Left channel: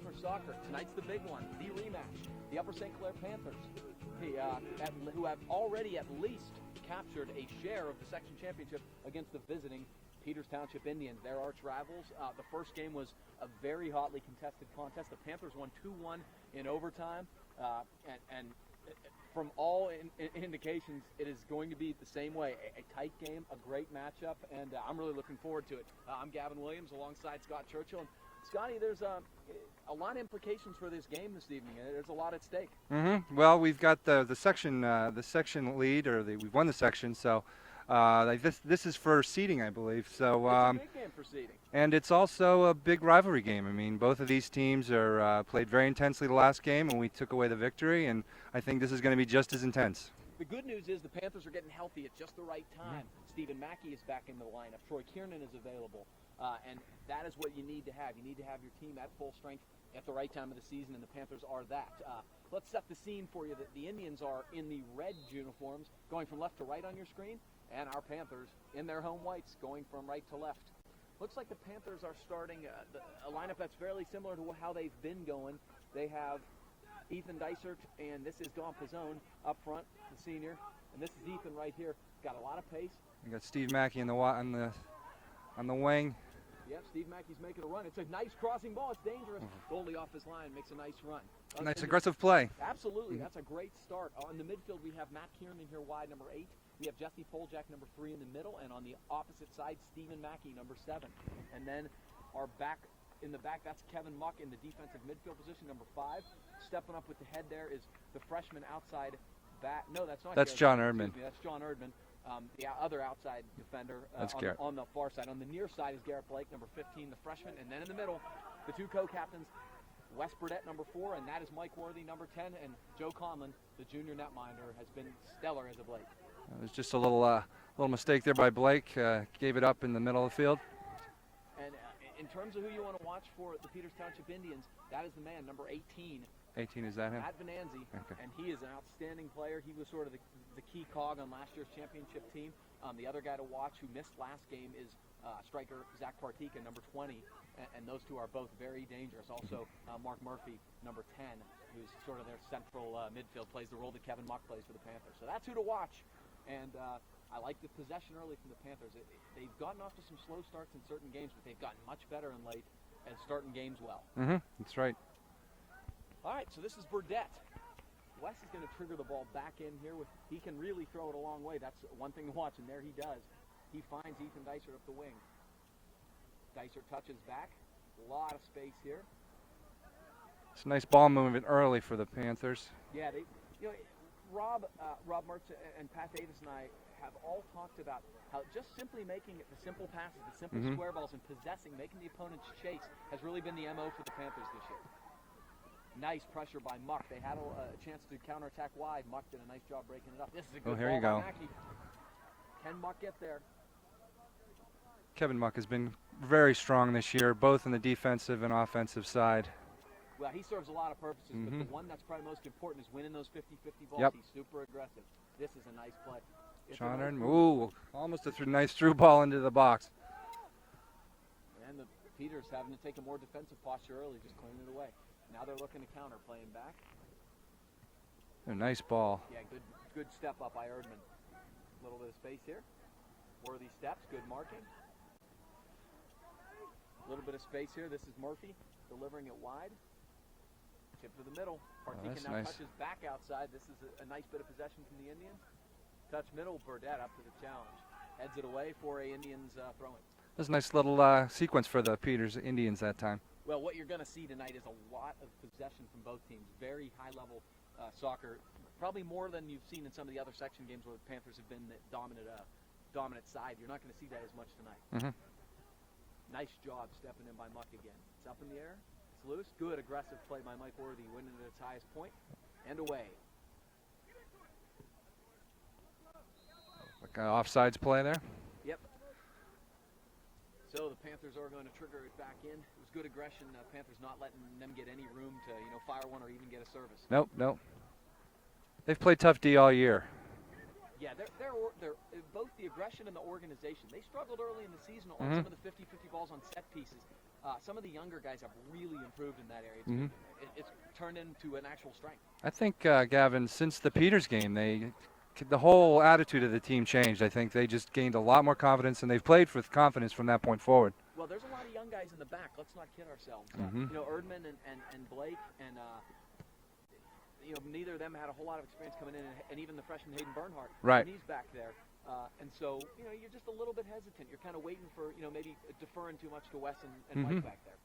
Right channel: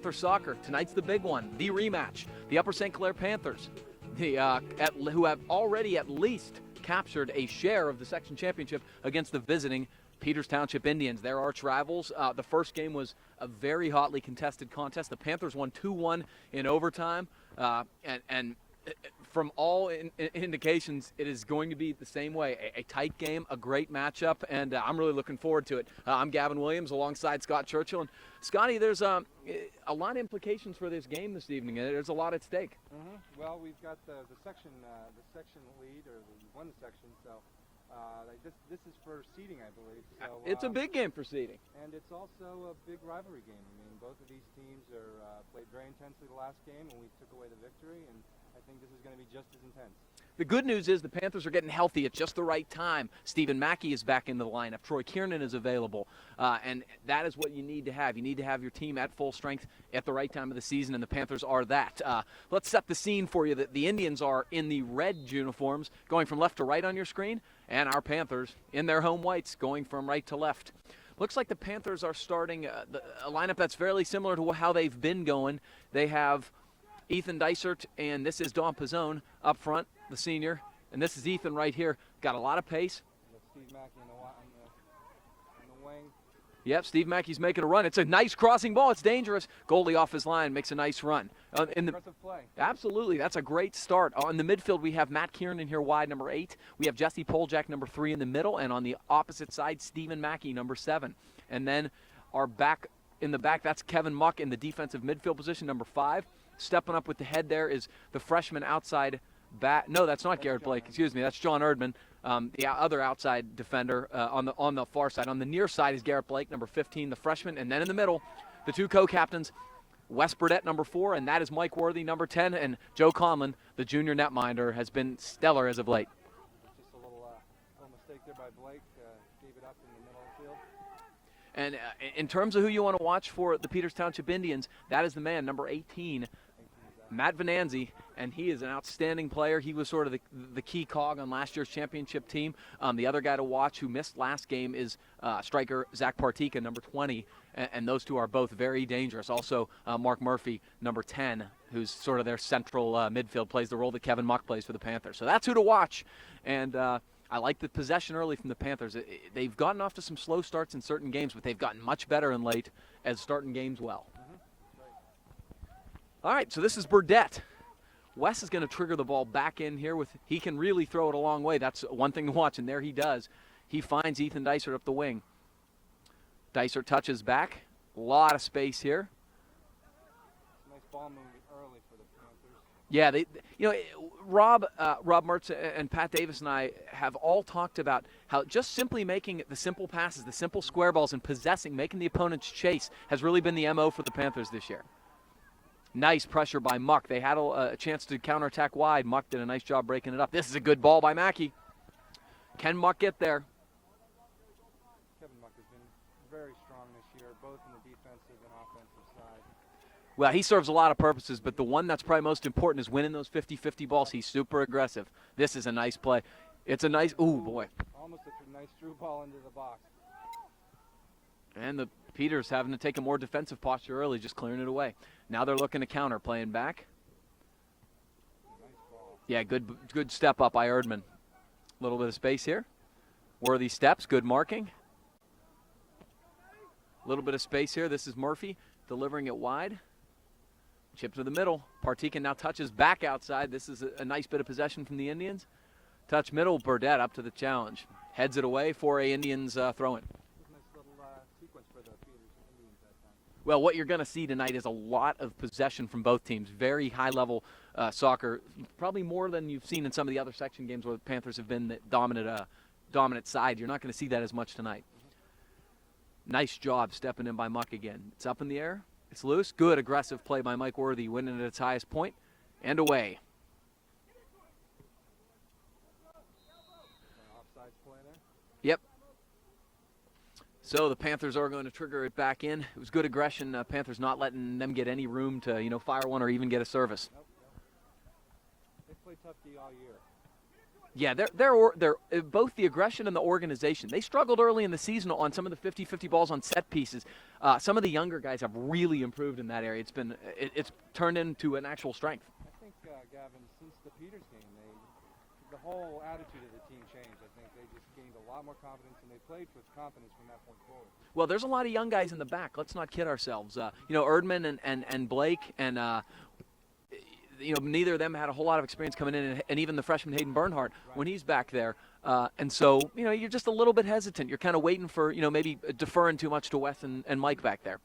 Panther soccer. Tonight's the big one, the rematch. The Upper St. Clair Panthers, who have already at least captured a share of the section championship against the visiting Peters Township Indians. Their arch rivals. The first game was a very hotly contested contest. The Panthers won 2-1 in overtime, and from all indications, it is going to be the same way. A tight game, a great matchup, and I'm really looking forward to it. I'm Gavin Williams alongside Scott Churchill. And Scotty, there's a lot of implications for this game this evening. There's a lot at stake. Well, we've got the section lead, we've won the section, so this is for seeding, I believe. So it's a big game for seeding. And it's also a big rivalry game. I mean, both of these teams are played very intensely the last game, and we took away the victory, and I think this is going to be just as intense. The good news is the Panthers are getting healthy at just the right time. Stephen Mackey is back into the lineup. Troy Kiernan is available. And that is what you need to have. You need to have your team at full strength at the right time of the season, and the Panthers are that. Let's set the scene for you. The Indians are in the red uniforms going from left to right on your screen, and our Panthers in their home whites going from right to left. Looks like the Panthers are starting a lineup that's fairly similar to how they've been going. They have Ethan Dysert, and this is Don Pizzone up front, the senior, and this is Ethan right here. Got a lot of pace. You got Steve Mackey on the wing. Yep, Steve Mackey's making a run. It's a nice crossing ball. It's dangerous. Goalie off his line makes a nice run. Nice aggressive play. Absolutely. That's a great start. In the midfield, we have Matt Kiernan here wide, number 8. We have Jesse Poljak, number 3 in the middle. And on the opposite side, Stephen Mackey, number 7. And then in the back, that's Kevin Muck in the defensive midfield position, number 5. Stepping up with the head there is the freshman outside back. No, that's not Garrett John Blake. Erdman. Excuse me, that's John Erdman. The other outside defender on the far side. On the near side is Garrett Blake, number 15, the freshman. And then in the middle, the two co-captains, Wes Burdett, number 4, and that is Mike Worthy, number 10. And Joe Conlon, the junior netminder, has been stellar as of late. It was just a little mistake there by Blake. Gave it up in the middle of the field. And in terms of who you want to watch for the Peters Township Indians, that is the man, number 18. 18 is that him? Matt Venanzi, okay. And he is an outstanding player. He was sort of the key cog on last year's championship team. The other guy to watch who missed last game is striker Zach Partika, number 20, and those two are both very dangerous. Also, Mark Murphy, number 10, who's sort of their central midfield, plays the role that Kevin Muck plays for the Panthers. So that's who to watch, and I like the possession early from the Panthers. They've gotten off to some slow starts in certain games, but they've gotten much better in late as starting games well. That's right. All right, so this is Burdett. Wes is going to trigger the ball back in here. He can really throw it a long way. That's one thing to watch, and there he does. He finds Ethan Dysert up the wing. Dysert touches back. A lot of space here. It's a nice ball movement early for the Panthers. Yeah, Rob Mertz and Pat Davis and I have all talked about how just simply making the simple passes, the simple square balls, and making the opponents chase has really been the MO for the Panthers this year. Nice pressure by Muck. They had a chance to counterattack wide. Muck did a nice job breaking it up. This is a good ball by Mackey. Can Muck get there? Kevin Muck has been very strong this year, both in the defensive and offensive side. Well, he serves a lot of purposes, but the one that's probably most important is winning those 50-50 balls. Yep. He's super aggressive. This is a nice play. It's a nice, boy. Almost a nice through ball into the box. And the Peters having to take a more defensive posture early, just clearing it away. Now they're looking to counter, playing back. A nice ball. Yeah, good step up by Erdman. A little bit of space here. Worthy steps, good marking. A little bit of space here. This is Murphy delivering it wide. Chip to the middle. Partika now touches back outside. This is a nice bit of possession from the Indians. Touch middle, Burdett up to the challenge. Heads it away for a Indians throw-in. That's a nice little sequence for the Peters Indians that time. Well, what you're going to see tonight is a lot of possession from both teams. Very high-level soccer, probably more than you've seen in some of the other section games where the Panthers have been the dominant side. You're not going to see that as much tonight. Nice job stepping in by Muck again. It's up in the air. It's loose. Good aggressive play by Mike Worthy, winning at its highest point, and away. Offsides play there? Yep. So the Panthers are going to trigger it back in. It was good aggression. Panthers not letting them get any room to, fire one or even get a service. Nope. They've played tough D all year. Yeah, they're both the aggression and the organization. They struggled early in the season on some of the 50-50 balls on set pieces. Some of the younger guys have really improved in that area. It's turned into an actual strength. I think, Gavin, since the Peters game, the whole attitude of the team changed. I think they just gained a lot more confidence, and they've played with confidence from that point forward. Well, there's a lot of young guys in the back. Let's not kid ourselves. Erdman and Blake and neither of them had a whole lot of experience coming in, and even the freshman Hayden Bernhardt when he's back there. And so, you're just a little bit hesitant. You're kind of waiting for, maybe deferring too much to Wes and Mike back there.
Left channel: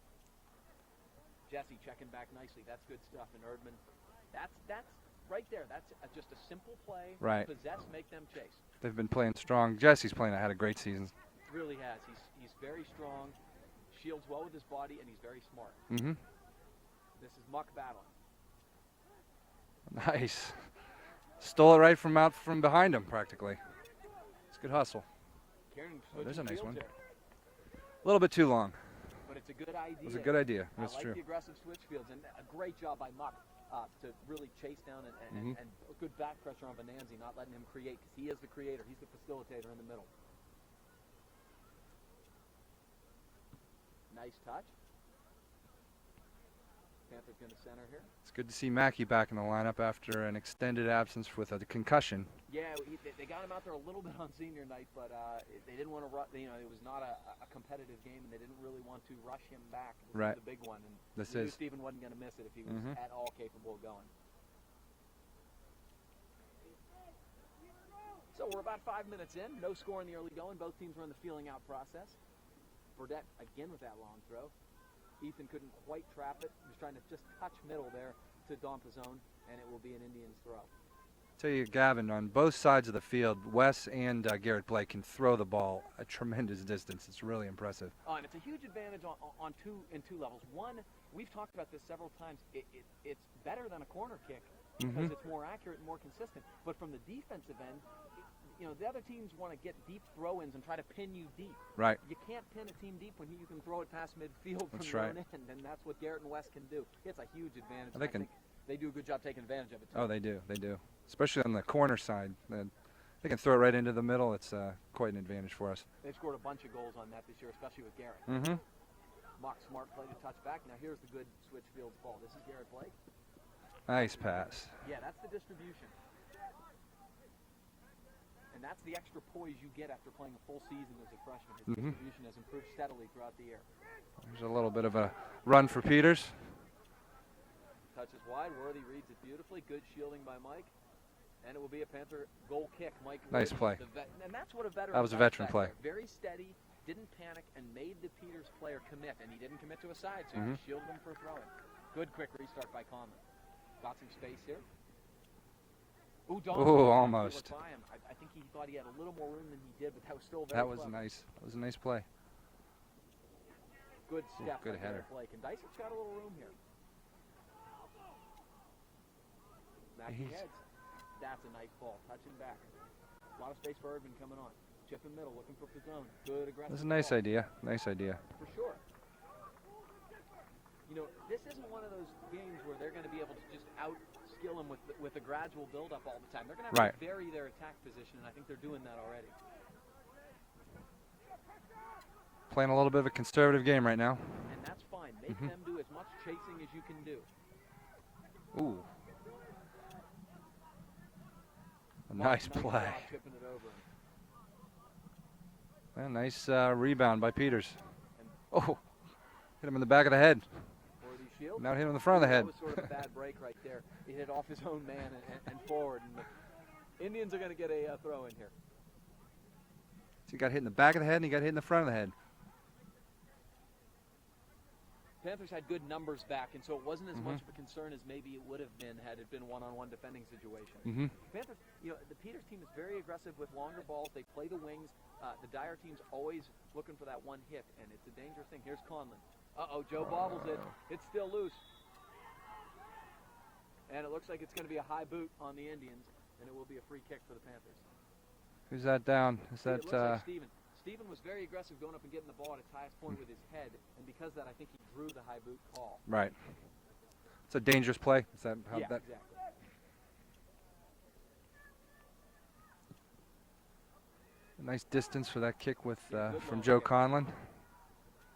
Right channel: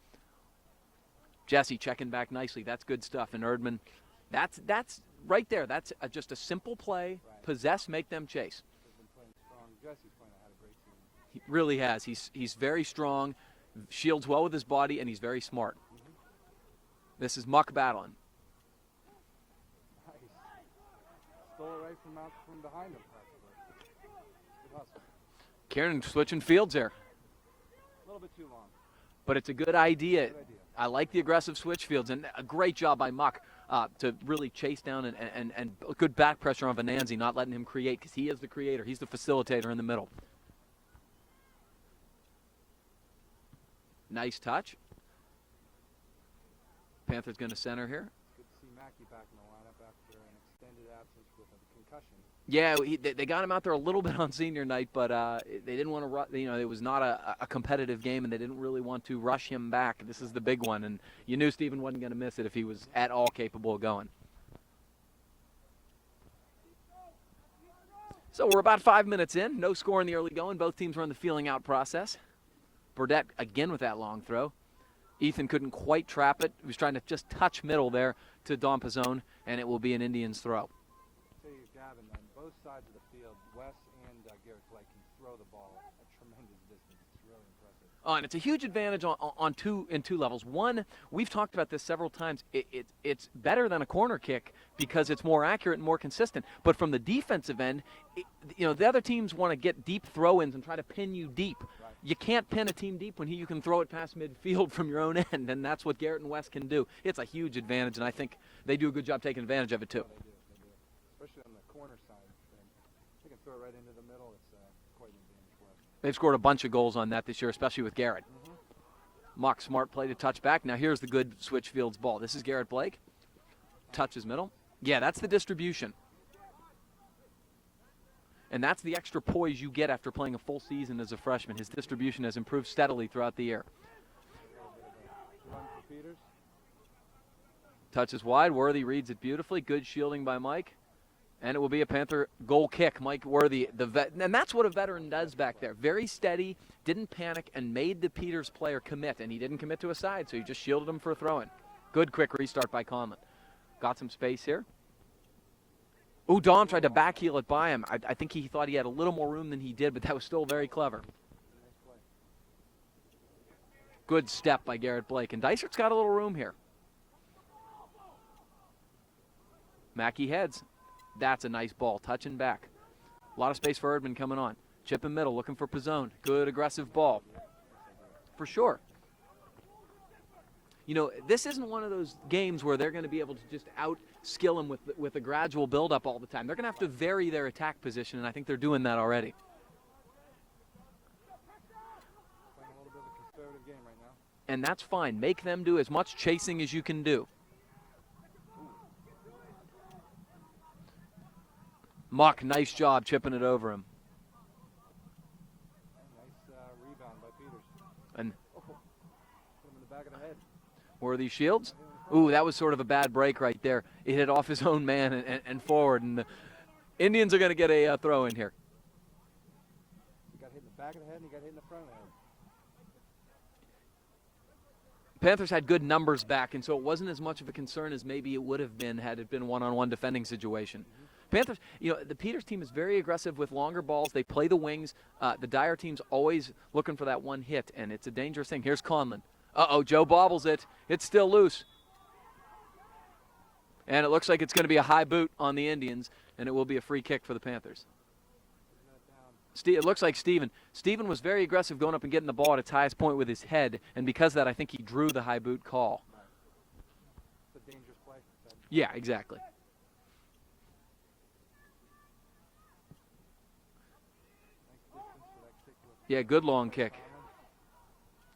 Jesse checking back nicely. That's good stuff. And Erdman, that's right there. That's just a simple play. Right. Possess, make them chase. They've been playing strong. Jesse's had a great season. He really has. He's very strong, shields well with his body, and he's very smart. This is Muck battling. Nice. Stole it right from behind him, practically. It's good hustle. Kieran switching fields there. A little bit too long. But it's a good idea. It's a good idea. I like the aggressive switch fields, and a great job by Muck to really chase down and good back pressure on Venanzi, not letting him create, because he is the creator. He's the facilitator in the middle. Nice touch. Panthers going to center here. It's good to see Mackey back in the lineup after an extended absence with a concussion. Yeah, they got him out there a little bit on senior night, but they didn't want to. It was not a competitive game, and they didn't really want to rush him back. This is the big one, and you knew Stephen wasn't going to miss it if he was at all capable of going. So we're about 5 minutes in. No score in the early going. Both teams were in the feeling out process. Burdette again with that long throw. Ethan couldn't quite trap it. He was trying to just touch middle there to Don Pizzone, and it will be an Indians throw. Tell you, Gavin, on both sides of the field, Wes and Garrett Blake can throw the ball a tremendous distance. It's really impressive. And it's a huge advantage on two levels. One, we've talked about this several times. It's better than a corner kick because it's more accurate and more consistent. But from the defensive end, the other teams want to get deep throw-ins and try to pin you deep. Right. You can't pin a team deep when you can throw it past midfield from your own end, and that's what Garrett and Wes can do. It's a huge advantage, and I think they do a good job taking advantage of it too. Oh, they do. They do. Especially on the corner side. They can throw it right into the middle. It's quite an advantage for us. They've scored a bunch of goals on that this year, especially with Garrett. Mock smart play to touch back. Now here's the good switch fields ball. This is Garrett Blake. Nice Touches pass. middle. Yeah, that's the distribution. And that's the extra poise you get after playing a full season as a freshman. His distribution has improved steadily throughout the year. There's a little bit of a run for Peters. Touches wide. Worthy reads it beautifully. Good shielding by Mike. And it will be a Panther goal kick. Mike Worthy, nice the and that's what a veteran does back play. there. Very steady, didn't panic, and made the Peters player commit. And he didn't commit to a side, so he just shielded him for a throw-in. Good quick restart by Conlon. Got some space here. Ooh, Dom tried to backheel it by him. I think he thought he had a little more room than he did, but that was still very clever. Nice. That was a nice play. Good step by Garrett Blake. And Dysert's got a little room here. Mackey heads. That's a nice ball. Touching back. A lot of space for Erdman coming on. Chip in middle, looking for Pizzone. Good aggressive ball. Nice idea. Nice idea. For sure. This isn't one of those games where they're going to be able to just out-skill him with a gradual build-up all the time. They're going to have to vary their attack position, and I think they're doing that already. Playing a little bit of a conservative game right now. And that's fine. Make them do as much chasing as you can do. Ooh. Mock, nice job chipping it over him. Well, nice rebound by Peters. And hit him in the back of the head. Worthy shields. Now hit him in the front of the head. That was sort of a bad break right there. It hit off his own man and forward, and the Indians are going to get a throw in here. So he got hit in the back of the head, and he got hit in the front of the head. Panthers had good numbers back, and so it wasn't as much of a concern as maybe it would have been had it been one-on-one defending situation. Panthers, the Peters team is very aggressive with longer balls. They play the wings. The Dyer team's always looking for that one hit, and it's a dangerous thing. Here's Conlon. Joe bobbles it. It's still loose. And it looks like it's going to be a high boot on the Indians, and it will be a free kick for the Panthers. Who's that down? It looks like Steven. Steven was very aggressive going up and getting the ball at its highest point with his head, and because of that, I think he drew the high boot call. Right. It's a dangerous play. Is that yeah, exactly. Nice distance for that kick with good from long Joe kick. Conlon.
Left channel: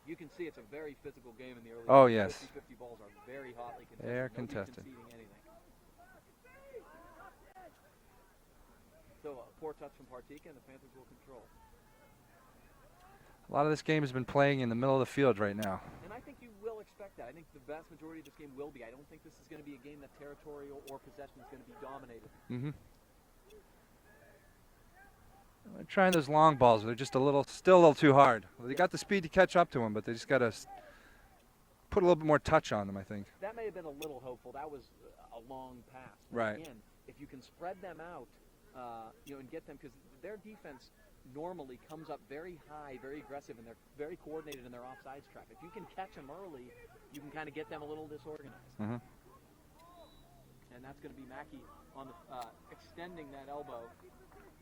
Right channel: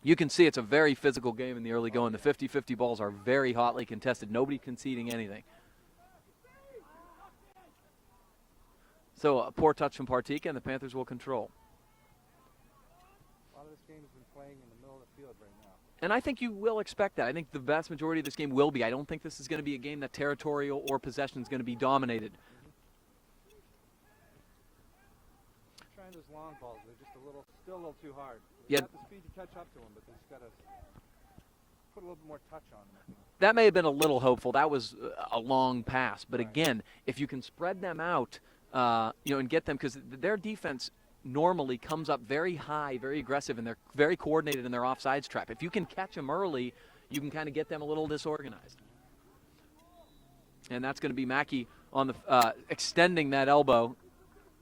You can see it's a very physical game in the early Oh, going. yes. The 50-50 balls are very hotly contested. They're Nobody contested. conceding anything. So a poor touch from Partika, and the Panthers will control. A lot of this game has been playing in the middle of the field right now. And I think you will expect that. I think the vast majority of this game will be. I don't think this is going to be a game that territorial or possession is going to be dominated. Mm-hmm. They're trying those long balls. They're just still a little too hard. They got the speed to catch up to them, but they just got to put a little bit more touch on them, I think. That may have been a little hopeful. That was a long pass. But Right. again, if you can spread them out, and get them, because their defense normally comes up very high, very aggressive, and they're very coordinated in their offsides trap. If you can catch them early, you can kind of get them a little disorganized. Mm-hmm. And that's going to be Mackey on the extending that elbow,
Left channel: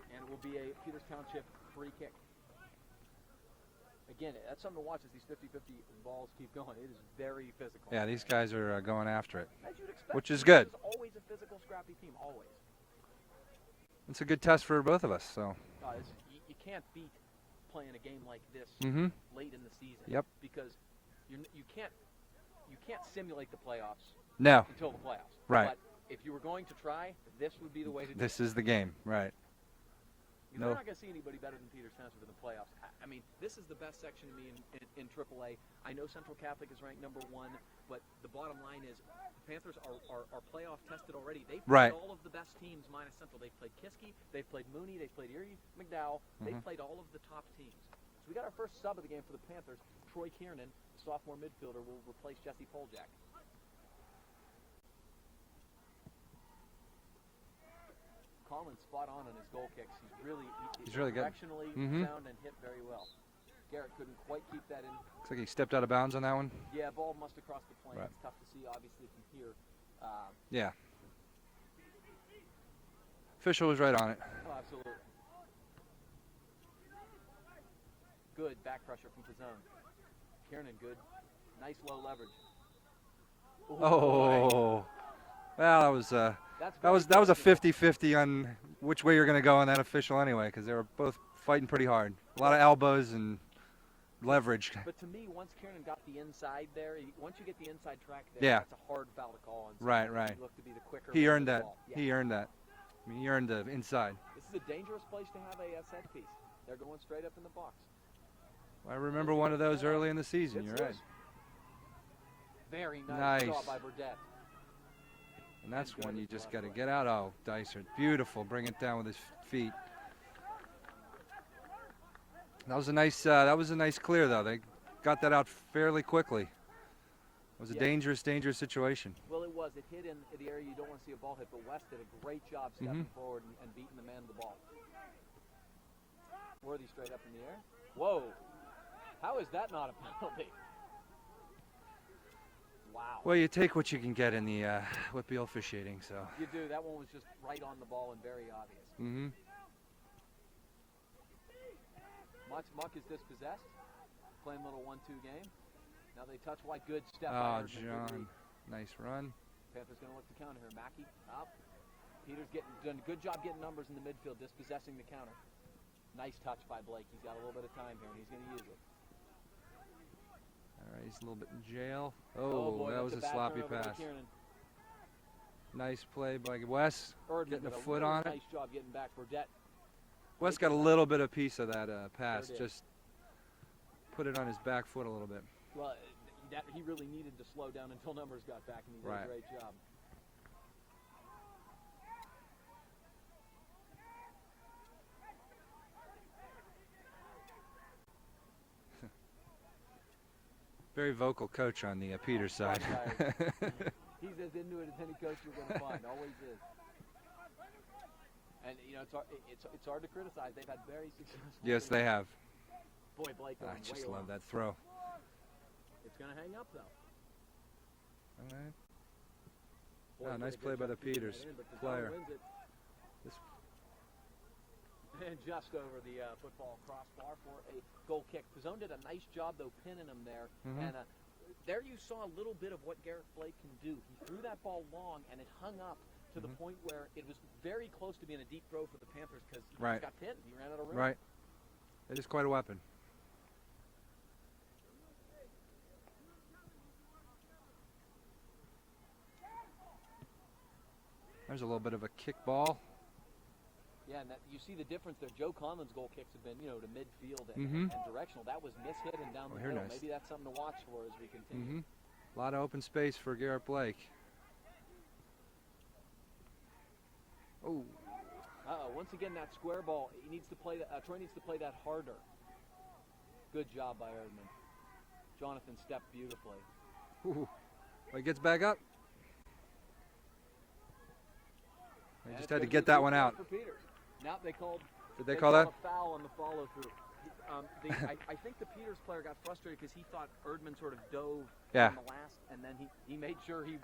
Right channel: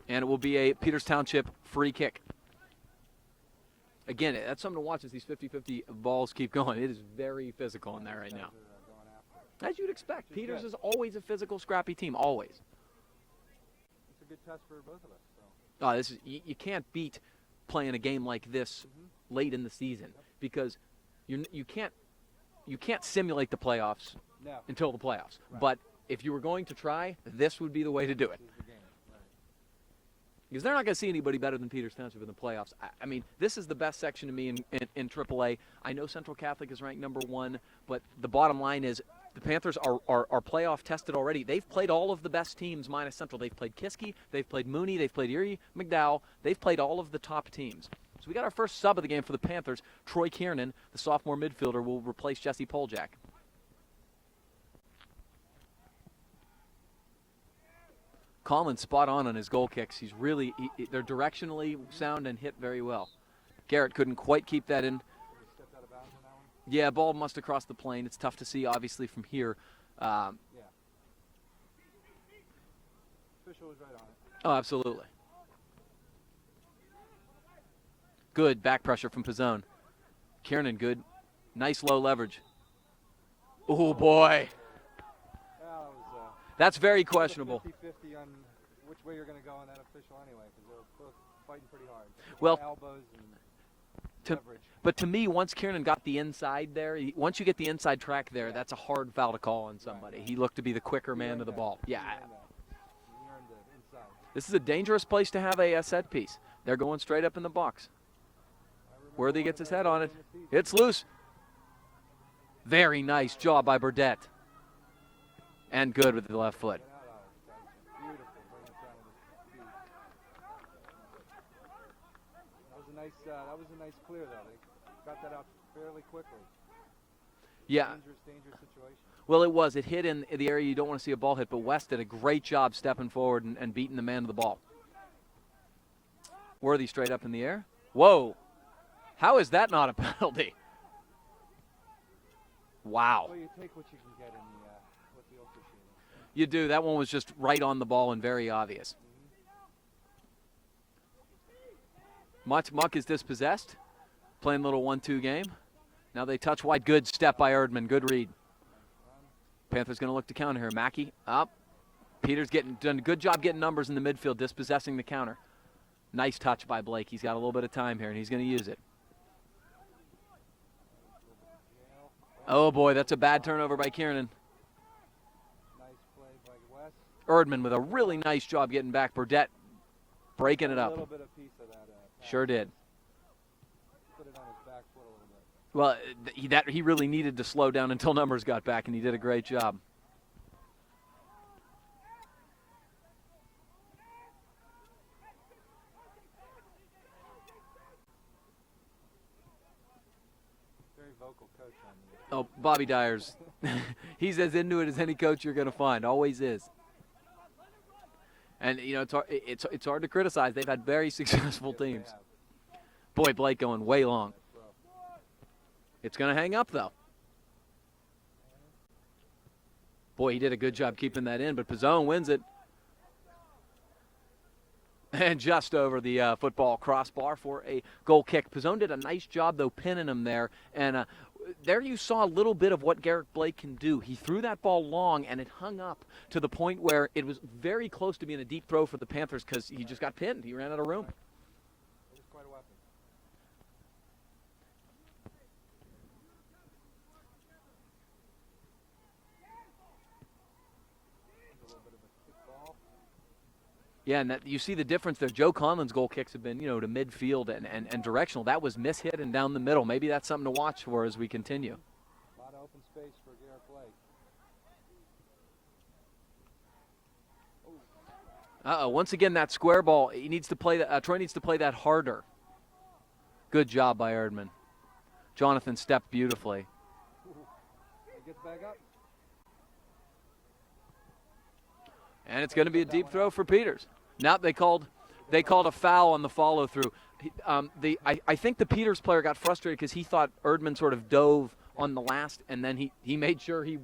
and it will be a Peters Township free kick. Again, that's something to watch as these 50-50 balls keep going. It is very physical. Yeah, in there these right guys now. are going after it. As you'd expect. Which is Peters good. is always a physical, scrappy team, always. It's a good test for both of us. So. This is you can't beat playing a game like this Mm-hmm. late in the season. Yep. Because you can't simulate the playoffs No. until the playoffs. Right. But if you were going to try, this would be the way to do it. This is the game, right? Because they're not going to see anybody better than Peters Township in the playoffs. I mean, this is the best section to me in AAA. I know Central Catholic is ranked #1, but the bottom line is the Panthers are playoff tested already. They've played Right. all of the best teams minus Central. They've played Kiski, they've played Mooney, they've played Erie, McDowell. They've played all of the top teams. So we got our first sub of the game for the Panthers. Troy Kiernan, the sophomore midfielder, will replace Jesse Poljak. Colin's spot on his goal kicks. He's really they're really good. directionally Mhm. sound and hit very well. Garrett couldn't quite keep that in. Looks like he stepped out of bounds on that one. Yeah, ball must have crossed the plane. Right. It's tough to see, obviously, from here. Yeah. Official was right on it. Oh, absolutely. Good back pressure from Pizzone. Kiernan, good. Nice low leverage. Oh, boy. Well, that was That's very that was a questionable. 50-50 on which way you're going to go on that official anyway, because they were both fighting pretty hard. A Well, lot of elbows and leverage. But to me, once Kiernan got the inside there, once you get the inside track there, Yeah. that's a hard foul to call on somebody. Right. He looked to be the quicker He man earned with the that. ball. Yeah. He earned that. I mean, he earned the inside. This is a dangerous place to have a set piece. They're going straight up in the box. I remember Worthy one gets of his those head on early it. in the season. It's You're right. loose. Very nice job by Burdette. And that's good where with you the just left gotta foot. Get out. Oh, Dicer. Beautiful. Bring it down with his feet. That was a nice clear, though. They got that out fairly quickly. It was Yeah. a dangerous situation. Well, it was. It hit in the area you don't want to see a ball hit, but West did a great job stepping forward and beating the man to the ball. Worthy straight up in the air. Whoa. How is that not a penalty? Wow. Well, you take what you can get in the Whitby officiating, so. You do. That one was just right on the ball and very obvious. Mm-hmm. Muck is dispossessed. Playing a little 1-2 game. Now they touch wide. Good step by Erdman. Good read. Nice run. Panthers going to look to counter here. Mackey up. Peters done a good job getting numbers in the midfield, dispossessing the counter. Nice touch by Blake. He's got a little bit of time here, and he's going to use it. All right, he's a little bit in jail. Oh boy, that that's was a bad sloppy turnover by pass. Kiernan. Nice play by Wes. Erdman with a Foot really on it. nice job getting back. Burdette Wes breaking got it a up. little bit of piece of that pass. Sure did. Just put it on his back foot a little bit. Well, he really needed to slow down until numbers got back, and he did a Right. great job. Very vocal coach on the Peters side. Bobby Dyers. He's as into it as any coach you're going to find. Always is. And it's hard to criticize. They've had very successful Yes, teams. they have. Boy, Blake going Just way love long. That throw. It's going to hang up though. All right. Boy, he did a Nice good play by job keeping that Peters. in, but Pizzone wins it. And just over the football crossbar for a goal kick. Pizzone did a nice job, though, pinning him there. And there you saw a little bit of what Garrett Blake can do. He threw that ball long, and it hung up to the point where it was very close to being a deep throw for the Panthers because he Right. just got pinned. He ran out of room. Right. It is quite a weapon. There's a little bit of a kick ball. Yeah, and that, you see the difference there. Joe Conlon's goal kicks have been, to midfield and directional. That was mishit and down the middle. Maybe that's something to watch for as we continue. A lot of open space for Garrett Blake. Oh. Uh-oh, once again, that square ball, he needs to play that. Troy needs to play that harder. Good job by Erdman. Jonathan stepped beautifully. Ooh. He gets back up. And it's going to be a deep throw for Peters. Now they called a foul on the follow-through. I think the Peters player got frustrated because he thought Erdman sort of dove on the last, and then he made sure he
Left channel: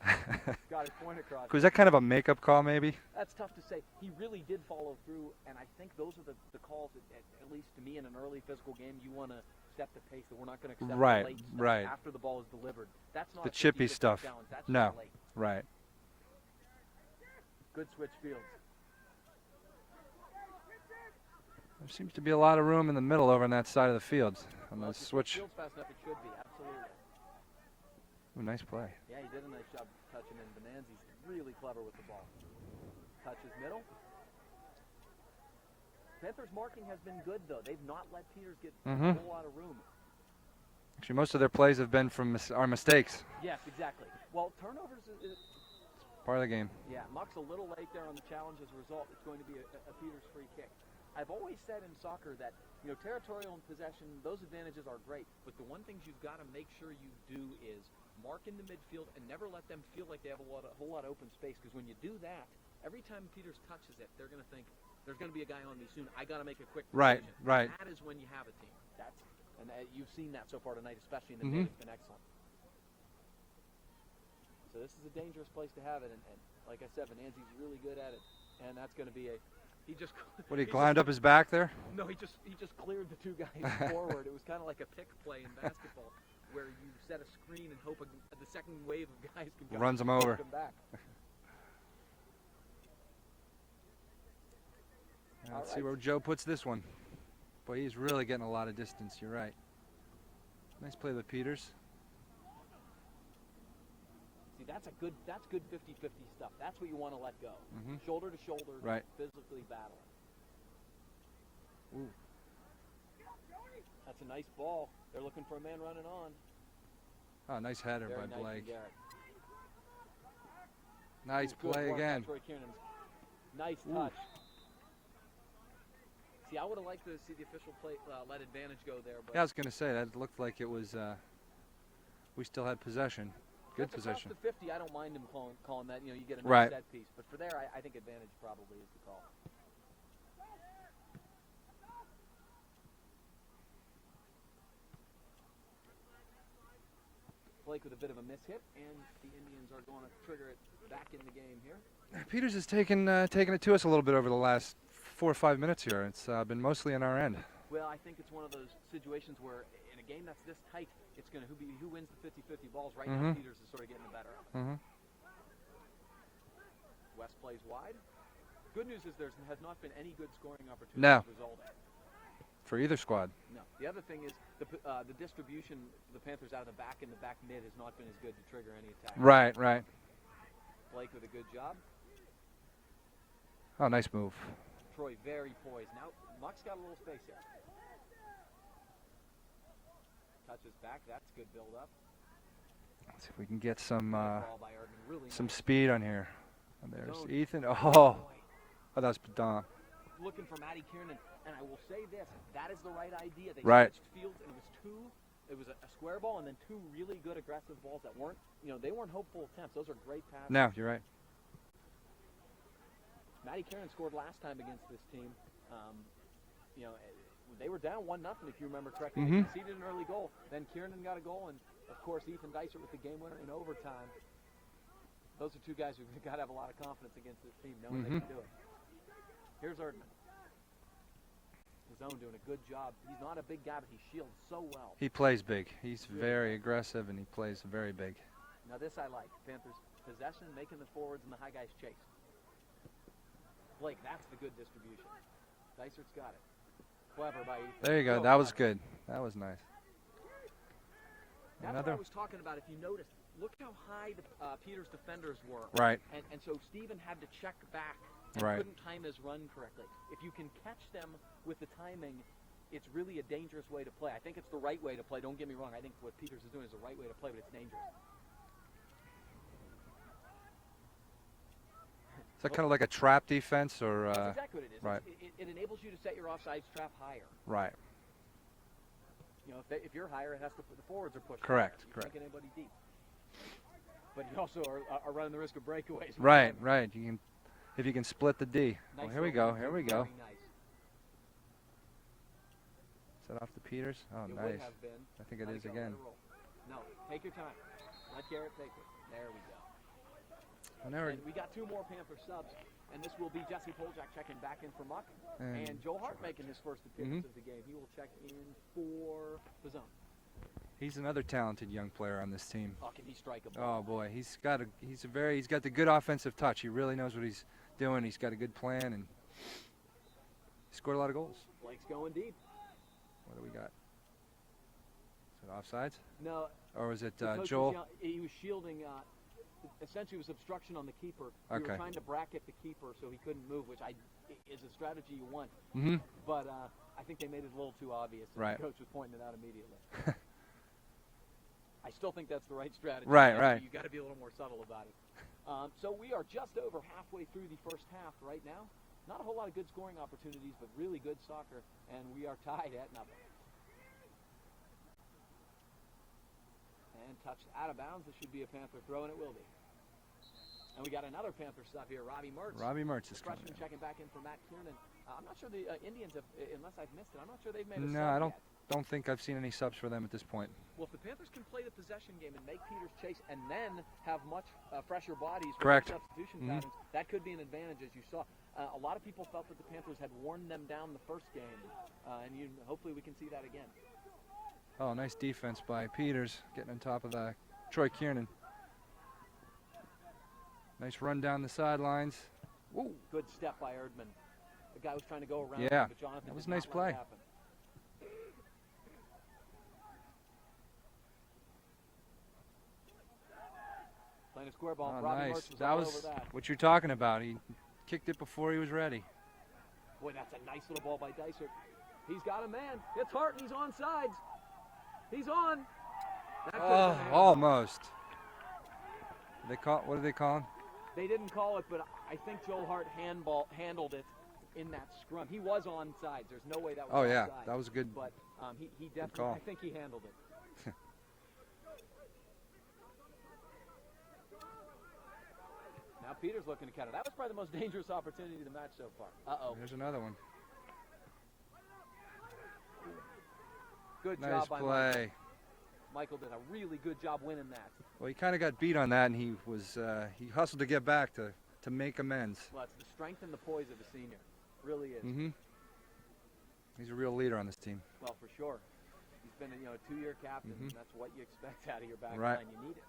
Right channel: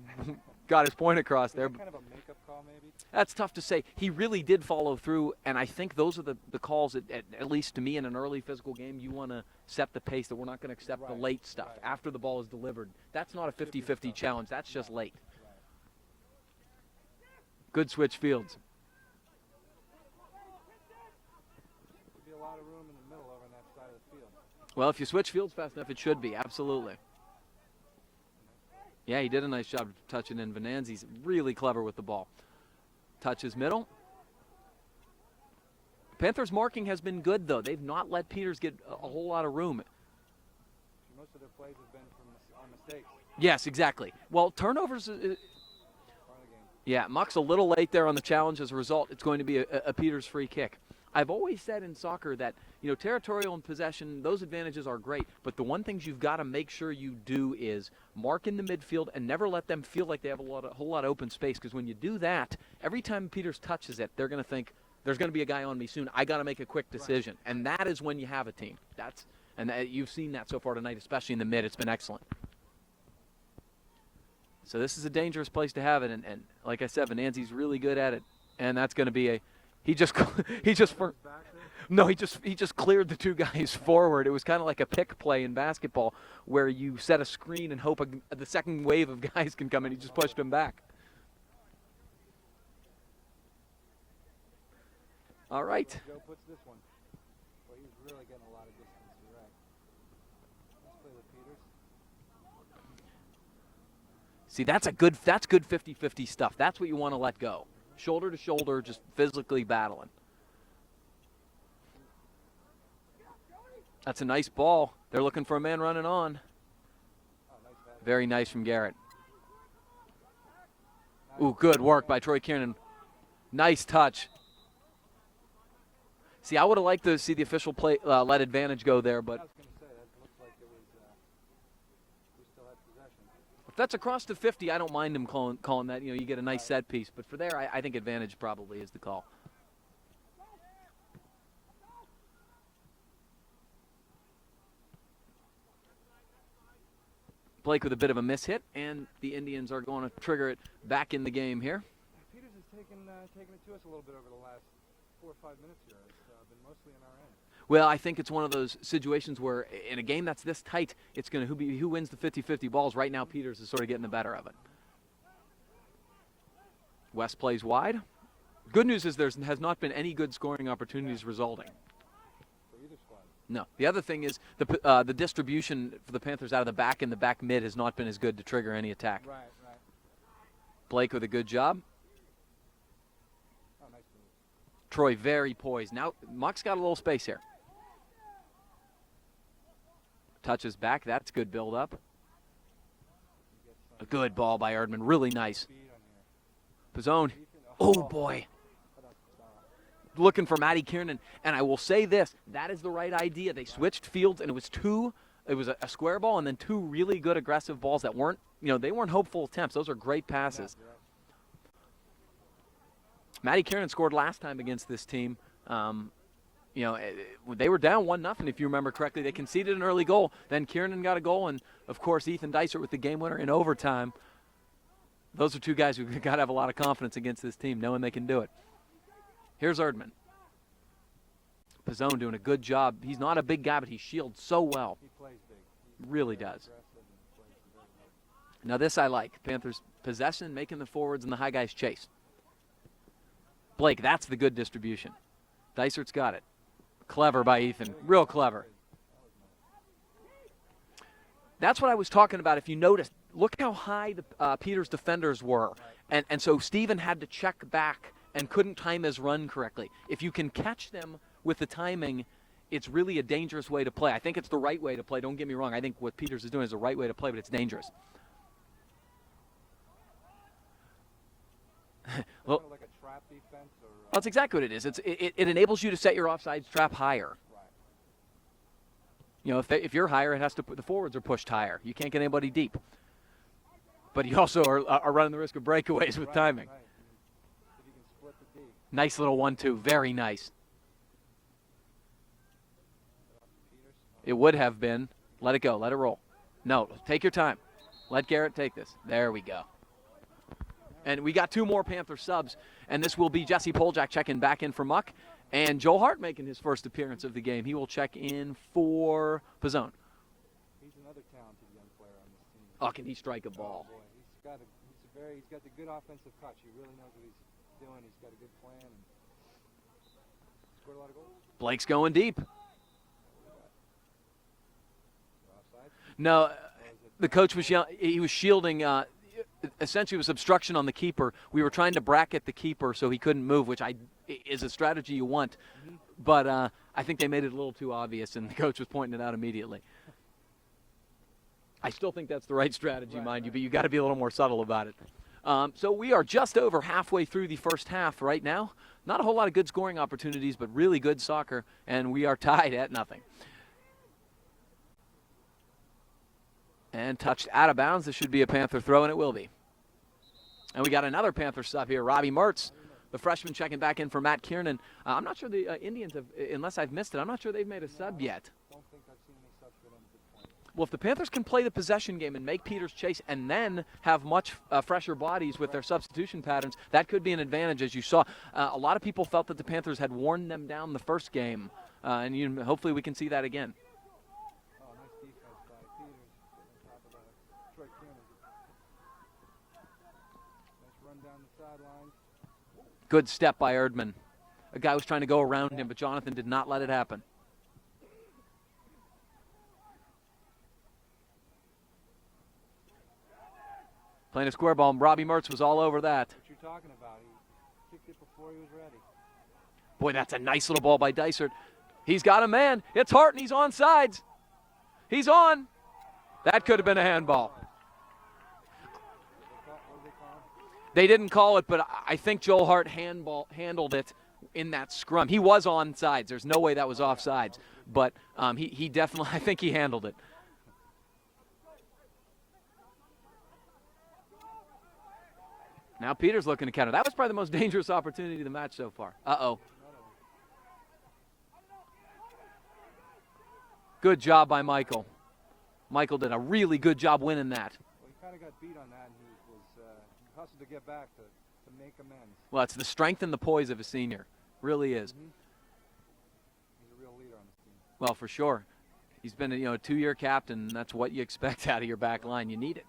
got his point across. Was that kind of a makeup call, maybe? That's tough to say. He really did follow through, and I think those are the calls that, at least to me, in an early physical game, you want to set the pace that we're not going to accept the late stuff after the ball is delivered. That's not a 50-50 challenge. That's just late. Right. Good switch fields. There seems to be a lot of room in the middle over on that side of the field. Well, if you switch fields fast enough, it should be. Absolutely. Ooh, nice play. Yeah, he did a nice job touching in. Venanzi's really clever with the ball. Touches middle. Panthers' marking has been good, though. They've not let Peters get a whole lot of room. Actually, most of their plays have been from our mistakes. Yes, exactly. Well, turnovers... part of the game. Yeah, Muck's a little late there on the challenge. As a result, it's going to be a Peters free kick. I've always said in soccer that, territorial and possession, those advantages are great, but the one thing you've got to make sure you do is mark in the midfield and never let them feel like they have a whole lot of open space, because when you do that, every time Peters touches it, they're going to think, there's going to be a guy on me soon. I got to make a quick decision. And that is when you have a team. You've seen that so far tonight, especially in the mid. It's been excellent. So this is a dangerous place to have it, and like I said, Venanzi's really good at it, and that's going to be he climbed up his back there? No, he just cleared the two guys forward. It was kind of like a pick play in basketball where you set a screen and hope the second wave of guys can come and just push them back. All right. See where Joe puts this one. Boy, he's really getting a lot of distance. You're right. Nice play with Peters. See, that's good 50-50 stuff. That's what you want to let go. Shoulder to shoulder, just physically battling. Ooh. That's a nice ball. They're looking for a man running on. Oh, nice header. Very nice from Garrett. Nice Ooh, good work by Troy Kiernan. Nice touch. See, I would have liked to see the official play let advantage go there, but I was going to say that looked like it was. We still had possession. That's across the 50. I don't mind him calling that. You get a nice set piece. But for there, I think advantage probably is the call. Blake with a bit of a mishit, and the Indians are going to trigger it back in the game here. Peters has taken it to us a little bit over the last 4 or 5 minutes here. It's been mostly on our end. Well, I think it's one of those situations where in a game that's this tight, it's going to who wins the 50-50 balls. Right now, Peters is sort of getting the better of it. West plays wide. Good news is there has not been any good scoring opportunities resulting. For either squad. No. The other thing is the distribution for the Panthers out of the back and the back mid has not been as good to trigger any attack. Right. Blake with a good job. Oh, nice move. Troy very poised. Now, Muck's got a little space here. Touches back. That's good build-up. Let's see if we can get some. Good ball by Erdman. Really nice. Speed on here. Pizzone. Ethan. Oh, boy. Oh, that was Don. Looking for Matty Kiernan. And I will say this. That is the right idea. They switched fields, and it was a square ball and then two really good aggressive balls that weren't, they weren't hopeful attempts. Those are great passes. No, you're right. Matty Kiernan scored last time against this team. They were down 1-0, if you remember correctly. They conceded an early goal. Then Kiernan got a goal, and, of course, Ethan Dysert with the game winner in overtime. Those are two guys who've got to have a lot of confidence against this team, knowing they can do it. Here's Erdman. Pizzone doing a good job. He's not a big guy, but he shields so well. He plays big. He's really very aggressive, and he plays very big. Now this I like. Panthers possession, making the forwards and the high guys chase. Blake, that's the good distribution. Dysert's got it. Clever by Ethan. There you go. Real that clever. was good. That was nice. That's what I was talking about. If you noticed, look how high the Peters defenders were. Right. And so Steven had to check back and Right. couldn't time his run correctly. If you can catch them with the timing, it's really a dangerous way to play. I think it's the right way to play. Don't get me wrong. I think what Peters is doing is the right way to play, but it's dangerous. Is that kind of like a trap defense, or? That's exactly what it is. Right. It enables you to set your offsides trap higher. Right. You know, if you're higher, it has to put the forwards are pushed Correct. higher. You can't get anybody deep. But you also are running the risk of breakaways with Right. timing. Right. You can, if you can split the D. Nice Here we little go, here 1-2. we go. Very nice. Is that off the Peters? Oh, It nice. would have been. I think Let it was go. again. Let it roll. No, take your time. Let Garrett take this. There we go. And we got 2 more Panther subs, and this will be Jesse Poljak checking back in for Muck, and Joel Hart making his first appearance of the game. He will check in for Pizzone. He's another talented young player on this team. Oh, can he strike a ball? Oh boy, he's got the good offensive touch. He really knows what he's doing. He's got a good plan, and he scored a lot of goals. Blake's going deep. What do we got? Is it offsides? No, Or was it the coach Joel? he was shielding. Essentially, it was obstruction on the keeper. We were Okay. trying to bracket the keeper so he couldn't move, which is a strategy you want. Mm-hmm. But I think they made it a little too obvious, and Right. the coach was pointing it out immediately. I still think that's the right strategy, Right, mind you, right. but you got to be a little more subtle about it. So we are just over halfway through the first half right now. Not a whole lot of good scoring opportunities, but really good soccer, and we are tied at nothing. And touched out of bounds. This should be a Panther throw, and it will be. And we got another Panther sub here, Robbie Mertz. Robbie Mertz. The freshman checking back in for Matt Kiernan. I'm not sure the Indians have, unless I've missed it, I'm not sure they've made a No, sub yet. Don't think I've seen any subs for them at this point. Well, if the Panthers can play the possession game and make Peters chase and then have much fresher bodies with Correct. their substitution patterns, that could be an advantage, as you saw. A lot of people felt that the Panthers had worn them down the first game, and hopefully we can see that again. Oh, nice defense by Peters, getting on top of Troy Kiernan. Nice run down the sidelines. Ooh. Good step by Erdman. A guy was trying to go around Yeah. him, but Jonathan did Nice not let it play. happen. Playing a square ball, and Robbie Nice. Mertz was all over that. What you're talking about. He kicked it before he was ready. Boy, that's a nice little ball by Dysert. He's got a man. It's Hart, and he's on sides. He's on. That could have been a handball. Almost. What did they call him? They didn't call it, but I think Joel Hart handled it in that scrum. He was on sides. There's no way that was Yeah, offsides. that was good. But he definitely, I think he handled it. Now Peters looking to counter. That was probably the most dangerous opportunity of the match so far. Uh-oh. There's another one. Good Nice job by play. Michael. Michael did a really good job winning that. Well, he kind of got beat on that, and he hustled to get back to make amends. Well, it's the strength and the poise of a senior. Really is. Mm-hmm. He's a real leader on this team. Well, for sure. He's been a 2-year captain, and that's what you expect out of your back Right. line. You need it.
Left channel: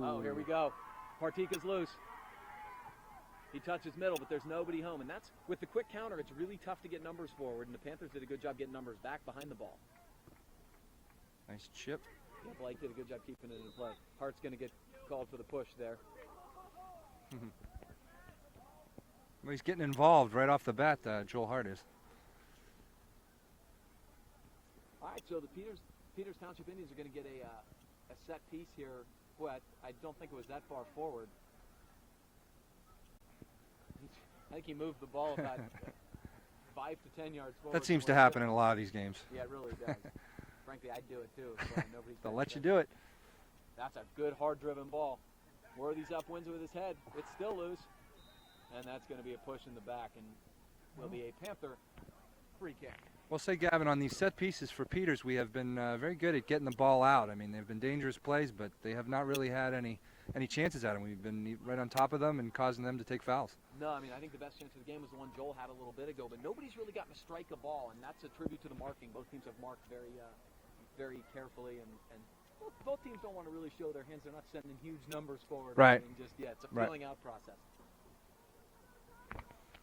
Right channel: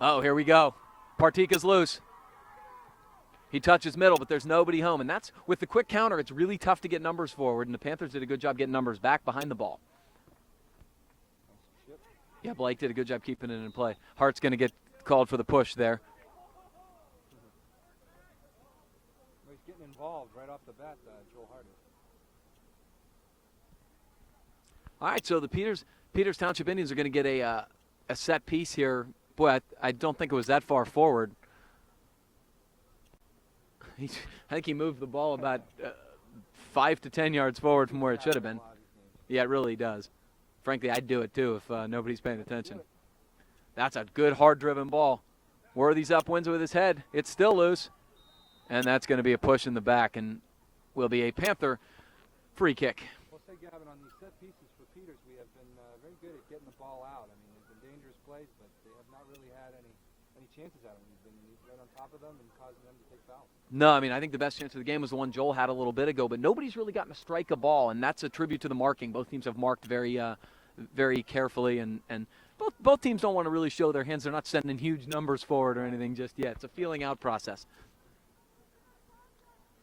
Oh, here we go. Partika's loose. He touches middle, but there's nobody home. And that's, with the quick counter, it's really tough to get numbers forward, and the Panthers did a good job getting numbers back behind the ball. Nice chip. Yeah, Blake did a good job keeping it in play. Hart's going to get called for the push there. Well, he's getting involved right off the bat, Joel Hart is. All right, so the Peters Township Indians are going to get a set piece here. Boy, I don't think it was that far forward. I think he moved the ball about 5 to 10 yards forward That seems from where to it should happen have in been. a lot of these games. Yeah, it really does. Frankly, I'd do it too if nobody's paying Let you attention. do it. That's a good, hard-driven ball. Worthy's up, wins with his head. It's still loose. And that's going to be a push in the back and will be a Panther free kick. Well, say, Gavin, on these set pieces for Peters, we have been very good at getting the ball out. I mean, they've been dangerous plays, but they have not really had any chances at them. We've been right on top of them and causing them to take fouls. No, I mean, I think the best chance of the game was the one Joel had a little bit ago, but nobody's really gotten to strike a ball, and that's a tribute to the marking. Both teams have marked very very carefully, and both teams don't want to really show their hands. They're not sending huge numbers forward or Right. anything just yet. It's a Right. feeling out process.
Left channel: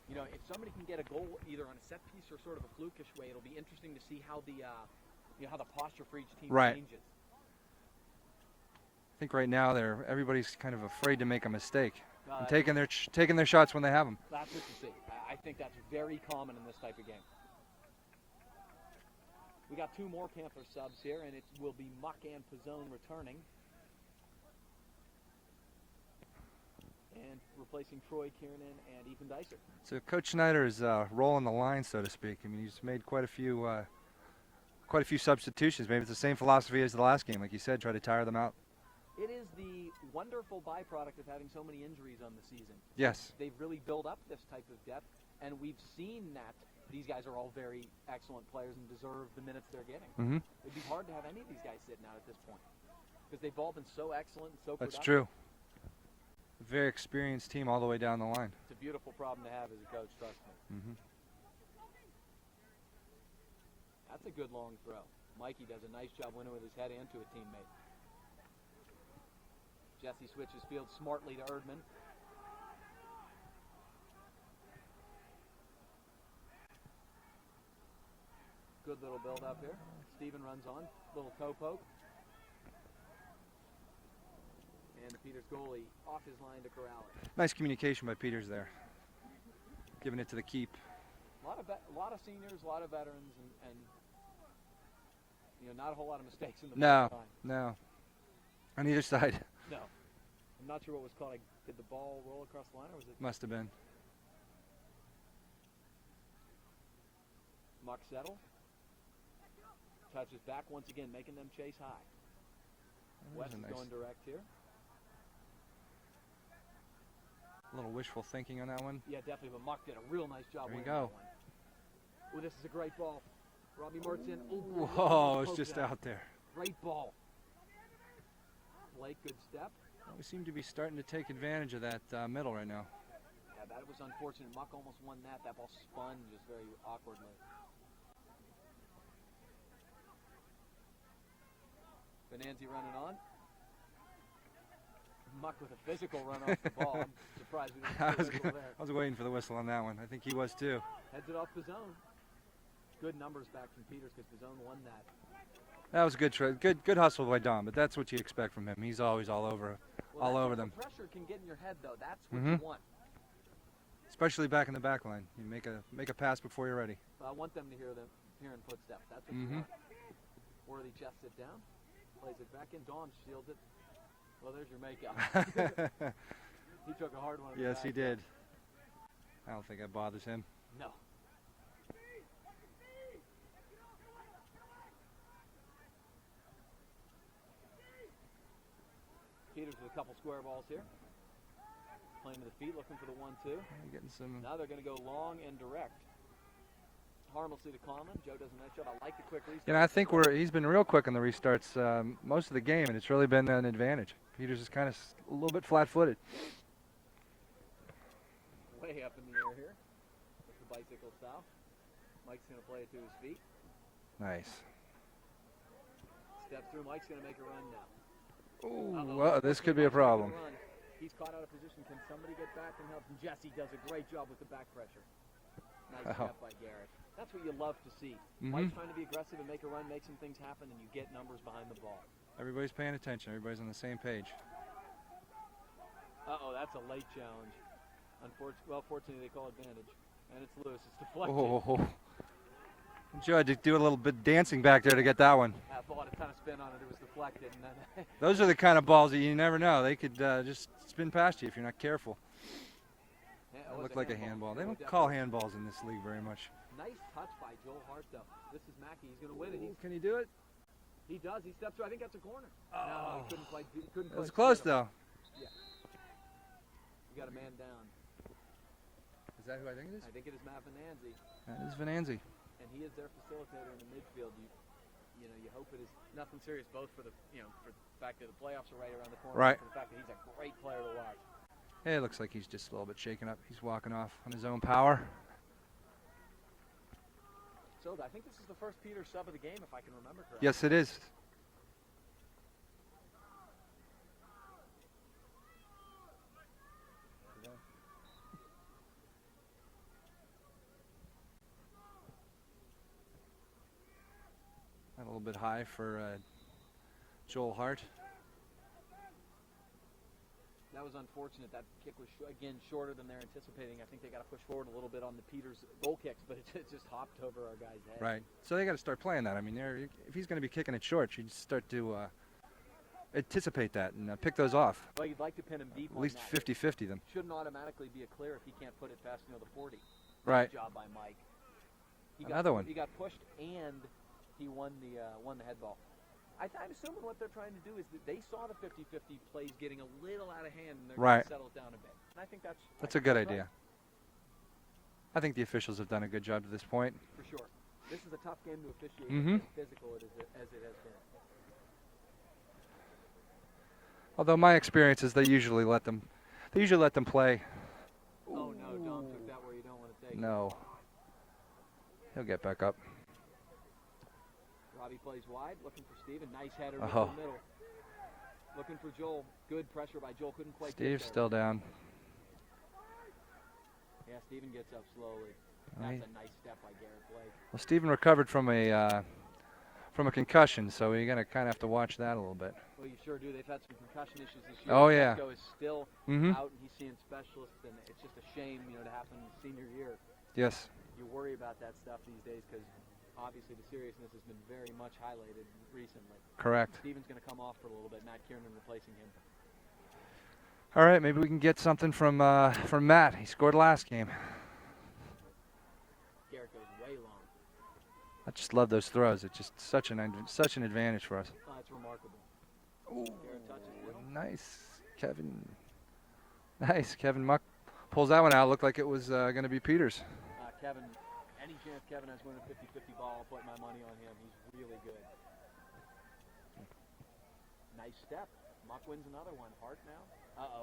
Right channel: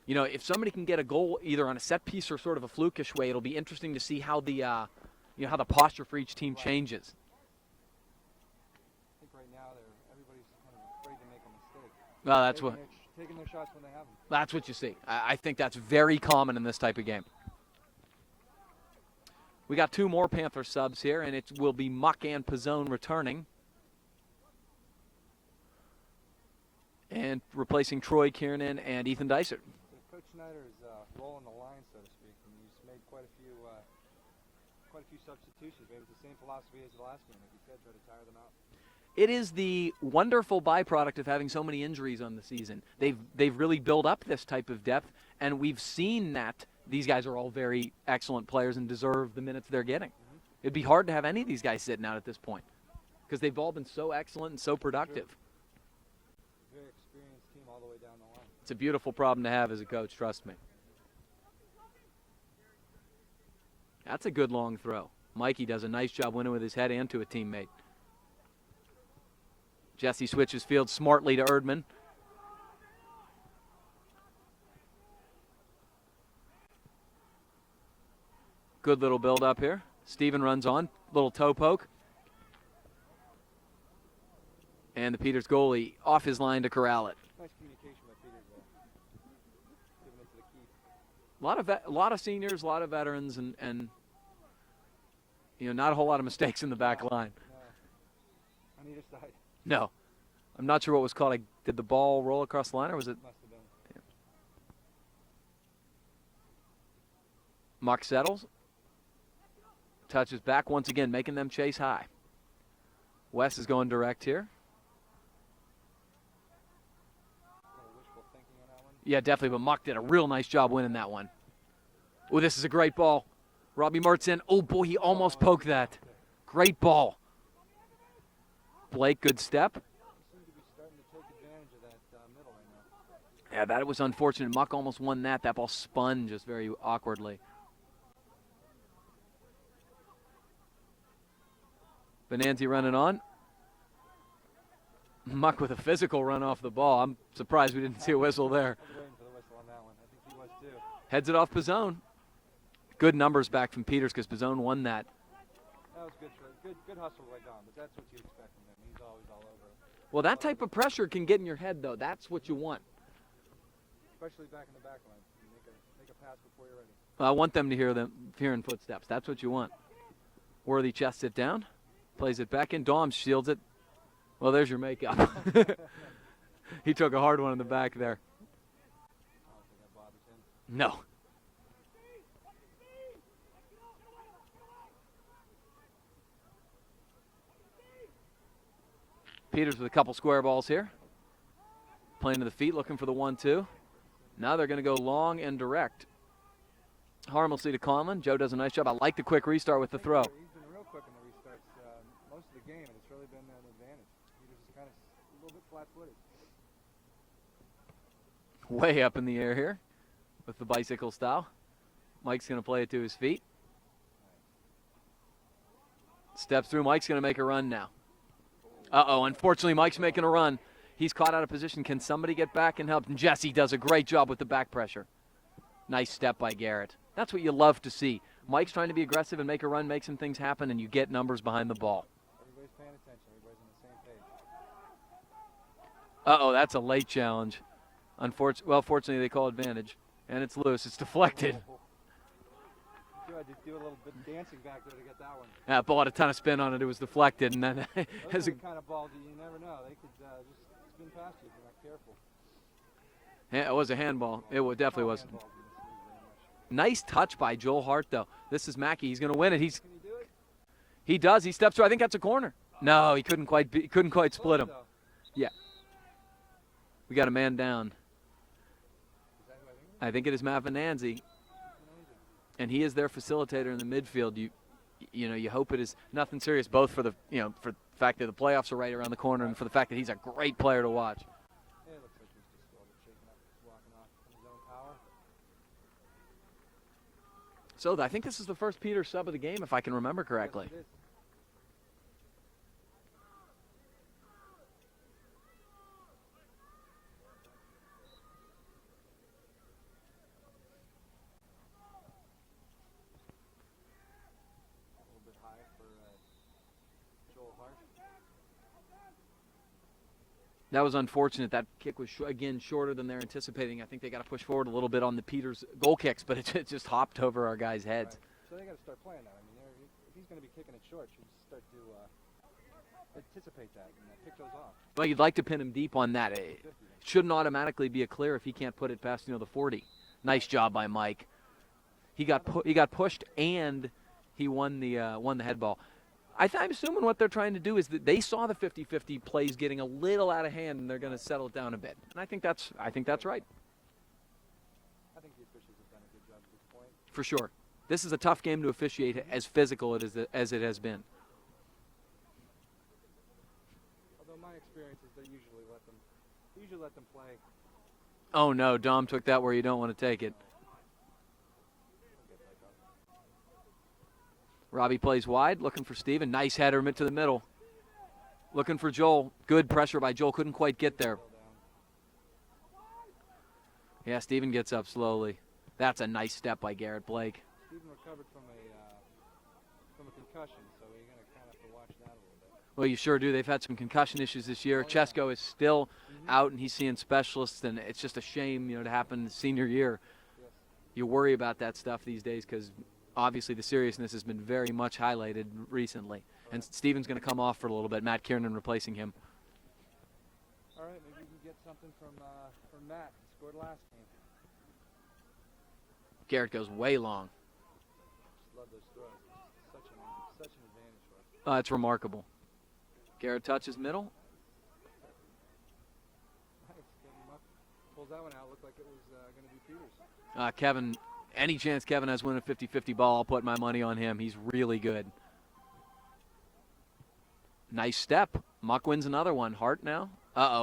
You know, if somebody can get a goal either on a set piece or sort of a flukish way, it'll be interesting to see how the, you know, how the posture for each team changes. I think right now everybody's kind of afraid to make a mistake. Well, taking their shots when they have them. That's what you see. I think that's very common in this type of game. We got 2 more Panther subs here, and it will be Muck and Pizzone returning. And replacing Troy Kiernan and Ethan Dysert. So Coach Schneider is rolling the line, so to speak. I mean, he's made quite a few substitutions. Maybe it's the same philosophy as the last game, like you said, try to tire them out. It is the wonderful byproduct of having so many injuries on the season. Yes. They've really built up this type of depth, and we've seen that these guys are all very excellent players and deserve the minutes they're getting. Mm-hmm. It'd be hard to have any of these guys sitting out at this point because they've all been so excellent and so productive. That's true. Very experienced team all the way down the line. It's a beautiful problem to have as a coach, trust me. Mm-hmm. That's a good long throw. Mikey does a nice job winning with his head and to a teammate. Jesse switches field smartly to Erdman. Good little build up here. Steven runs on, little toe poke. And the Peters goalie off his line to corral it. Nice communication by Peters there. Giving it to the keep. A lot of seniors, a lot of veterans, and you know, not a whole lot of mistakes in the back line. No. On either side. No. I'm not sure what was called. Did the ball roll across the line, or was it? Must have been. Yeah. Muck settles. Touches back once again, making them chase high. Wes is going direct here. A little wishful thinking on that one. Yeah, definitely, but Muck did a real nice job winning that one. Oh, this is a great ball. Robbie Mertz in. Oh, boy, he almost poked that. Great ball. Blake, good step. We seem to be starting to take advantage of that middle right now. Yeah, that was unfortunate. Muck almost won that. That ball spun just very awkwardly. Benanzi running on. Muck with a physical run off the ball. I'm surprised we didn't see a whistle there. I was waiting for the whistle on that one. I think he was too. Heads it off Pizzone. Good numbers back from Peters because Pizzone won that. That was good hustle by Don, but that's what you expect from him. He's always all over. Well, that type of pressure can get in your head, though. That's what you want. Especially back in the back line. You make a pass before you're ready. Well, I want them to hearing footsteps. That's what you want. Worthy chests it down. Plays it back in. Dom shields it. Well, there's your makeup. He took a hard one in the back there. I don't think that bothers him. No. Peters with a couple square balls here. Playing to the feet, looking for the 1-2. Now they're going to go long and direct. Harmlessly to Conlon. Joe does a nice job. I like the quick restart with the throw. I think he's been real quick on the restarts most of the game, and it's really been an advantage. Peters is kind of a little bit flat-footed. Way up in the air here with the bicycle style. Mike's going to play it to his feet. Nice. Steps through. Mike's going to make a run now. Uh-oh, unfortunately, Mike's making a run. He's caught out of position. Can somebody get back and help? And Jesse does a great job with the back pressure. Nice step by Garrett. That's what you love to see. Mike's trying to be aggressive and make a run, make some things happen, and you get numbers behind the ball. Everybody's paying attention. Everybody's on the same page. Uh-oh, that's a late challenge. Fortunately, they call advantage. And it's loose. It's deflected. Oh. Joe had to do a little bit of dancing back there to get that one. Yeah, ball had a ton of spin on it. It was deflected. And then those are the kind of balls that you never know. They could just spin past you if you're not careful. Yeah, it was a handball. It definitely was. Handballs in this league very much. Nice touch by Joel Hart, though. This is Mackey. He's going to win it. Can he do it? He does. He steps through. I think that's a corner. No, he couldn't quite split him. Though. Yeah. We got a man down. Is that who I think it is? I think it is Matt Venanzi. That is Venanzi. And he is their facilitator in the midfield. You hope it is nothing serious, both for the fact that the playoffs are right around the corner and for the fact that he's a great player to watch. Hey, it looks like he's just a little bit shaken up. He's walking off on his own power. So I think this is the first Peters sub of the game, if I can remember correctly. Yes, it is. bit high for Joel Hart. That was unfortunate. That kick was, again, shorter than they're anticipating. I think they got to push forward a little bit on the Peters goal kicks, but it just hopped over our guys' heads. Right. So they got to start playing that. I mean, if he's going to be kicking it short, you just start to anticipate that and pick those off. Well, you'd like to pin him deep on that. 50-50 them. Shouldn't automatically be a clear if he can't put it past the 40. Nice job by Mike. He got pushed and he won the head ball. I'm assuming what they're trying to do is that they saw the 50-50 plays getting a little out of hand, and they're going to settle it down a bit. And I think that's a good idea. Right. I think the officials have done a good job to this point. For sure. This is a tough game to officiate, as physical as it has been. Although my experience is they usually let them play. Oh no, Dom took that where you don't want to take it. No. He'll get back up. Robbie plays wide, looking for Steven. Nice header mid to the middle. Looking for Joel. Good pressure by Joel. Couldn't quite get there. Still down. Yeah, Steven gets up slowly. That's a nice step by Garrett Blake. Well, Steven recovered from a concussion, so you're going to kind of have to watch that a little bit. Well, you sure do. They've had some concussion issues this year. Oh, Chesko is still out, and he's seeing specialists, and it's just a shame, to happen the senior year. Yes. You worry about that stuff these days because obviously the seriousness has been very much highlighted recently. Correct. And Steven's going to come off for a little bit. Matt Kiernan replacing him. All right, maybe we can get something from Matt. He scored last game. Garrett goes way long. I just love those throws. It's just such an advantage for us. It's remarkable. Ooh. Garrett touches middle. Nice, Kevin. Nice, Kevin Muck pulls that one out. Looked like it was going to be Peters. Kevin, any chance Kevin has winning a 50-50 ball, I'll put my money on him. He's really good. Nice step. Muck wins another one. Hart now.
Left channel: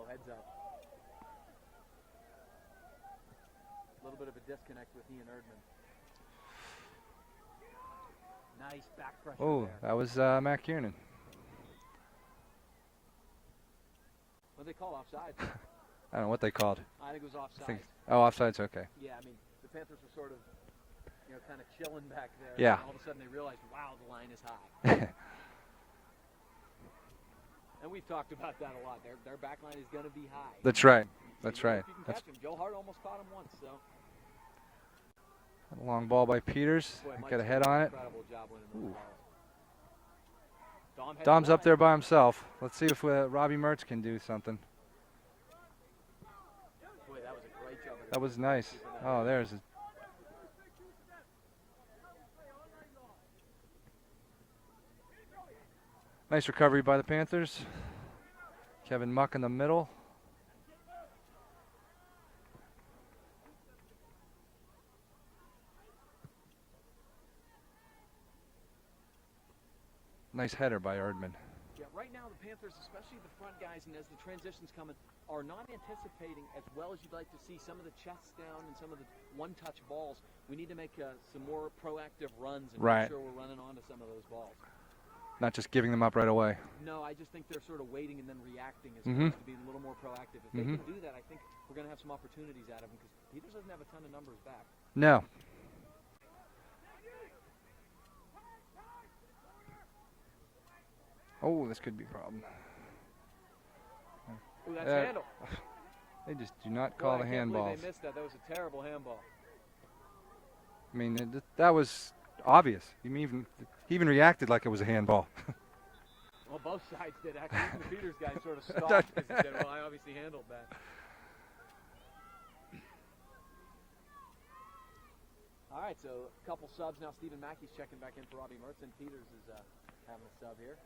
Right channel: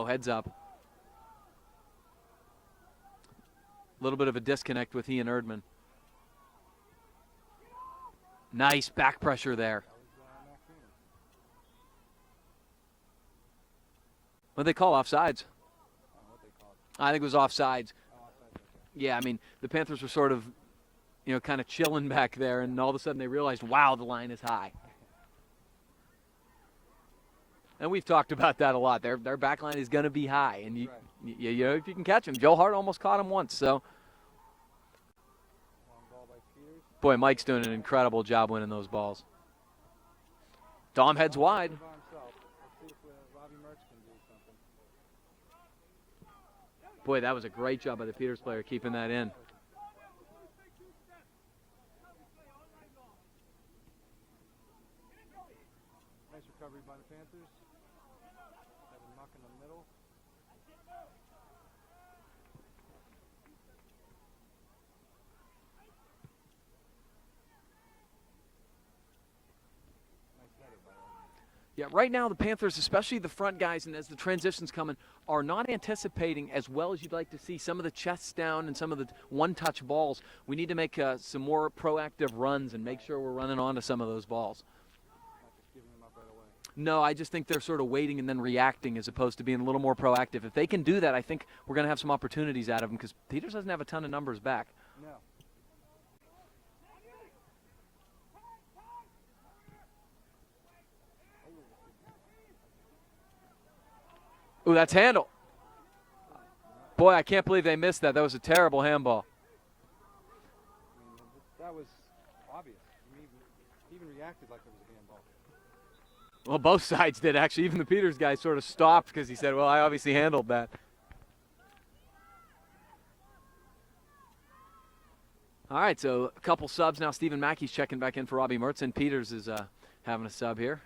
Heads up. A little bit of a disconnect with he and Erdman. Nice back pressure there. That was Matt Kiernan. What they call offsides? I don't know what they called. I think it was offsides. Oh, offsides, okay. Yeah, I mean, the Panthers were sort of, kind of chilling back there, yeah. And all of a sudden they realized, wow, the line is high. And we've talked about that a lot. Their back line is going to be high. That's right. If you can catch him. Joe Hart almost caught him once, so. A long ball by Peters. Boy, Mike's doing an incredible job winning those balls. Dom's wide. Up there by himself. Let's see if Robbie Mertz can do something. Boy, that was a great job by the Peters player keeping that in. There's nice recovery by the Panthers. Kevin Muck in the middle. Nice header by Erdman. Yeah, right now the Panthers, especially the front guys, and as the transition's coming, are not anticipating as well as you'd like to see some of the chests down and some of the one-touch balls. We need to make some more proactive runs and make sure we're running onto some of those balls. Not just giving them up right away. No, I just think they're sort of waiting and then reacting as opposed to being a little more proactive. If they can do that, I think we're going to have some opportunities out of them because Peters doesn't have a ton of numbers back. No. Oh, this could be a problem. Oh, that's handle. They just do not. Boy, I can't believe they missed that. That was a terrible handball. I mean, that was obvious. He even reacted like it was a handball. Well, both sides did, actually. Even the Peters guy sort of stopped because he said, well, I obviously handled that. All right, so a couple subs now. Stephen Mackey's checking back in for Robbie Mertz, and Peters is having a sub here.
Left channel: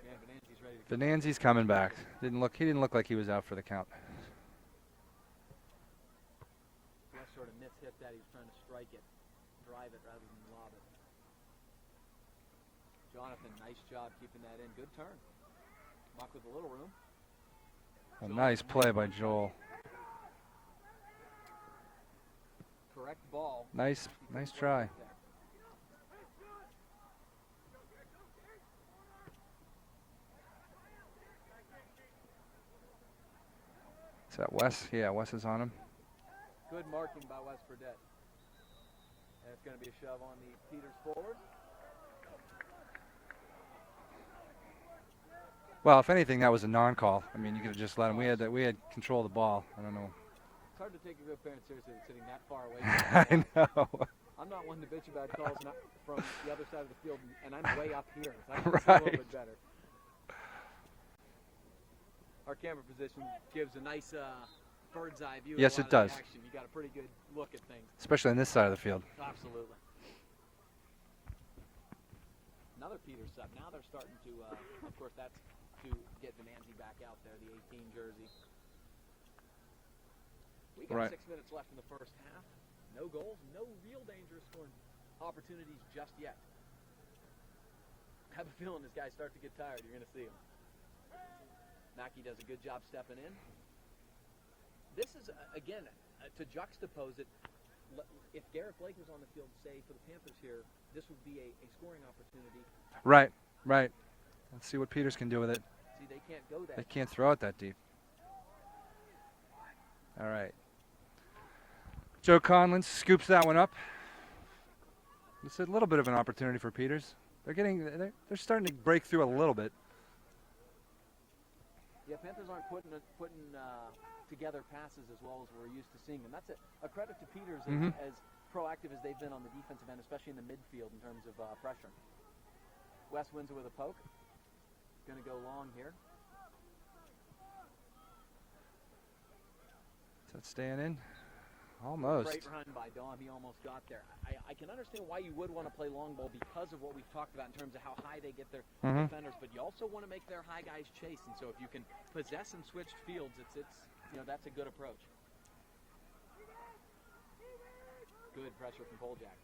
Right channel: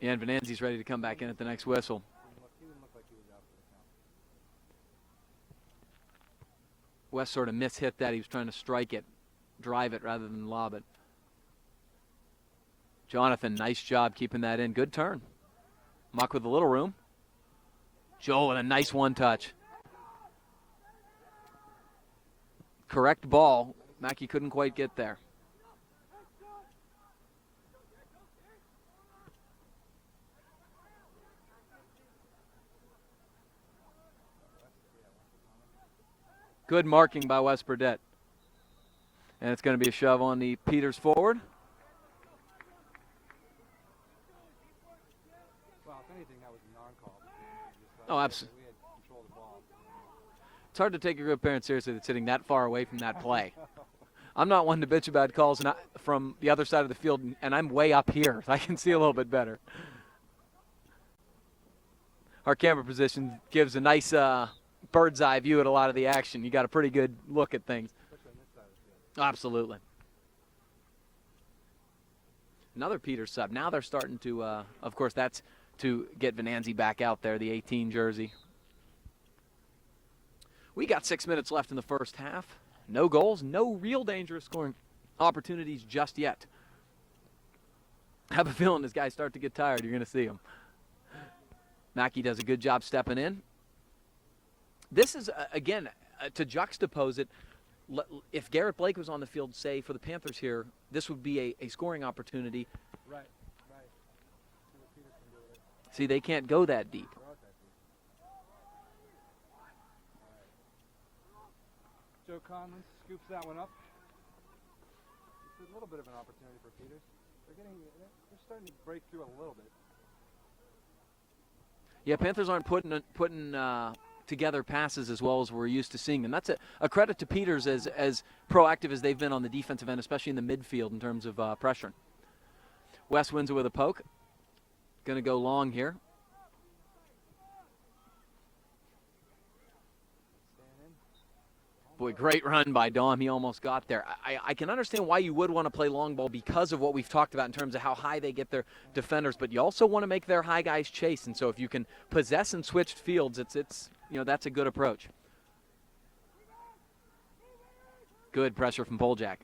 Yeah, and Venanzi's ready to come back in. Venanzi's coming back. He didn't look like he was out for the count. West sort of mishit that. He was trying to strike it, drive it rather than lob it. Jonathan, nice job keeping that in. Good turn. Muck with a little room. Joel, nice, a nice one-touch. Correct ball. Nice. Mackey couldn't quite get there. Is that Wes? Yeah, Wes is on him. Good marking by Wes Burdett. And it's going to be a shove on the Peters forward. Well, if anything, that was a non-call. I mean, you could have just let him. Oh, We had control of the ball. I don't know. It's hard to take a good parent seriously that's sitting that far away from that play. I know. I'm not one to bitch about calls from the other side of the field, and I'm way up here. I can see a little bit better. Our camera position gives a nice bird's eye view at Yes, a lot it of the does. action. You got a pretty good look at things. Especially on this side of the field. Absolutely. Another Peters sub. Now they're starting to, of course, that's to get Venanzi back out there, the 18 jersey. We got 6 minutes left in the first half. No goals, no real dangerous scoring opportunities just yet. I have a feeling this guys start to get tired. You're going to see them. Mackey does a good job stepping in. This is, again, to juxtapose it, if Garrett Blake was on the field, say, for the Panthers here, this would be a scoring opportunity. Right, right. Let's see what Peters can do with it. See, they can't go that Can't throw it that deep. All right. Joe Conlon scoops that one up. It's a little bit of an opportunity for Peters. They're starting to break through a little bit. Yeah, Panthers aren't putting together passes as well as we're used to seeing them. That's a credit to Peters as proactive as they've been on the defensive end, especially in the midfield in terms of pressuring. Wes wins it with a poke. Going to go long here. Is that staying in? Boy, Almost. great run by Dom. He almost got there. I can understand why you would want to play long ball because of what we've talked about in terms of how high they get their defenders, but you also want to make their high guys chase. And so if you can possess and switch fields, it's that's a good approach. Good pressure from Poljak.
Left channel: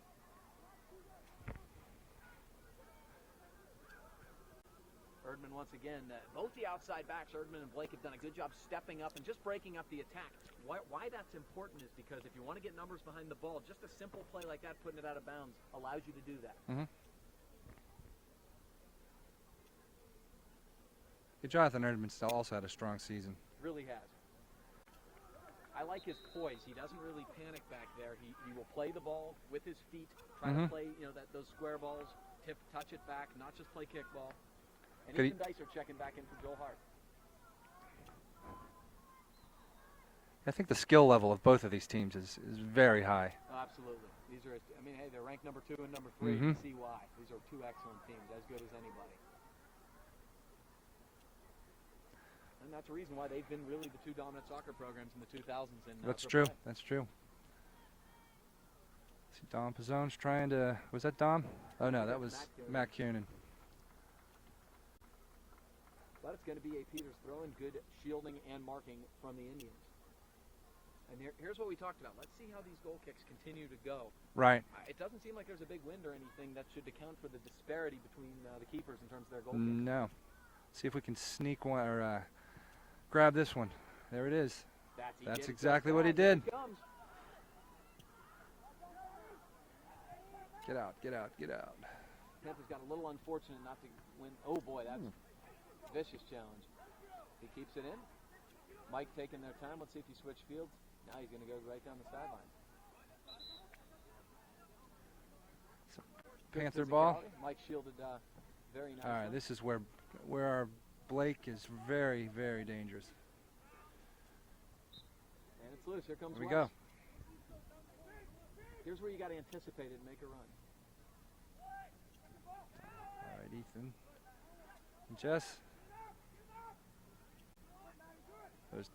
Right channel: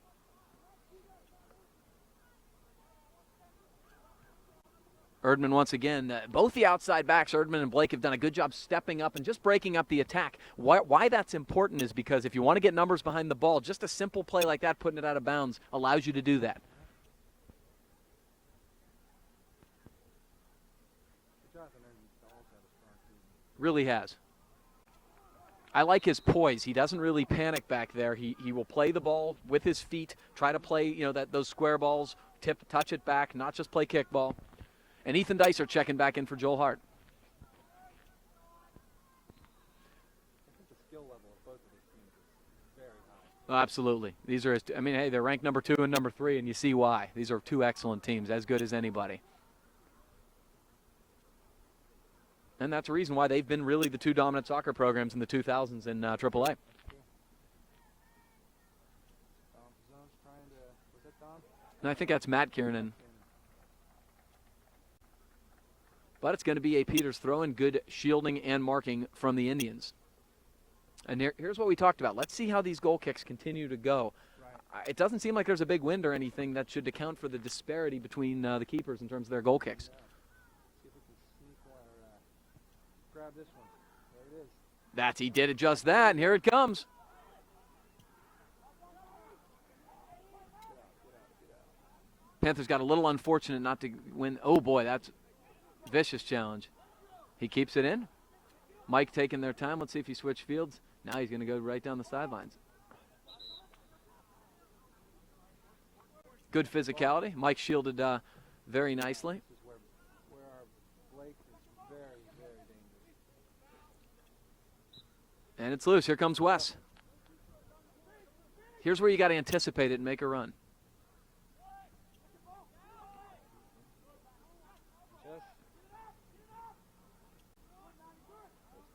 Erdman once again, both the outside backs, Erdman and Blake, have done a good job stepping up and just breaking up the attack. Why that's important is because if you want to get numbers behind the ball, just a simple play like that, putting it out of bounds, allows you to do that. Jonathan Erdman also had a strong season. Really has. I like his poise. He doesn't really panic back there. He will play the ball with his feet, try to play those square balls, touch it back, not just play kickball. And Ethan Dicer checking back in for Joel Hart. I think the skill level of both of these teams is very high. Oh, absolutely. These are, hey, they're ranked number 2 and number 3, and you see why. These are two excellent teams, as good as anybody. And that's a reason why they've been really the two dominant soccer programs in the 2000s in AAA. True. That's true. See, Dom Pizzone's trying to, was that Dom? I think that's Matt Kiernan. Matt Kiernan. But it's going to be a Peters throw and good shielding and marking from the Indians. And here's what we talked about. Let's see how these goal kicks continue to go. Right. It doesn't seem like there's a big wind or anything that should account for the disparity between the keepers in terms of their goal kicks. No. See if we can sneak one or grab this one. There it is. He did it just exactly what that. he Here did. it comes. Get out, get out, get out. Panthers got a little unfortunate not to win. Oh, boy, that's a vicious challenge. He keeps it in. Mike taking their time. Let's see if he switched fields. Now he's going to go right down the sidelines. Good Panther physicality. Mike shielded very nicely. This is where our Blake is very, very dangerous. And it's loose. Here comes Here we Wes. Here's where you got to anticipate it and make a run. All right, Ethan. And Jess. There's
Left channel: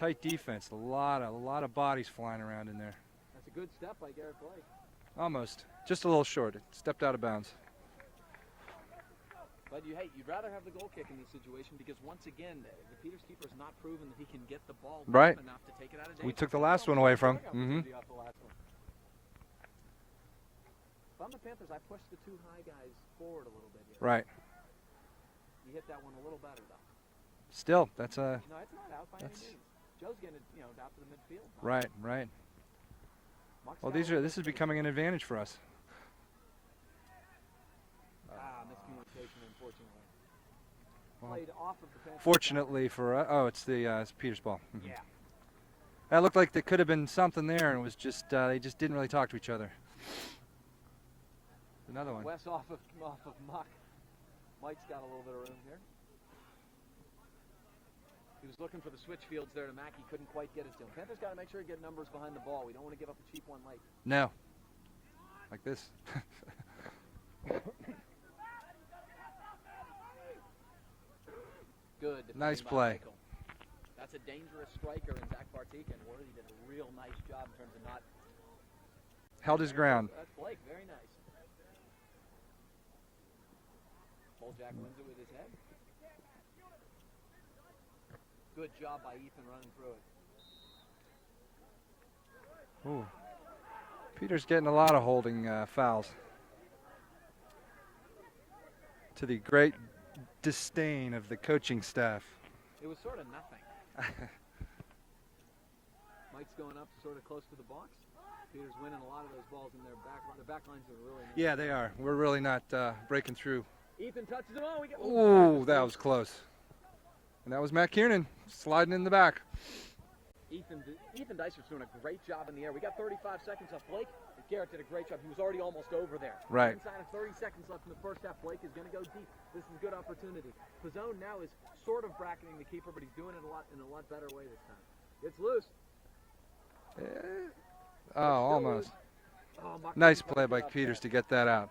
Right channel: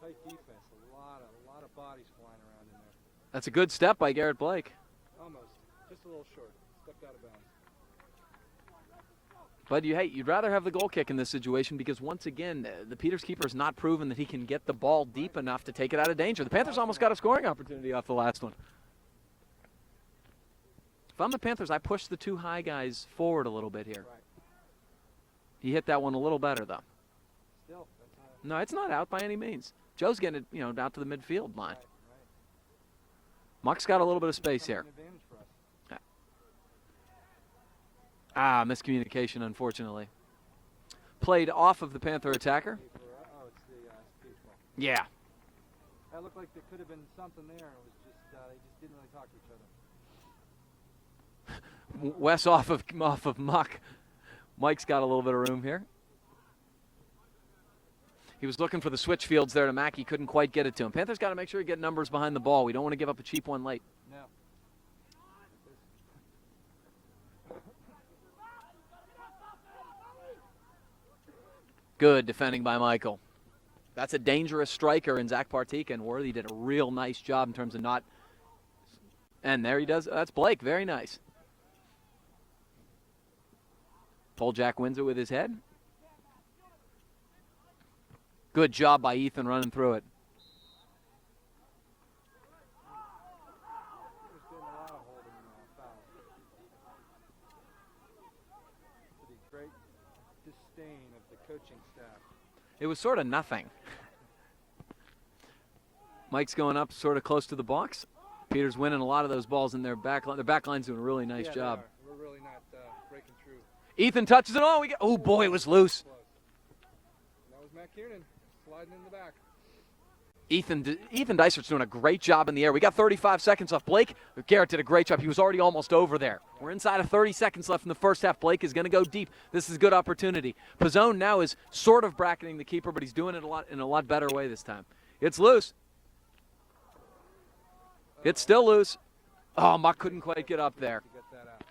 tight defense. A lot of bodies flying around in there. That's a good step by Garrett Blake. Almost. Just a little short. It stepped out of bounds. But you'd rather have the goal kick in this situation because, once again, the Peters keeper has not proven that he can get the ball deep enough to take it out of danger. The took the Panthers last almost one got away a scoring from him. opportunity off the last one. If I'm the Panthers, I push the two high guys forward a little bit here. Right. He hit that one a little better, though. Still, that's a... No, it's not out by any means. Joe's getting it, out to the midfield line. Right, right. Muck's got a little bit of This is space becoming here. an advantage for us. Miscommunication, unfortunately. Played off of the Panther attacker. Fortunately for us. Oh, it's the it's Peters ball. Yeah. That looked like there could have been something there, and it was just they just didn't really talk to each other. Another one. Wes off of muck. Mike's got a little bit of room here. He was looking for the switch fields there to Mackey, couldn't quite get it to him. Panthers got to make sure you get numbers behind the ball. We don't want to give up a cheap one late. No. Like this. Good defending Nice by play. Michael. That's a dangerous striker in Zach Partika, and Worthy did a real nice job in terms of not. Held And his there he ground. does. That's Blake. Very nice. Jack wins it with his head. Good job by Ethan running through it. Ooh. Peter's getting a lot of holding fouls. To the great disdain of the coaching staff. It was sort of nothing. Mike's going up sort of close to the box. Peter's winning a lot of those balls in their back line. Their back line's doing a really nice job. Yeah, they are. We're really not breaking through. Ethan touches it. Oh, oh boy, it was that loose. was close. And that was Matt Kiernan sliding in the back. Ethan Dysert's doing a great job in the air. We got 35 seconds left. Blake Garrett did a great job. He was already almost over there. Right. We're inside of 30 seconds left in the first half. Blake is going to go deep. This is a good opportunity. Pizzone now is sort of bracketing the keeper, but he's doing it in a lot better way this time. It's loose. It's still almost. loose. Oh, Muck Nice couldn't play quite get by up Peters there. to get that out.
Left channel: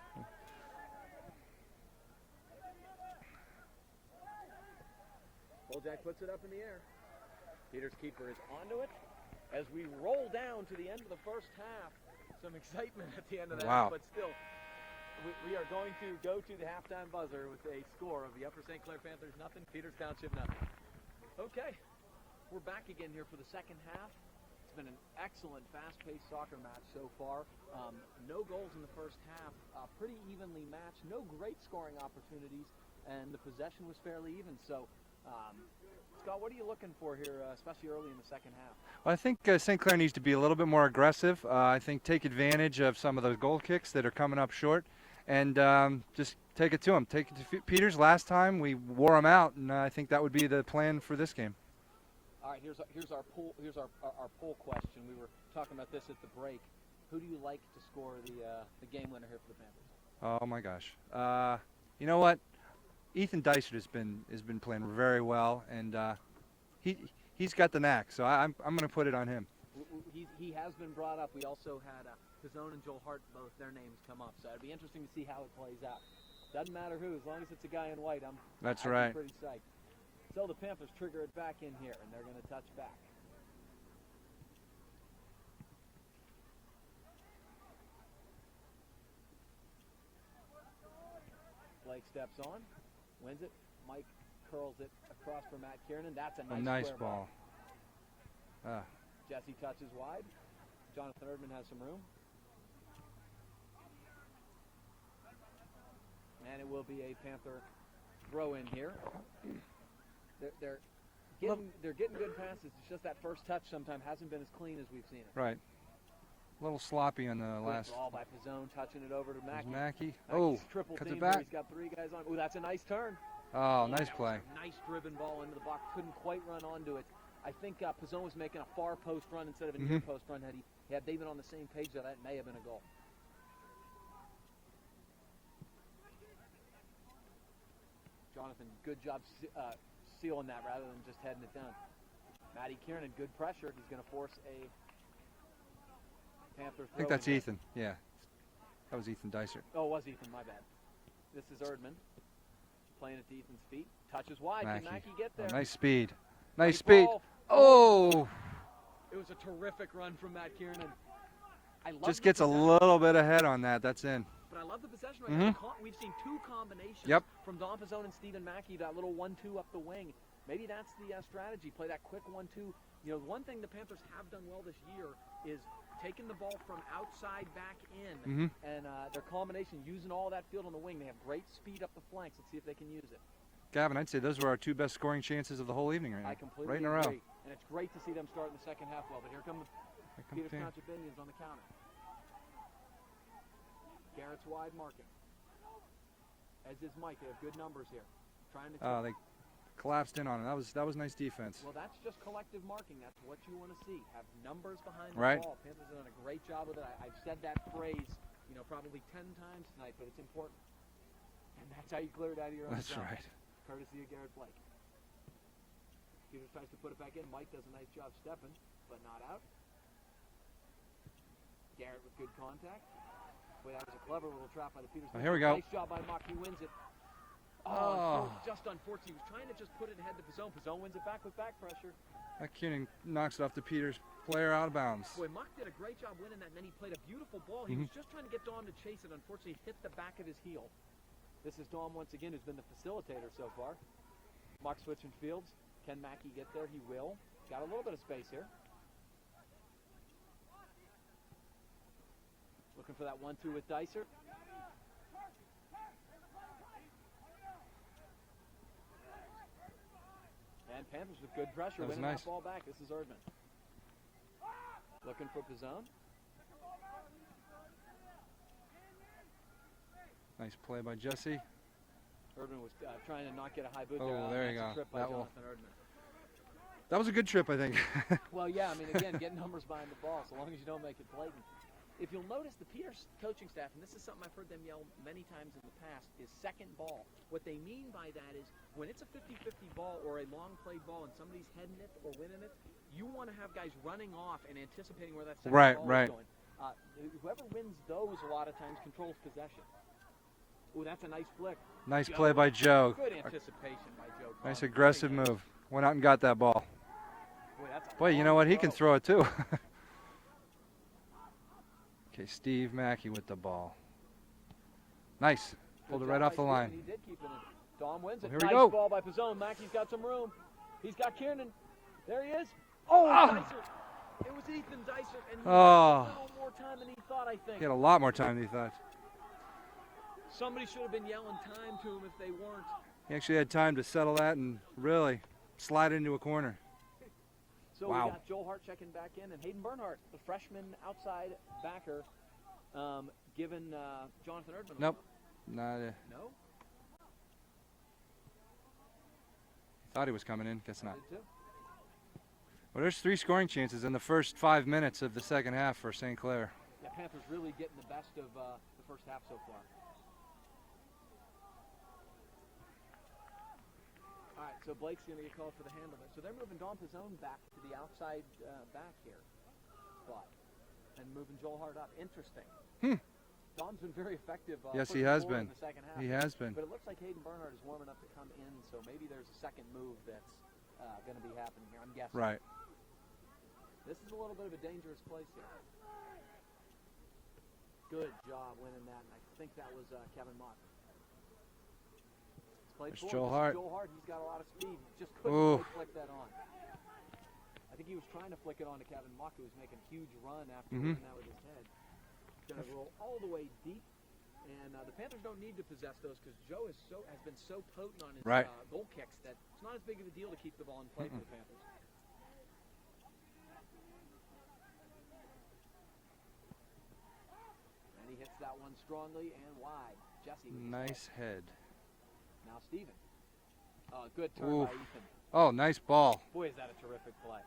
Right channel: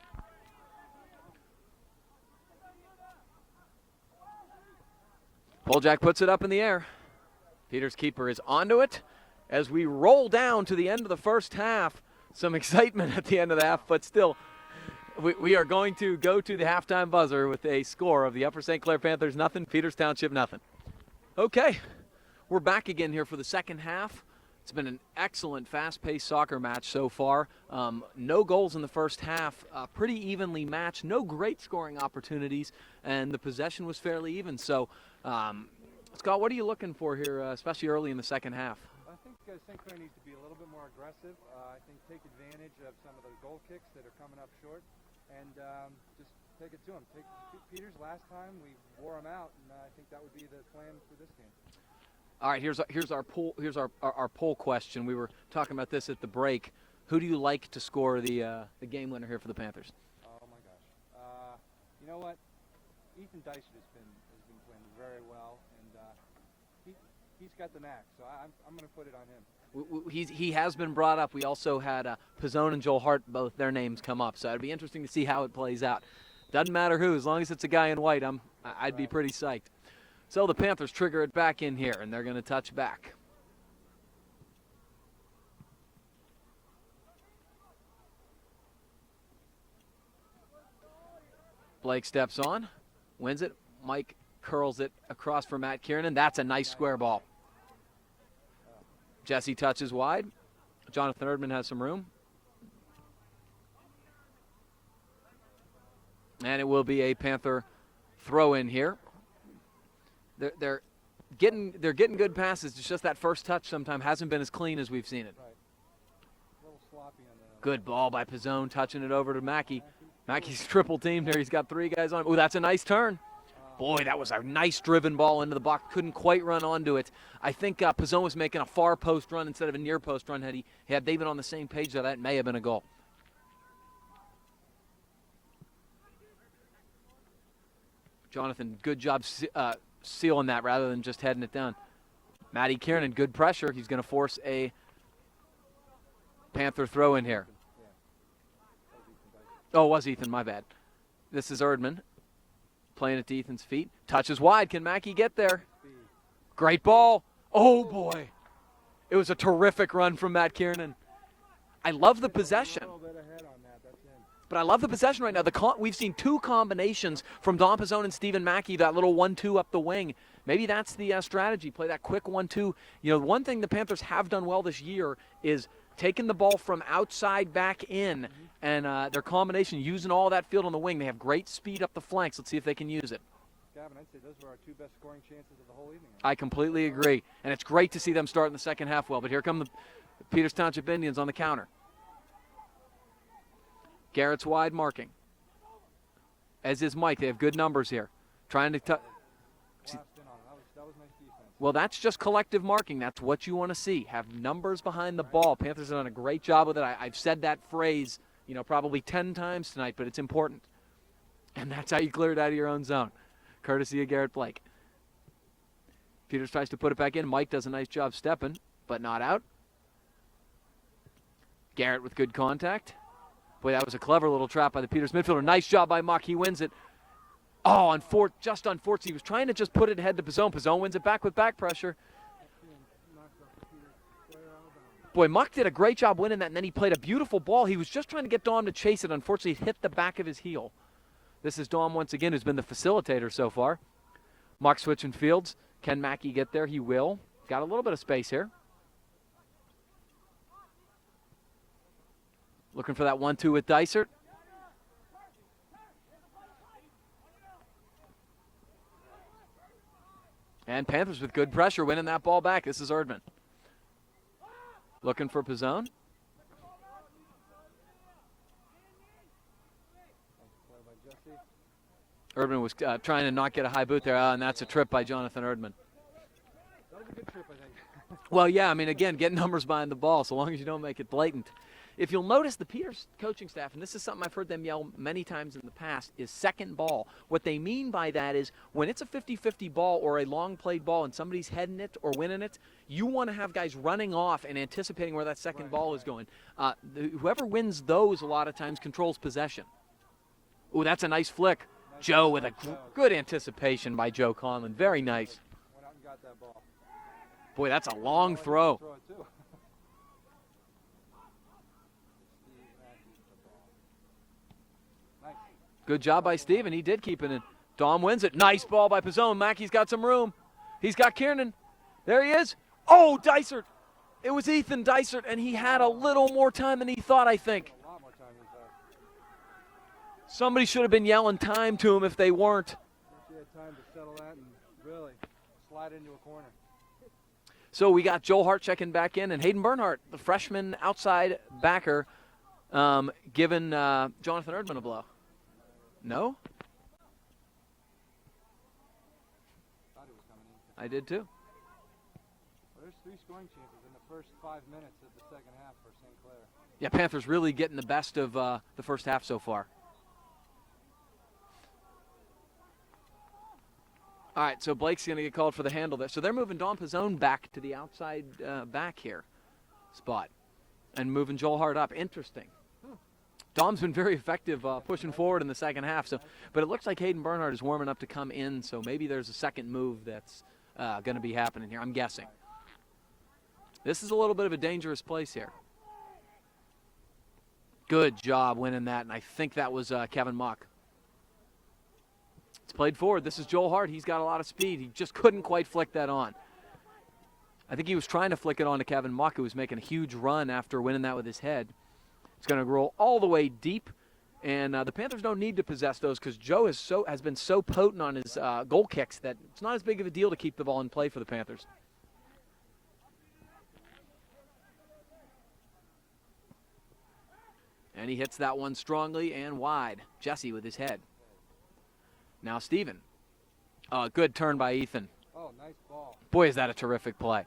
Jack puts it up in the air. Peters' keeper is onto it. As we roll down to the end of the first half, some excitement at the end of the half, but still, we are going to go to the halftime buzzer with a score of the Upper St. Clair Panthers nothing, Peters Township nothing. Okay, we're back again here for the second half. It's been an excellent fast-paced soccer match so far. No goals in the first half, pretty evenly matched, no great scoring opportunities, and the possession was fairly even. So, Scott, what are you looking for here, especially early in the second half? Well, I think St. Clair needs to be a little bit more aggressive. I think take advantage of some of those goal kicks that are coming up short, and just take it to them. Take it to Peters. Last time we wore them out, and I think that would be the plan for this game. All right, here's our poll question. We were talking about this at the break. Who do you like to score the game winner here for the Panthers? Oh my gosh. You know what? Ethan Dysert has been playing very well, and he's got the knack. So I'm going to put it on him. He has been brought up. We also had Pizzone and Joel Hart, both their names come up. So it'd be interesting to see how it plays out. Doesn't matter who, as long as it's a guy in white, I'd be pretty psyched. So the Panthers trigger it back in here, and they're going to touch back. Blake steps on, wins it. Mike curls it across for Matt Kiernan. That's a nice square ball. Jesse touches wide. Jonathan Erdman has some room. And it will be a Panther throw in here. They're getting good passes. It's just that first touch sometimes hasn't been as clean as we've seen it. Right. A little sloppy on the Good last. ball by Pizzone, touching it over to Mackey. Mackey's Oh, triple coming team back. here. He's got 3 guys on him. Oh, that's a nice turn. Oh, Boy, nice that was play. a nice driven ball into the box. Couldn't quite run onto it. I think Pizzone was making a far post run instead of a near post run. Had they been on the same page, that may have been a goal. Jonathan, good job sealing that rather than just heading it down. Matty Kiernan, good pressure. He's going to force a Panther throw in here. Ethan. Yeah, that was Ethan Dysert. Oh, it was Ethan, my bad. This is Erdman playing it to Ethan's feet. Touches wide. Can Mackey get there? Nice speed. Great Nice ball. Speed. Oh, boy. It was a terrific run from Matt Kiernan. I love the gets possession. a little bit ahead on that. That's in. But I love the possession right now. We've seen 2 combinations Yep. from Don Pizzone and Stephen Mackey, that little 1-2 up the wing. Maybe that's the strategy, play that quick 1-2. You know, one thing the Panthers have done well this year is taking the ball from outside back in, and their combination, using all that field on the wing. They have great speed up the flanks. Let's see if they can use it. Gavin, I'd say those were our 2 best scoring chances of the whole evening right now. I completely Right agree. And it's great to see them start in the second half well. But here come the Peters Township Indians on the counter. Garrett's wide marking. As is Mike. They have good numbers here. Trying to They collapsed in on him. That was nice defense. Well, that's just collective marking. That's what you want to see. Have numbers behind the Right. ball. Panthers have done a great job with it. I've said that phrase, probably 10 times tonight, but it's important. And that's how you clear it out of your own zone, right. courtesy of Garrett Blake. Peters tries to put it back in. Mike does a nice job stepping, but not out. Garrett with good contact. Boy, that was a clever little trap by the Peters midfielder. Nice job by Muck. He wins it. Just unfortunate. He was trying to just put it ahead to Pizzone. Pizzone wins it back with back pressure. That Kiernan knocks it off the Peters player out of bounds. Boy, Muck did a great job winning that, and then he played a beautiful ball. He was just trying to get Dom to chase it. Unfortunately, it hit the back of his heel. This is Dom once again, who's been the facilitator so far. Muck switching fields. Can Mackey get there? He will. Got a little bit of space here. Looking for that 1-2 with Dysert. And Panthers with good pressure, winning that ball back. This is Erdman. Looking for Pizzone. Nice play by Jesse. Erdman was trying to not get a high boot there, and that's a trip by Jonathan Erdman. That was a good trip, I think. Well, yeah, I mean, again, get numbers behind the ball, so long as you don't make it blatant. If you'll notice, the Peters coaching staff, and this is something I've heard them yell many times in the past, is second ball. What they mean by that is when it's a 50-50 ball or a long played ball and somebody's heading it or winning it, you want to have guys running off and anticipating where that second ball is going. Whoever wins those a lot of times controls possession. Ooh, that's a nice flick. Nice play by Joe. Good anticipation by Joe Conlon. Nice Very nice. move. Went out and got that ball. Boy, that's a long throw. You know what? throw. He can throw it too. Okay, Steve Mackey with the ball. Nice. Good job by Steve, and he did keep it in. Dom wins it. Here Nice ball by Pizzone. Mackey's got some room. He's got Kiernan. There he is. Oh, Dysert. It was Ethan Dysert, and he had a little more time than he thought, I think. He had a lot more time than he thought. Somebody should have been yelling time to him if they weren't. He actually had time to settle that and really slide into a corner. So we got Joel Hart checking back in, and Hayden Bernhardt, the freshman outside backer, giving Jonathan Erdman a blow. No? Thought he was coming in. Guess I not. did too. Well, there's 3 scoring chances in the first 5 minutes of the second half for St. Clair. Yeah, Panthers really getting the best of the first half so far. All right, so Blake's going to get called for the handle there. So they're moving Dom Pizzone back to the outside back here spot and moving Joel Hart up. Interesting. Dom's been very effective pushing forward in the second half. But it looks like Hayden Bernhardt is warming up to come in, so maybe there's a second move that's going to be happening here, I'm guessing. Right. This is a little bit of a dangerous place here. Good job winning that, and I think that was Kevin Mock. It's played forward. This is Joel Hart. He's got a lot of speed. He just couldn't quite flick that on. I think he was trying to flick it on to Kevin Mock, who was making a huge run after winning that with his head. It's going to roll all the way deep, and the Panthers don't need to possess those because Joe has been so potent on his goal kicks that it's not as big of a deal to keep the ball in play for the Panthers. And he hits that one strongly and wide. Jesse with his head. Now Steven. Good turn by Ethan. Oh, nice ball. Boy, is that a terrific play.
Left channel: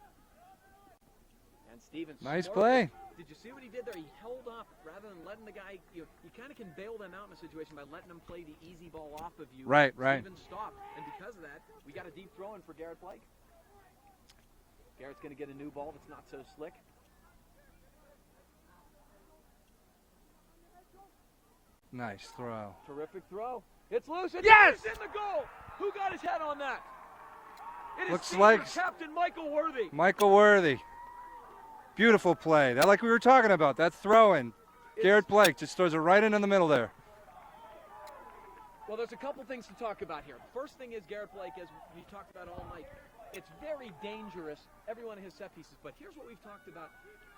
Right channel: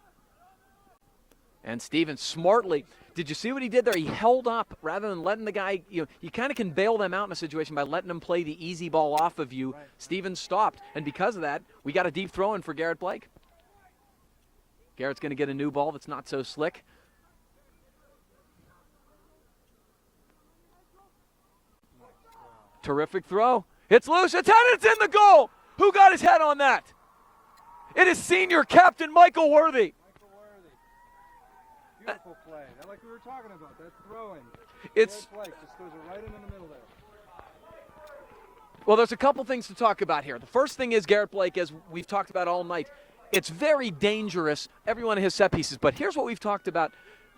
And Steven smartly. Play. Did you see what he did there? He held up rather than letting the guy, you kind of can bail them out in a situation by letting them play the easy ball off of you. Right. Steven stopped. And because of that, we got a deep throw in for Garrett Blake. Garrett's going to get a new ball that's not so slick. Nice throw. Terrific throw. It's loose. It's out. It's in the goal. Who got his head on that? It is senior captain Michael Worthy. Michael Worthy. Beautiful play. That, like we were talking about, that throw-in. Garrett Blake just throws it right in the middle there. Well, there's a couple things to talk about here. The first thing is Garrett Blake, as we've talked about all night. It's very dangerous, every one of his set pieces. But here's what we've talked about.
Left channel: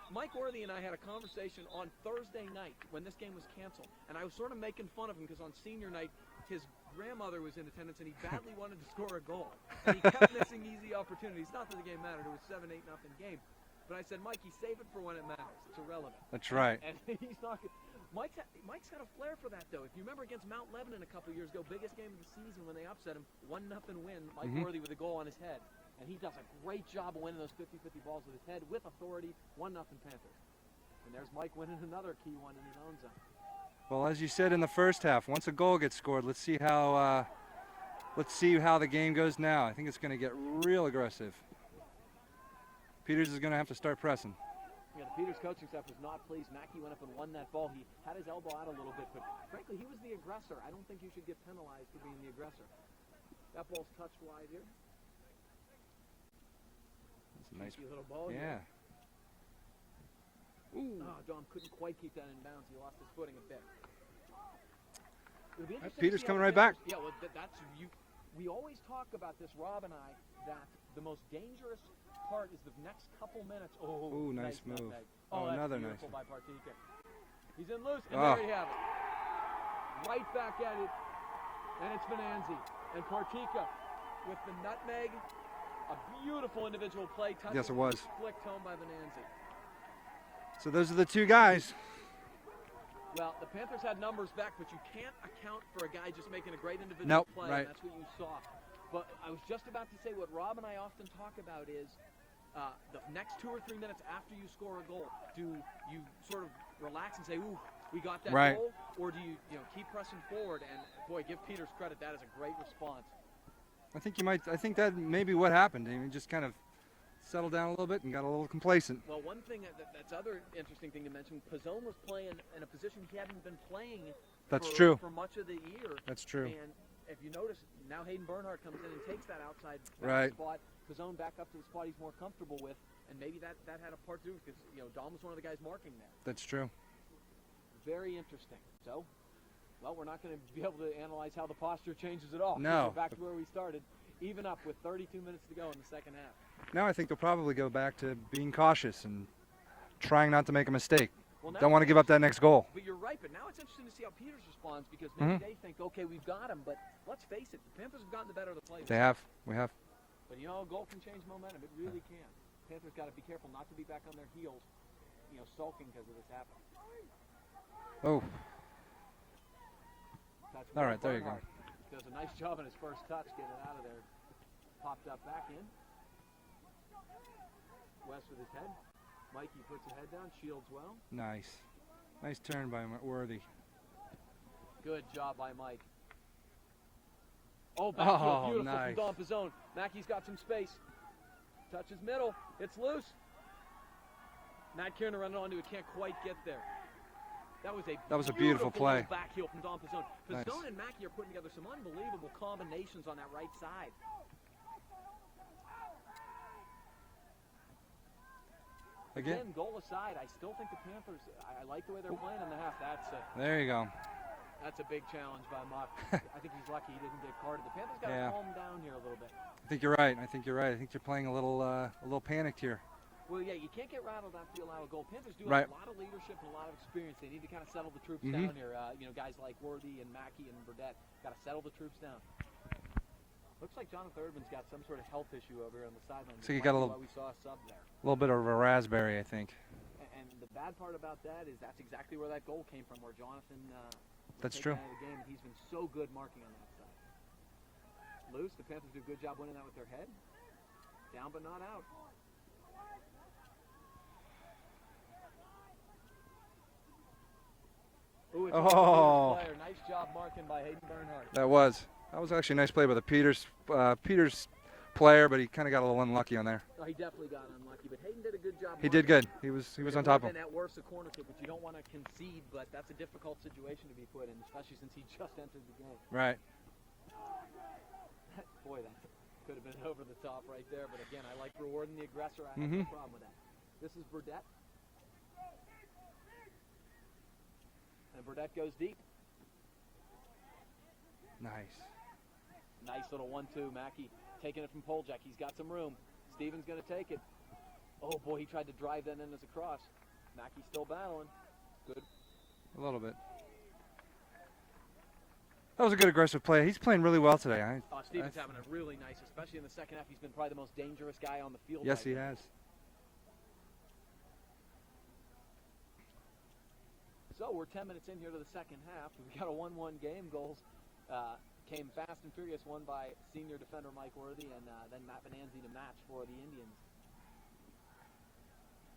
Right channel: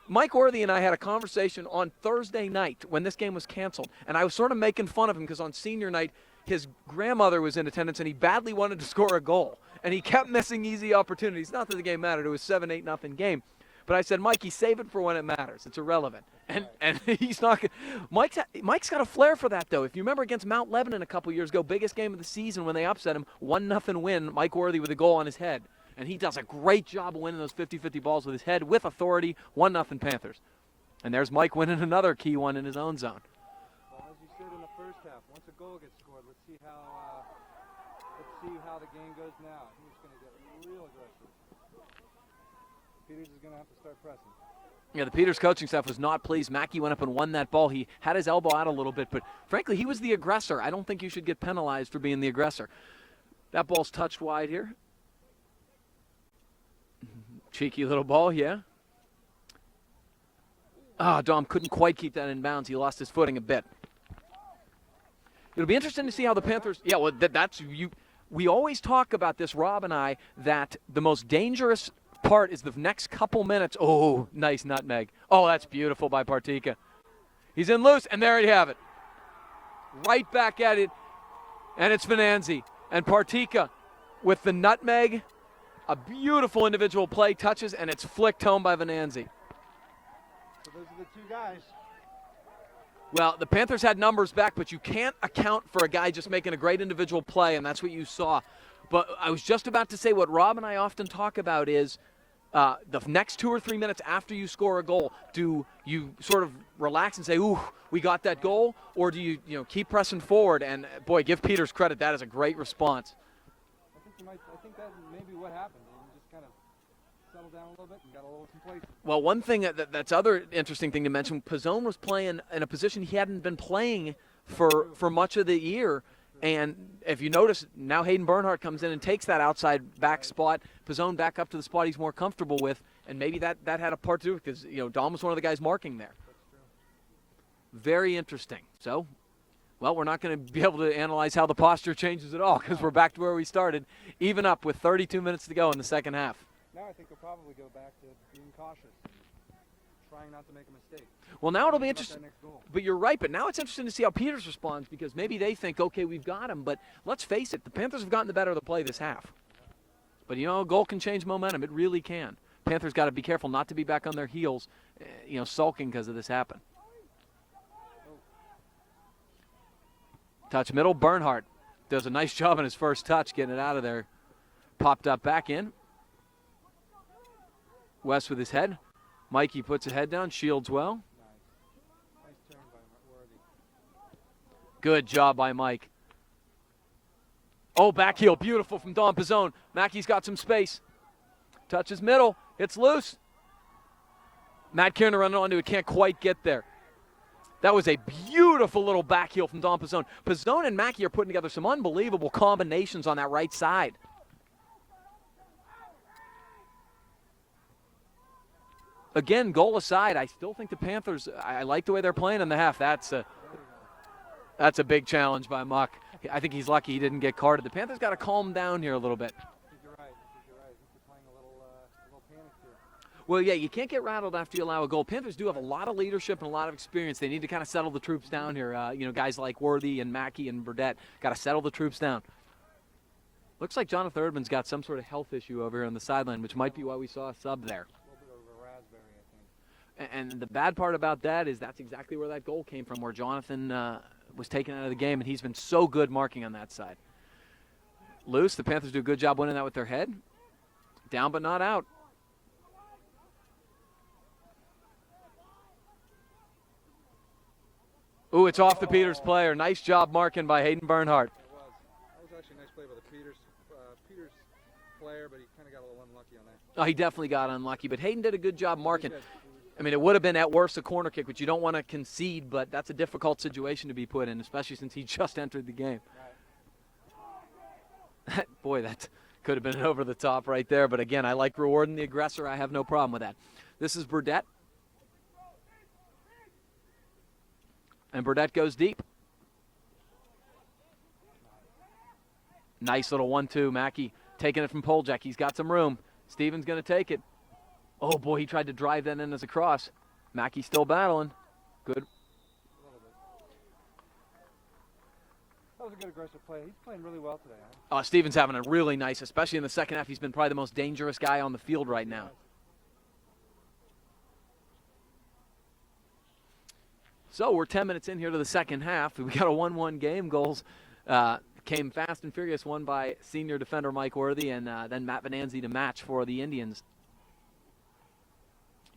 Mike Worthy and I had a conversation on Thursday night when this game was canceled, and I was sort of making fun of him because on senior night, his grandmother was in attendance, and he badly wanted to score a goal, and he kept missing easy opportunities. Not that the game mattered. It was 7-8 nothing game. But I said, Mikey, save it for when it matters. It's irrelevant. That's right. And he's not – Mike's got a flair for that, though. If you remember against Mount Lebanon a couple years ago, biggest game of the season when they upset him, 1-0 win, Mike Worthy with a goal on his head. And he does a great job of winning those 50-50 balls with his head with authority, 1-0 Panthers. And there's Mike winning another key one in his own zone. Well, as you said in the first half, once a goal gets scored, let's see how the game goes now. I think it's going to get real aggressive. Peters is going to have to start pressing. Yeah, the Peters coaching staff was not pleased. Mackey went up and won that ball. He had his elbow out a little bit, but frankly, he was the aggressor. I don't think you should get penalized for being the aggressor. That ball's touched wide here. Cheeky little ball, yeah. Dom couldn't quite keep that in bounds. He lost his footing a bit. It'll be interesting to see how the Panthers. Yeah, well, that's you. We always talk about this, Rob and I, that the most dangerous part is the next couple minutes. Oh, nice nutmeg. Oh, that's beautiful by Partika. He's in loose, and there you have it. Right back at it, and it's Venanzi. And Partika with the nutmeg, a beautiful individual play, touches, and it's flicked home by Venanzi. So those are the two guys. Well, the Panthers had numbers back, but you can't account for a guy just making a great individual play, and that's what you saw. But I was just about to say what Rob and I often talk about is the next 2 or 3 minutes after you score a goal, do you sort of relax and say, ooh, we got that goal, or do you keep pressing forward? And, boy, give Peters credit. That is a great response. I think that may be what happened. I mean, just kind of settled down a little bit and got a little complacent. Well, one thing that's other interesting thing to mention, Pizzone was playing in a position he hadn't been playing for much of the year. That's true. And if you notice, now Hayden Bernhardt comes in and takes that outside back spot. Pizzone back up to the spot he's more comfortable with, and maybe that had a part to do because Dom was one of the guys marking there. That's true. Very interesting. So, well, we're not going to be able to analyze how the posture changes at all because we're back to where we started, even up with 32 minutes to go in the second half. Now I think they'll probably go back to being cautious and trying not to make a mistake. Well, now don't want to give up that next goal. But you're right. But now it's interesting to see how Peters responds because maybe they think, okay, we've got him. But let's face it, the Panthers have gotten the better of the play this half. We have. But, a goal can change momentum. It really can. Panthers got to be careful not to be back on their heels, sulking because of this happen. Oh. Touch middle. Bernhardt does a nice job on his first touch getting it out of there. Popped up back in. West with his head. Mikey puts a head down, shields well. Nice turn by Worthy. Good job by Mike. Oh, back heel, beautiful from Dom Pizzone. Mackey's got some space. Touches middle, it's loose. Matt Kiernan running onto it, can't quite get there. That was a beautiful little back heel from Dom Pizzone. Pizzone and Mackey are putting together some unbelievable combinations on that right side. Again, goal aside, I still think the Panthers, I like the way they're playing in the half. There you go. That's a big challenge by Muck. I think he's lucky he didn't get carded. The Panthers got to calm down here a little bit. I think you're right. I think you're playing a little panicked here. Well, yeah, you can't get rattled after you allow a goal. Panthers do have a lot of leadership and a lot of experience. They need to kind of settle the troops down here. Guys like Worthy and Mackey and Burdett got to settle the troops down. Looks like Jonathan Erdman's got some sort of health issue over here on the sideline, which might be why we saw a sub there. A little bit of a raspberry, I think. And the bad part about that is that's exactly where that goal came from, where Jonathan was taken out of the game, and he's been so good marking on that side. Loose, the Panthers do a good job winning that with their head. Down but not out. Ooh, it's off the Peters player. Nice job marking by Hayden Bernhardt. That was actually a nice play by the Peters player, but he kind of got a little unlucky on there. Oh, he definitely got unlucky, but Hayden did a good job marking. He did good. It would have been at worst a corner kick, which you don't want to concede, but that's a difficult situation to be put in, especially since he just entered the game. Right. Boy, that could have been over the top right there, but again, I like rewarding the aggressor. I have no problem with that. This is Burdett. And Burdett goes deep. Nice little 1-2. Mackey taking it from Poljak. He's got some room. Stevens going to take it. Oh, boy, he tried to drive that in as a cross. Mackey still battling. Good. A little bit. That was a good aggressive play. He's playing really well today. Stevens having a really nice, especially in the second half. He's been probably the most dangerous guy on the field right now. Has. So we're 10 minutes in here to the second half. We got a 1-1 game. Goals came fast and furious, one by senior defender Mike Worthy, and then Matt Venanzi to match for the Indians.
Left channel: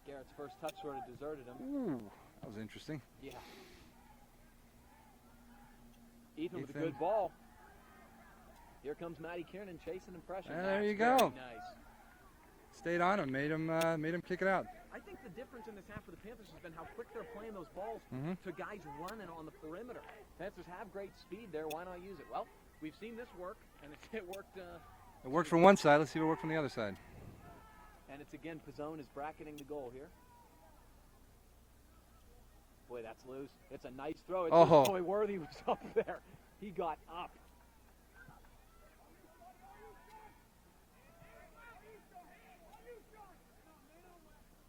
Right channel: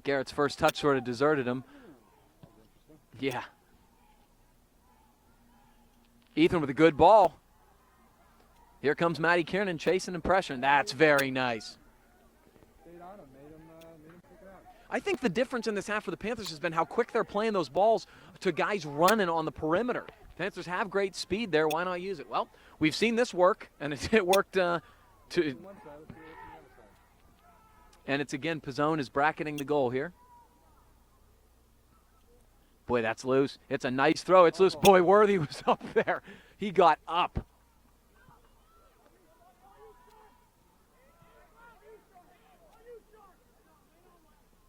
Garrett's first touch sort of deserted him. Ooh, that was interesting. Yeah. Ethan with a good ball. Here comes Matty Kiernan chasing and pressuring. That's very nice. Stayed on him, made him kick it out. I think the difference in this half for the Panthers has been how quick they're playing those balls to guys running on the perimeter. Panthers have great speed there. Why not use it? Well, we've seen this work, and it worked. It worked from one side. Let's see if it worked from the other side. And it's again, Pizzone is bracketing the goal here. Boy, that's loose. It's a nice throw. It's loose. Boy, Worthy was up there. He got up.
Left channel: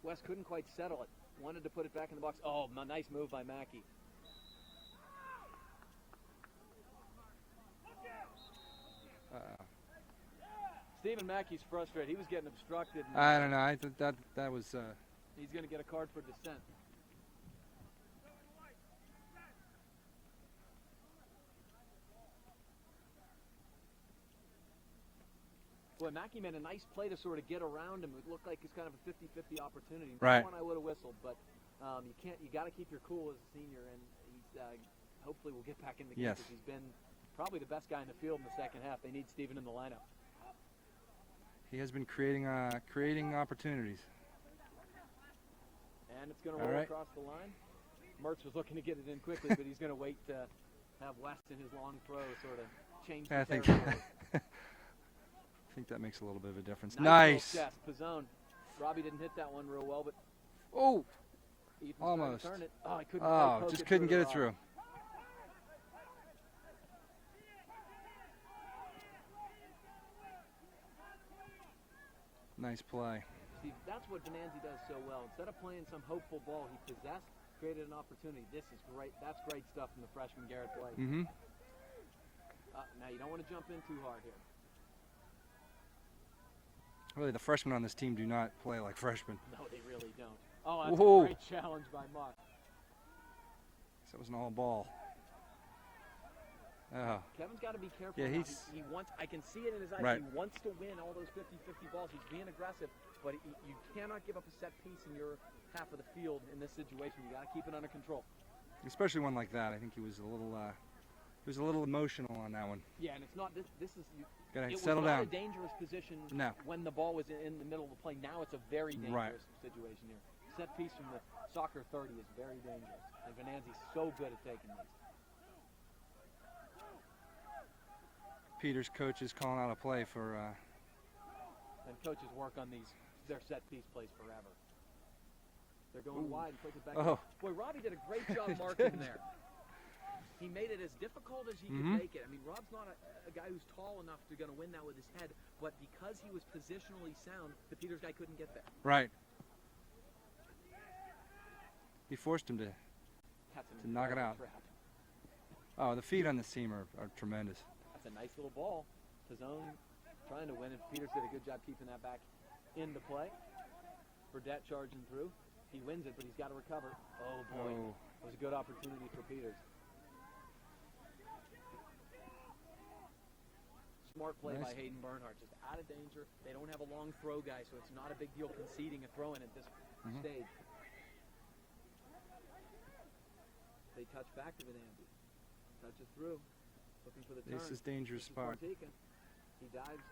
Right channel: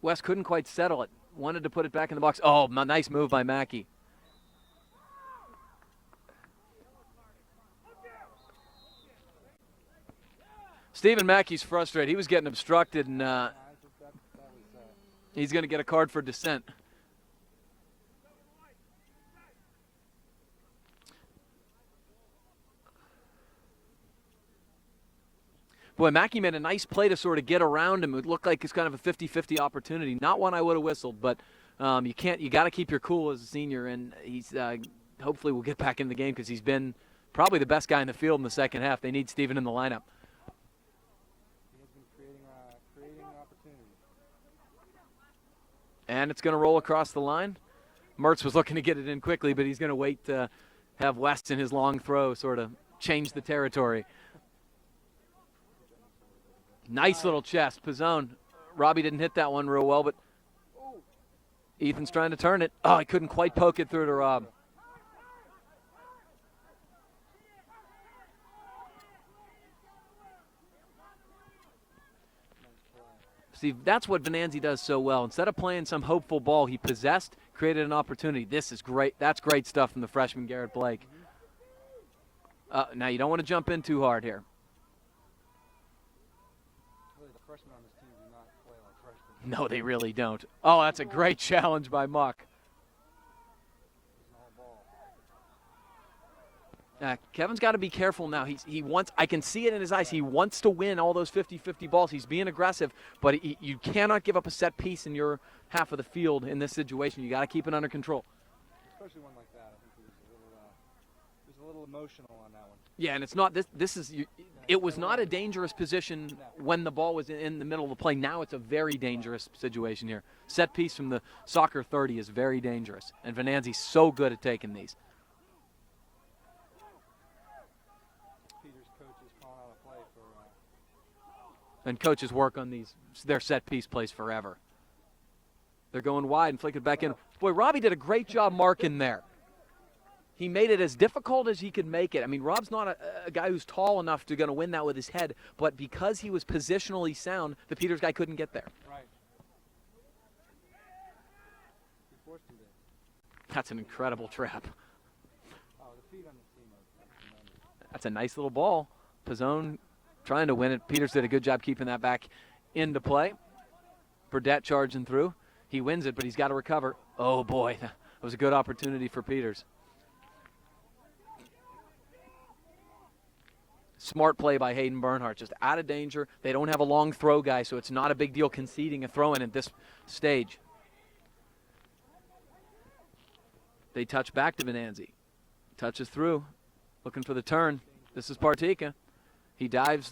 West couldn't quite settle it. Wanted to put it back in the box. Oh, nice move by Mackey. Stephen Mackey's frustrated. He was getting obstructed. And, no, I thought that was. He's going to get a card for dissent. Boy, Mackey made a nice play to sort of get around him. It looked like it's kind of a 50-50 opportunity. Not one I would have whistled, but you got to keep your cool as a senior, and he's hopefully will get back in the game because he's been probably the best guy in the field in the second half. They need Stephen in the lineup. He has been creating opportunities. And it's going to roll across the line. Mertz was looking to get it in quickly, but he's going to wait to have West in his long throw sort of change the territory. I think that makes a little bit of a difference. Nice little chest. Pizzone. Robbie didn't hit that one real well, but Ethan's trying to turn it. Oh, he couldn't quite poke it through to Rob. Nice play. See, that's what Venanzi does so well. Instead of playing some hopeful ball he possessed, created an opportunity. This is great. That's great stuff from the freshman Garrett Blake. Now, you don't want to jump in too hard here. Really, the freshmen on this team do not play like freshmen. No, they really don't. Oh, that's a great challenge by Muck. That was an all ball. Kevin's got to be careful now. He wants. I can see it in his eyes. He wants to win all those 50-50 balls. He's being aggressive, but you cannot give up a set piece in your half of the field in this situation. You got to keep it under control. Especially one like that. I think he was a little emotional on that one. Yeah, and it's not this is. It was not a dangerous position when the ball was in the middle of the play. Now it's a very dangerous situation here. Set piece from the soccer 30 is very dangerous, and Venanzi's so good at taking these. Peter's coach is calling out a play for. And coaches work on their set piece plays forever. They're going wide and flick it back in. Boy, Robbie did a great job marking there. He made it as difficult as he could make it. I mean, Rob's not a guy who's tall enough to win that with his head, but because he was positionally sound, the Peters guy couldn't get there. Right. He forced him to. That's an incredible trap. Oh, the feet on this team are tremendous. That's a nice little ball. Pizzone trying to win it. Peters did a good job keeping that back into play. Burdette charging through. He wins it, but he's got to recover. Oh, boy. That was a good opportunity for Peters. Smart play by Hayden Bernhardt. Just out of danger. They don't have a long throw guy, so it's not a big deal conceding a throw-in at this stage. They touch back to Venanzi. Touches through. Looking for the turn. This is Partika. He dives.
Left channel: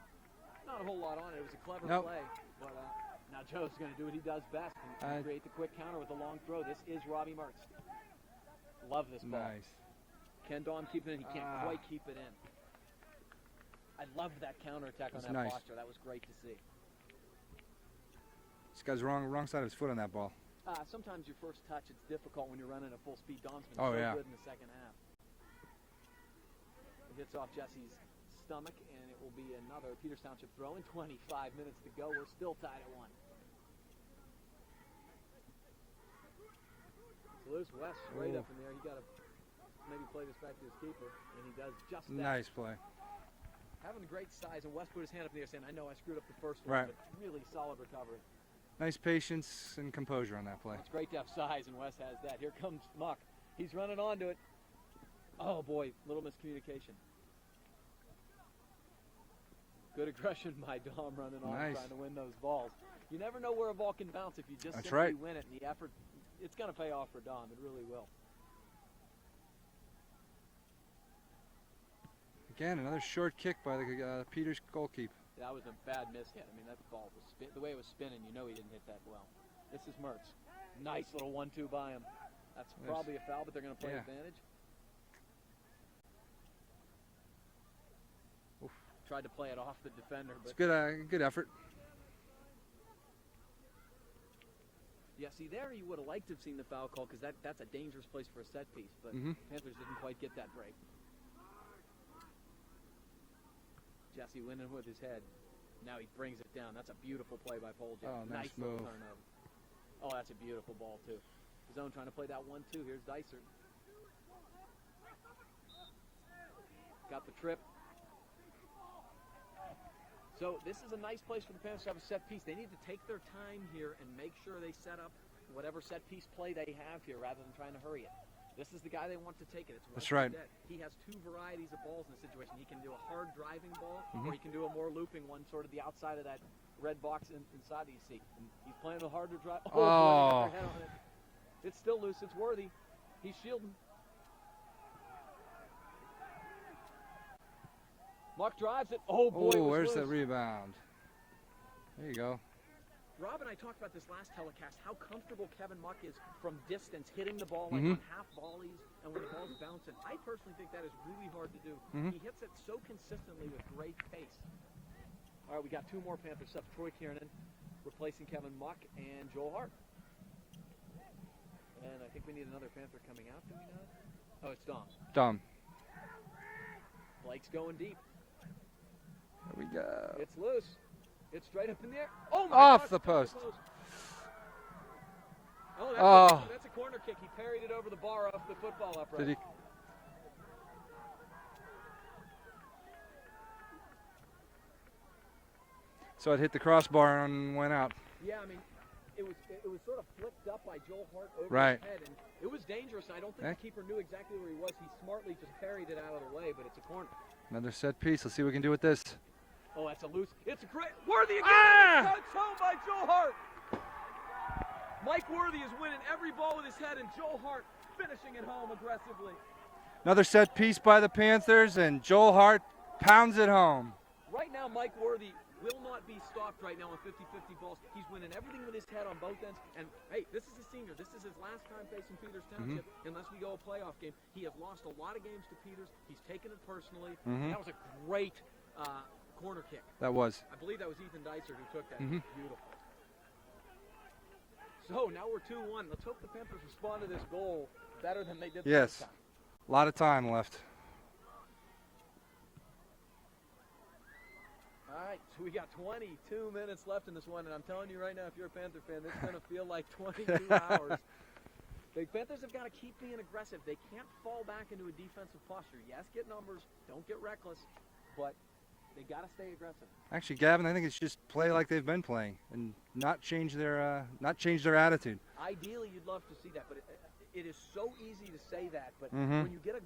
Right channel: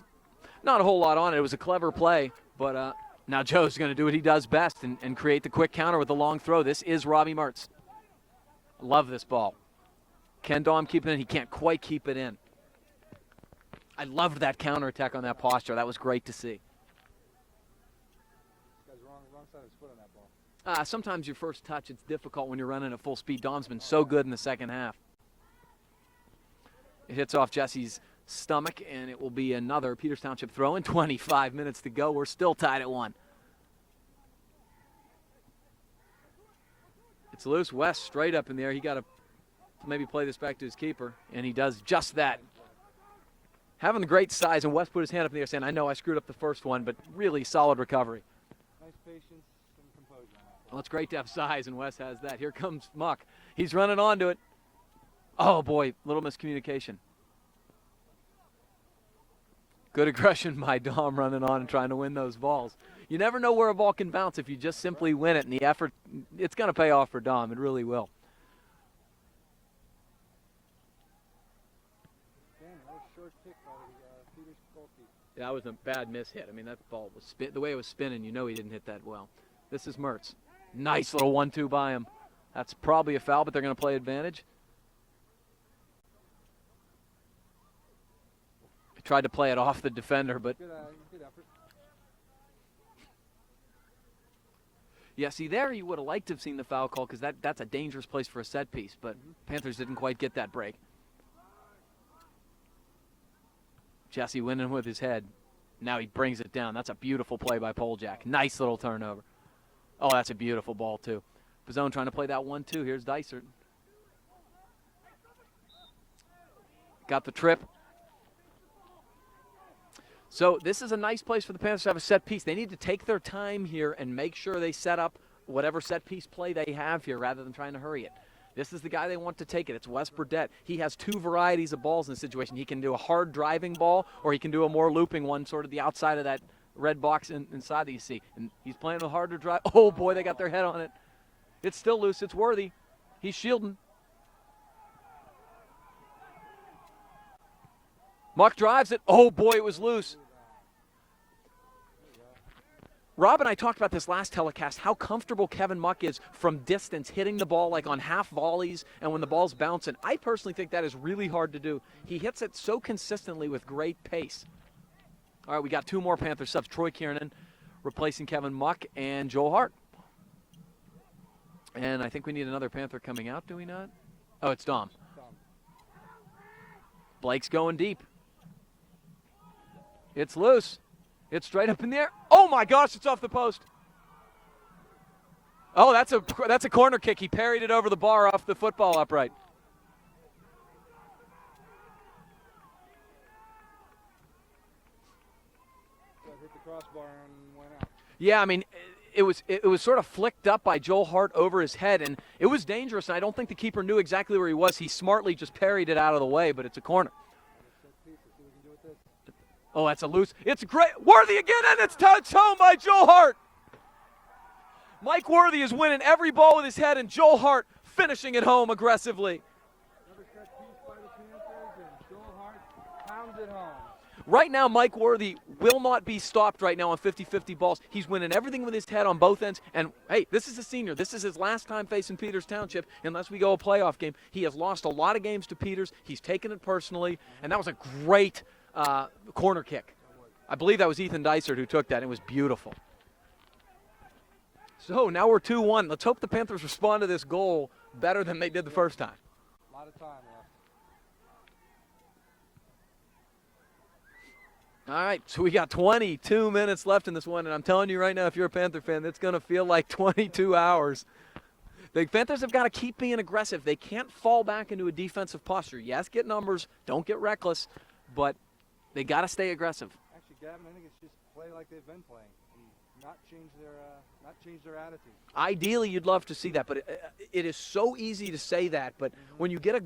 Not a whole lot on it. It was a clever play, but now Joe's going to do what he does best and create the quick counter with the long throw. This is Robbie Mertz. Love this ball. Nice. Ken Daum keeping it in. He can't quite keep it in. I loved that counterattack on that posture. That was great to see. This guy's wrong side of his foot on that ball. Sometimes your first touch, it's difficult when you're running at full speed. Daum's been good in the second half. It hits off Jesse's stomach, and it will be another Peters Township throw in. 25 minutes to go. We're still tied at 1. It's loose. West straight up in the air. He got to maybe play this back to his keeper, and he does just that. Nice play. Having the great size, and West put his hand up in the air saying, I know I screwed up the first one, but really solid recovery. Nice patience and composure on that play. Well, it's great to have size, and West has that. Here comes Muck. He's running onto it. Oh, boy, little miscommunication. Good aggression by Dom running on and trying to win those balls. You never know where a ball can bounce if you just simply win it, and the effort, it's going to pay off for Dom. It really will. Again, another short kick by the Peters goalkeeper. Yeah, that was a bad miss hit. I mean, that ball was the way it was spinning, you know he didn't hit that well. This is Mertz. Nice little 1-2 by him. That's probably a foul, but they're going to play advantage. Tried to play it off the defender, but good effort. Yeah, see, there you would have liked to have seen the foul call because that's a dangerous place for a set piece, but Panthers didn't quite get that break. Jesse winning with his head. Now he brings it down. That's a beautiful play by Poljak. Nice little turnover. Oh, that's a beautiful ball, too. Pizzone trying to play that 1-2. Here's Dysert. Got the trip. So this is a nice place for the Panthers to have a set piece. They need to take their time here and make sure they set up whatever set piece play they have here rather than trying to hurry it. This is the guy they want to take it. It's Wes Burdett. He has two varieties of balls in this situation. He can do a hard driving ball or he can do a more looping one, sort of the outside of that red box inside that you see. And he's playing a harder drive. Oh, boy, they got their head on it. It's still loose. It's Worthy. He's shielding. Muck drives it. Oh, boy, it was loose. The rebound. There you go. Rob and I talked about this last telecast, how comfortable Kevin Muck is from distance, hitting the ball like on half volleys and when the ball's bouncing. I personally think that is really hard to do. He hits it so consistently with great pace. All right, we got two more Panther subs. Troy Kiernan replacing Kevin Muck and Joel Hart. And I think we need another Panther coming out, do we not? Oh, it's Dom. Blake's going deep. There we go. It's loose. It's straight up in the air. Oh, my gosh, it's off the post. Oh, that's a corner kick. He parried it over the bar off the football upright. So it hit the crossbar and went out. Yeah, I mean, it was sort of flicked up by Joel Hart over his head, and it was dangerous, and I don't think the keeper knew exactly where he was. He smartly just parried it out of the way, but it's a corner. Another set piece. Let's see what we can do with this. Oh, that's a loose. It's great. Worthy again, and it's touched home by Joel Hart. Mike Worthy is winning every ball with his head, and Joel Hart finishing it home aggressively. Another set piece by the Panthers, and Joel Hart pounds it home. Right now, Mike Worthy will not be stopped right now on 50-50 balls. He's winning everything with his head on both ends. And, hey, this is a senior. This is his last time facing Peters Township unless we go a playoff game. He has lost a lot of games to Peters. He's taken it personally, and that was a great corner kick. That was. I believe that was Ethan Dysert who took that. It was beautiful. So now we're 2-1. Let's hope the Panthers respond to this goal better than they did the first time. A lot of time left. All right, so we got 22 minutes left in this one, and I'm telling you right now, if you're a Panther fan, it's going to feel like 22 hours. The Panthers have got to keep being aggressive. They can't fall back into a defensive posture. Yes, get numbers, don't get reckless, but they got to stay aggressive. Actually, Gavin, I think it's just play like they've been playing and not change their attitude. Ideally, you'd love to see that, but it is so easy to say that. But when you get a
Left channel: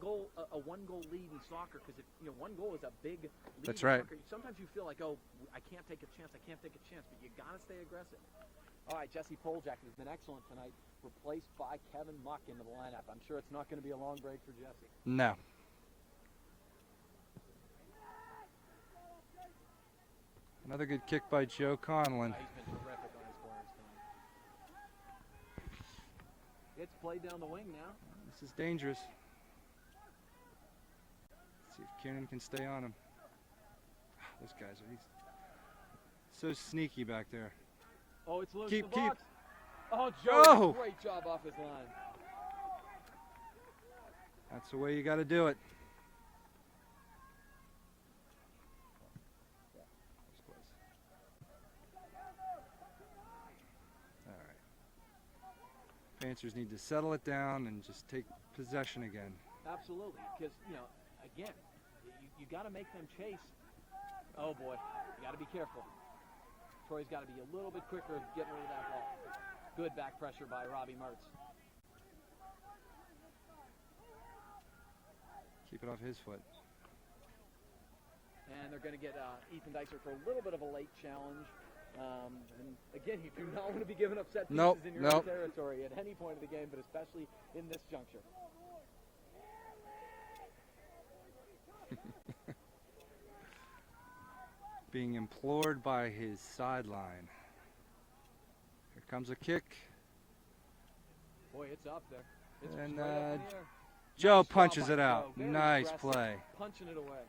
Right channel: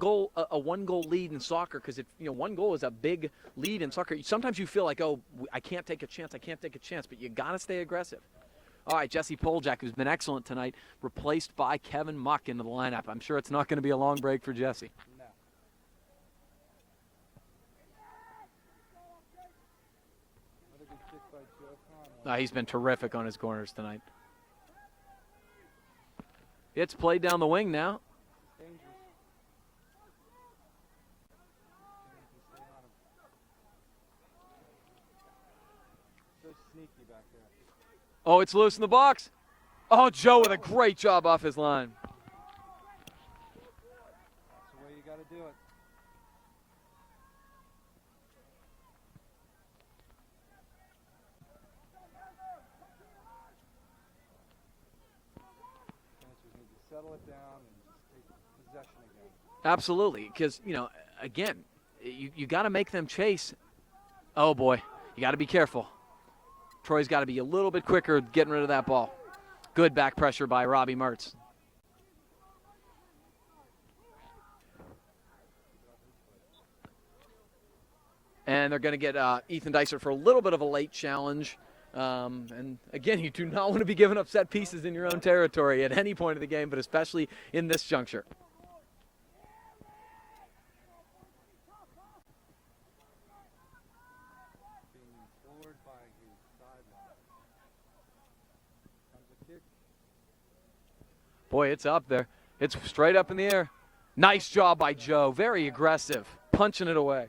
one-goal lead in soccer, because one goal is a big lead in soccer, sometimes you feel like, oh, I can't take a chance, but you got to stay aggressive. All right, Jesse Poljak, who's been excellent tonight, replaced by Kevin Muck into the lineup. I'm sure it's not going to be a long break for Jesse. No. Another good kick by Joe Conlon. He's been terrific on his corners tonight. It's played down the wing now. This is dangerous. Let's see if Kiernan can stay on him. Those guys are so sneaky back there. Oh, it's loose in the box. Oh, Joe with a great job off his line. That's the way you got to do it. Panthers need to settle it down and just take possession again. Absolutely, because, again, you got to make them chase. Oh, boy, you got to be careful. Troy's got to be a little bit quicker getting rid of that ball. Good back pressure by Robbie Mertz. it off his foot. And they're going to get Ethan Dysart for a little bit of a late challenge. And again, you do not want to be giving up set pieces in your own territory at any point of the game, but especially in this juncture. Being implored by his sideline. Here comes a kick. Boy, it's up there. It's straight up in the air. Nice job by Joe. Very aggressive. Punching it away.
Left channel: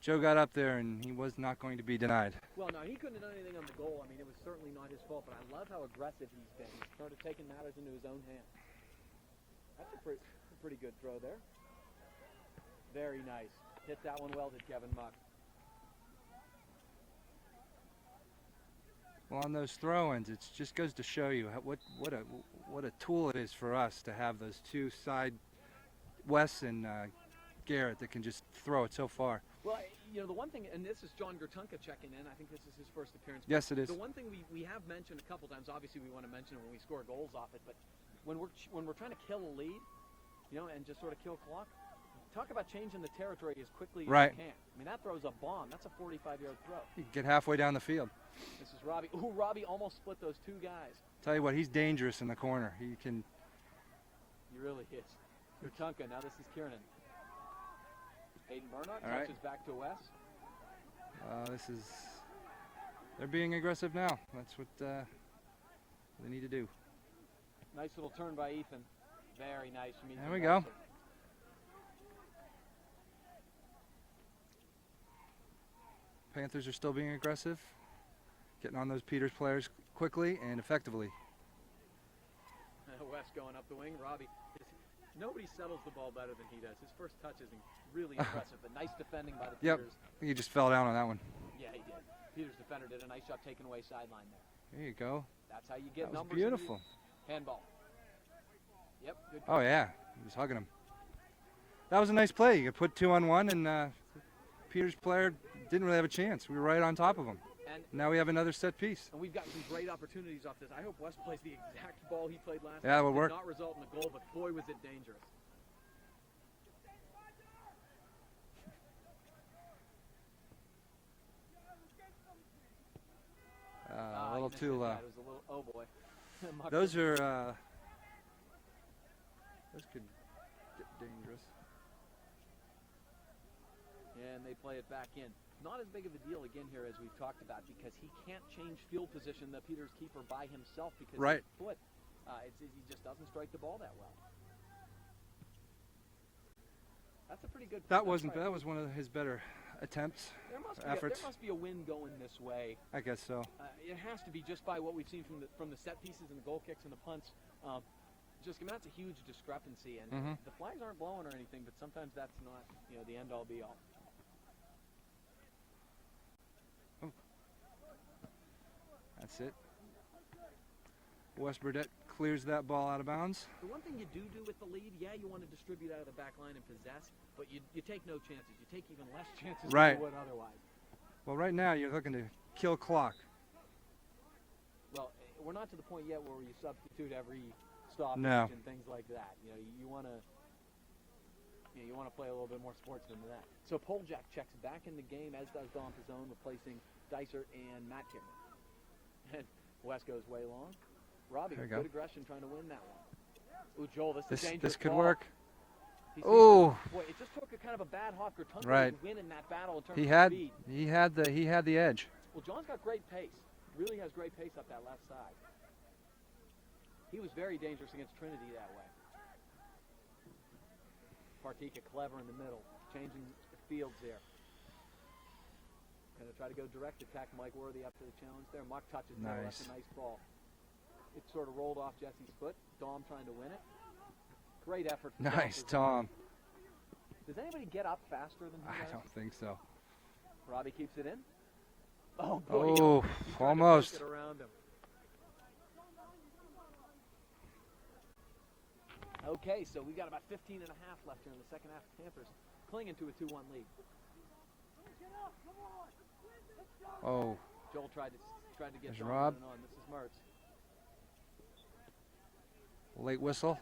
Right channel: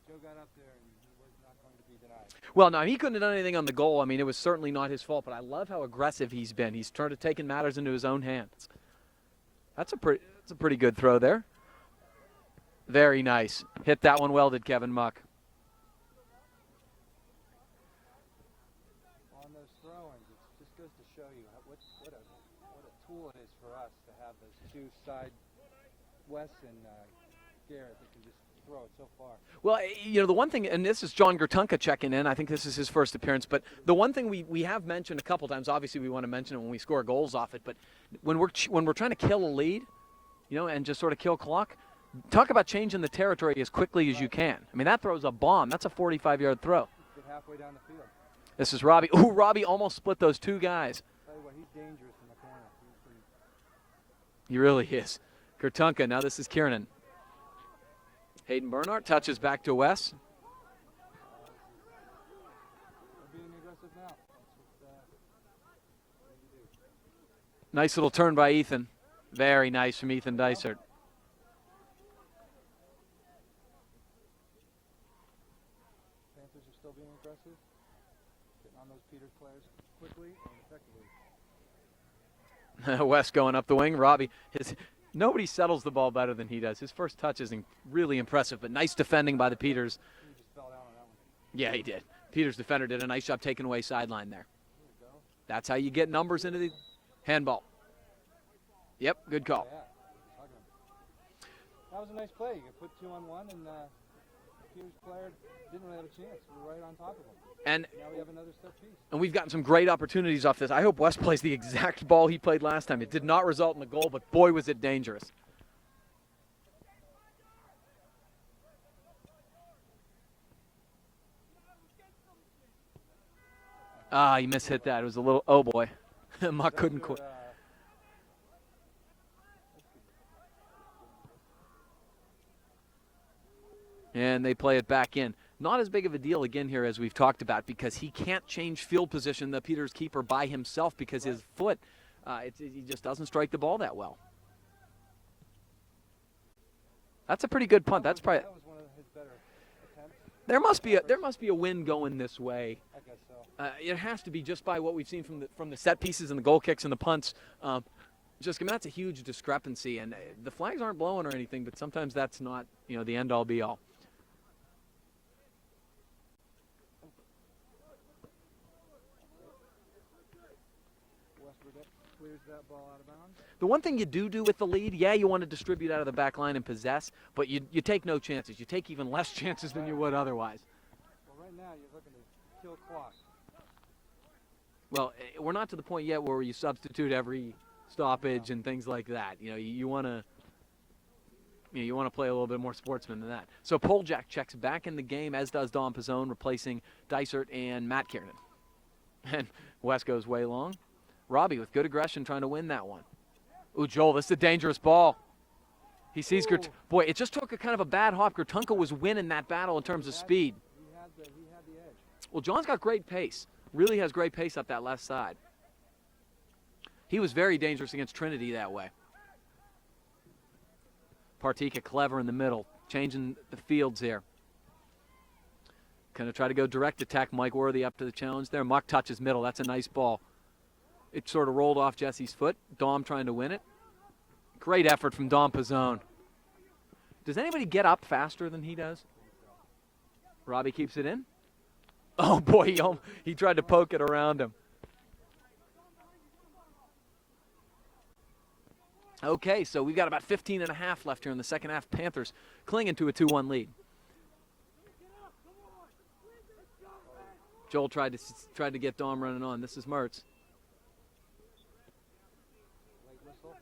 Joe got up there, and he was not going to be denied. Well, no, he couldn't have done anything on the goal. I mean, it was certainly not his fault, but I love how aggressive he's been. He's trying to take matters into his own hands. That's a pretty good throw there. Very nice. Hit that one well, did Kevin Muck. Well, on those throw-ins, it just goes to show you what a tool it is for us to have those two side, Wes and Garrett, that can just throw it so far. Well, you know, the one thing, and this is John Gertunka checking in. I think this is his first appearance. But yes, it is. The one thing we have mentioned a couple times, obviously we want to mention it when we score goals off it, but when we're trying to kill a lead, you know, and just sort of kill clock, talk about changing the territory as quickly as you can. I mean, that throws a bomb. That's a 45-yard throw. Get halfway down the field. This is Robbie. Ooh, Robbie almost split those two guys. Tell you what, he's dangerous in the corner. He really is. Gertunka. Now this is Kiernan. Hayden Bernhardt touches back to Wes. They're being aggressive now. That's what they need to do. Nice little turn by Ethan. Very nice from Ethan Dysart. Panthers are still being aggressive, getting on those Peters players quickly and effectively. Wes going up the wing. Robbie, nobody settles the ball better than he does. His first touch is really impressive, but nice defending by the Peters. Yep. I think he just fell down on that one. Yeah, he did. Peters defender did a nice job taking away sideline there. There you go. That's how you get numbers into the handball. Yep, good call. Oh, yeah. He was hugging him. That was a nice play. You put 2-on-1, and Peters' player didn't really have a chance. We were right on top of him. And now we have another set piece. And we've gotten some great opportunities off this. I hope West plays the exact ball he played last time. It did not result in a goal, but boy, was it dangerous. He mishit that. It was a little, oh boy. Muck couldn't. Those could get dangerous. And they play it back in. Not as big of a deal again here as we've talked about, because he can't change field position, the Peters keeper, by himself, because his foot, he just doesn't strike the ball that well. That's a pretty good punt. That was one of his better attempts. There must be a win going this way. I guess so. It has to be, just by what we've seen from the set pieces and the goal kicks and the punts. Just, I mean, that's a huge discrepancy, and the flags aren't blowing or anything, but sometimes that's not, you know, the end all be all. That's it. Wes Burdett clears that ball out of bounds. The one thing you do with the lead, yeah, you want to distribute out of the back line and possess, but you take no chances. You take even less chances than you would otherwise. Well, right now you're looking to kill clock. Well, we're not to the point yet where you substitute every stoppage and things like that. You know, you want to. You want to play a little bit more sportsman than that. So Poljak checks back in the game, as does Dom Pizzone, replacing Dysart and Matt Kiernan. And Wes goes way long. Robbie with good aggression trying to win that one. Ooh, Joel, this is a dangerous ball. He sees boy, it just took a kind of a bad hop. Gertunka was winning that battle in terms of speed. He had the edge. Well, John's got great pace. Really has great pace up that left side. He was very dangerous against Trinity that way. Partika clever in the middle, changing the fields here. Going to try to go direct attack. Mike Worthy up to the challenge there. Muck touches middle. That's a nice ball. It sort of rolled off Jesse's foot. Dom trying to win it. Great effort from Dom Pizzone. Does anybody get up faster than he does? I don't think so. Robbie keeps it in. Oh, boy. He tried to poke it around him. Okay, so we've got about 15 and a half left here in the second half. Panthers clinging to a 2-1 lead. Oh. Joel tried to get Dom running on. This is Mertz. Late whistle.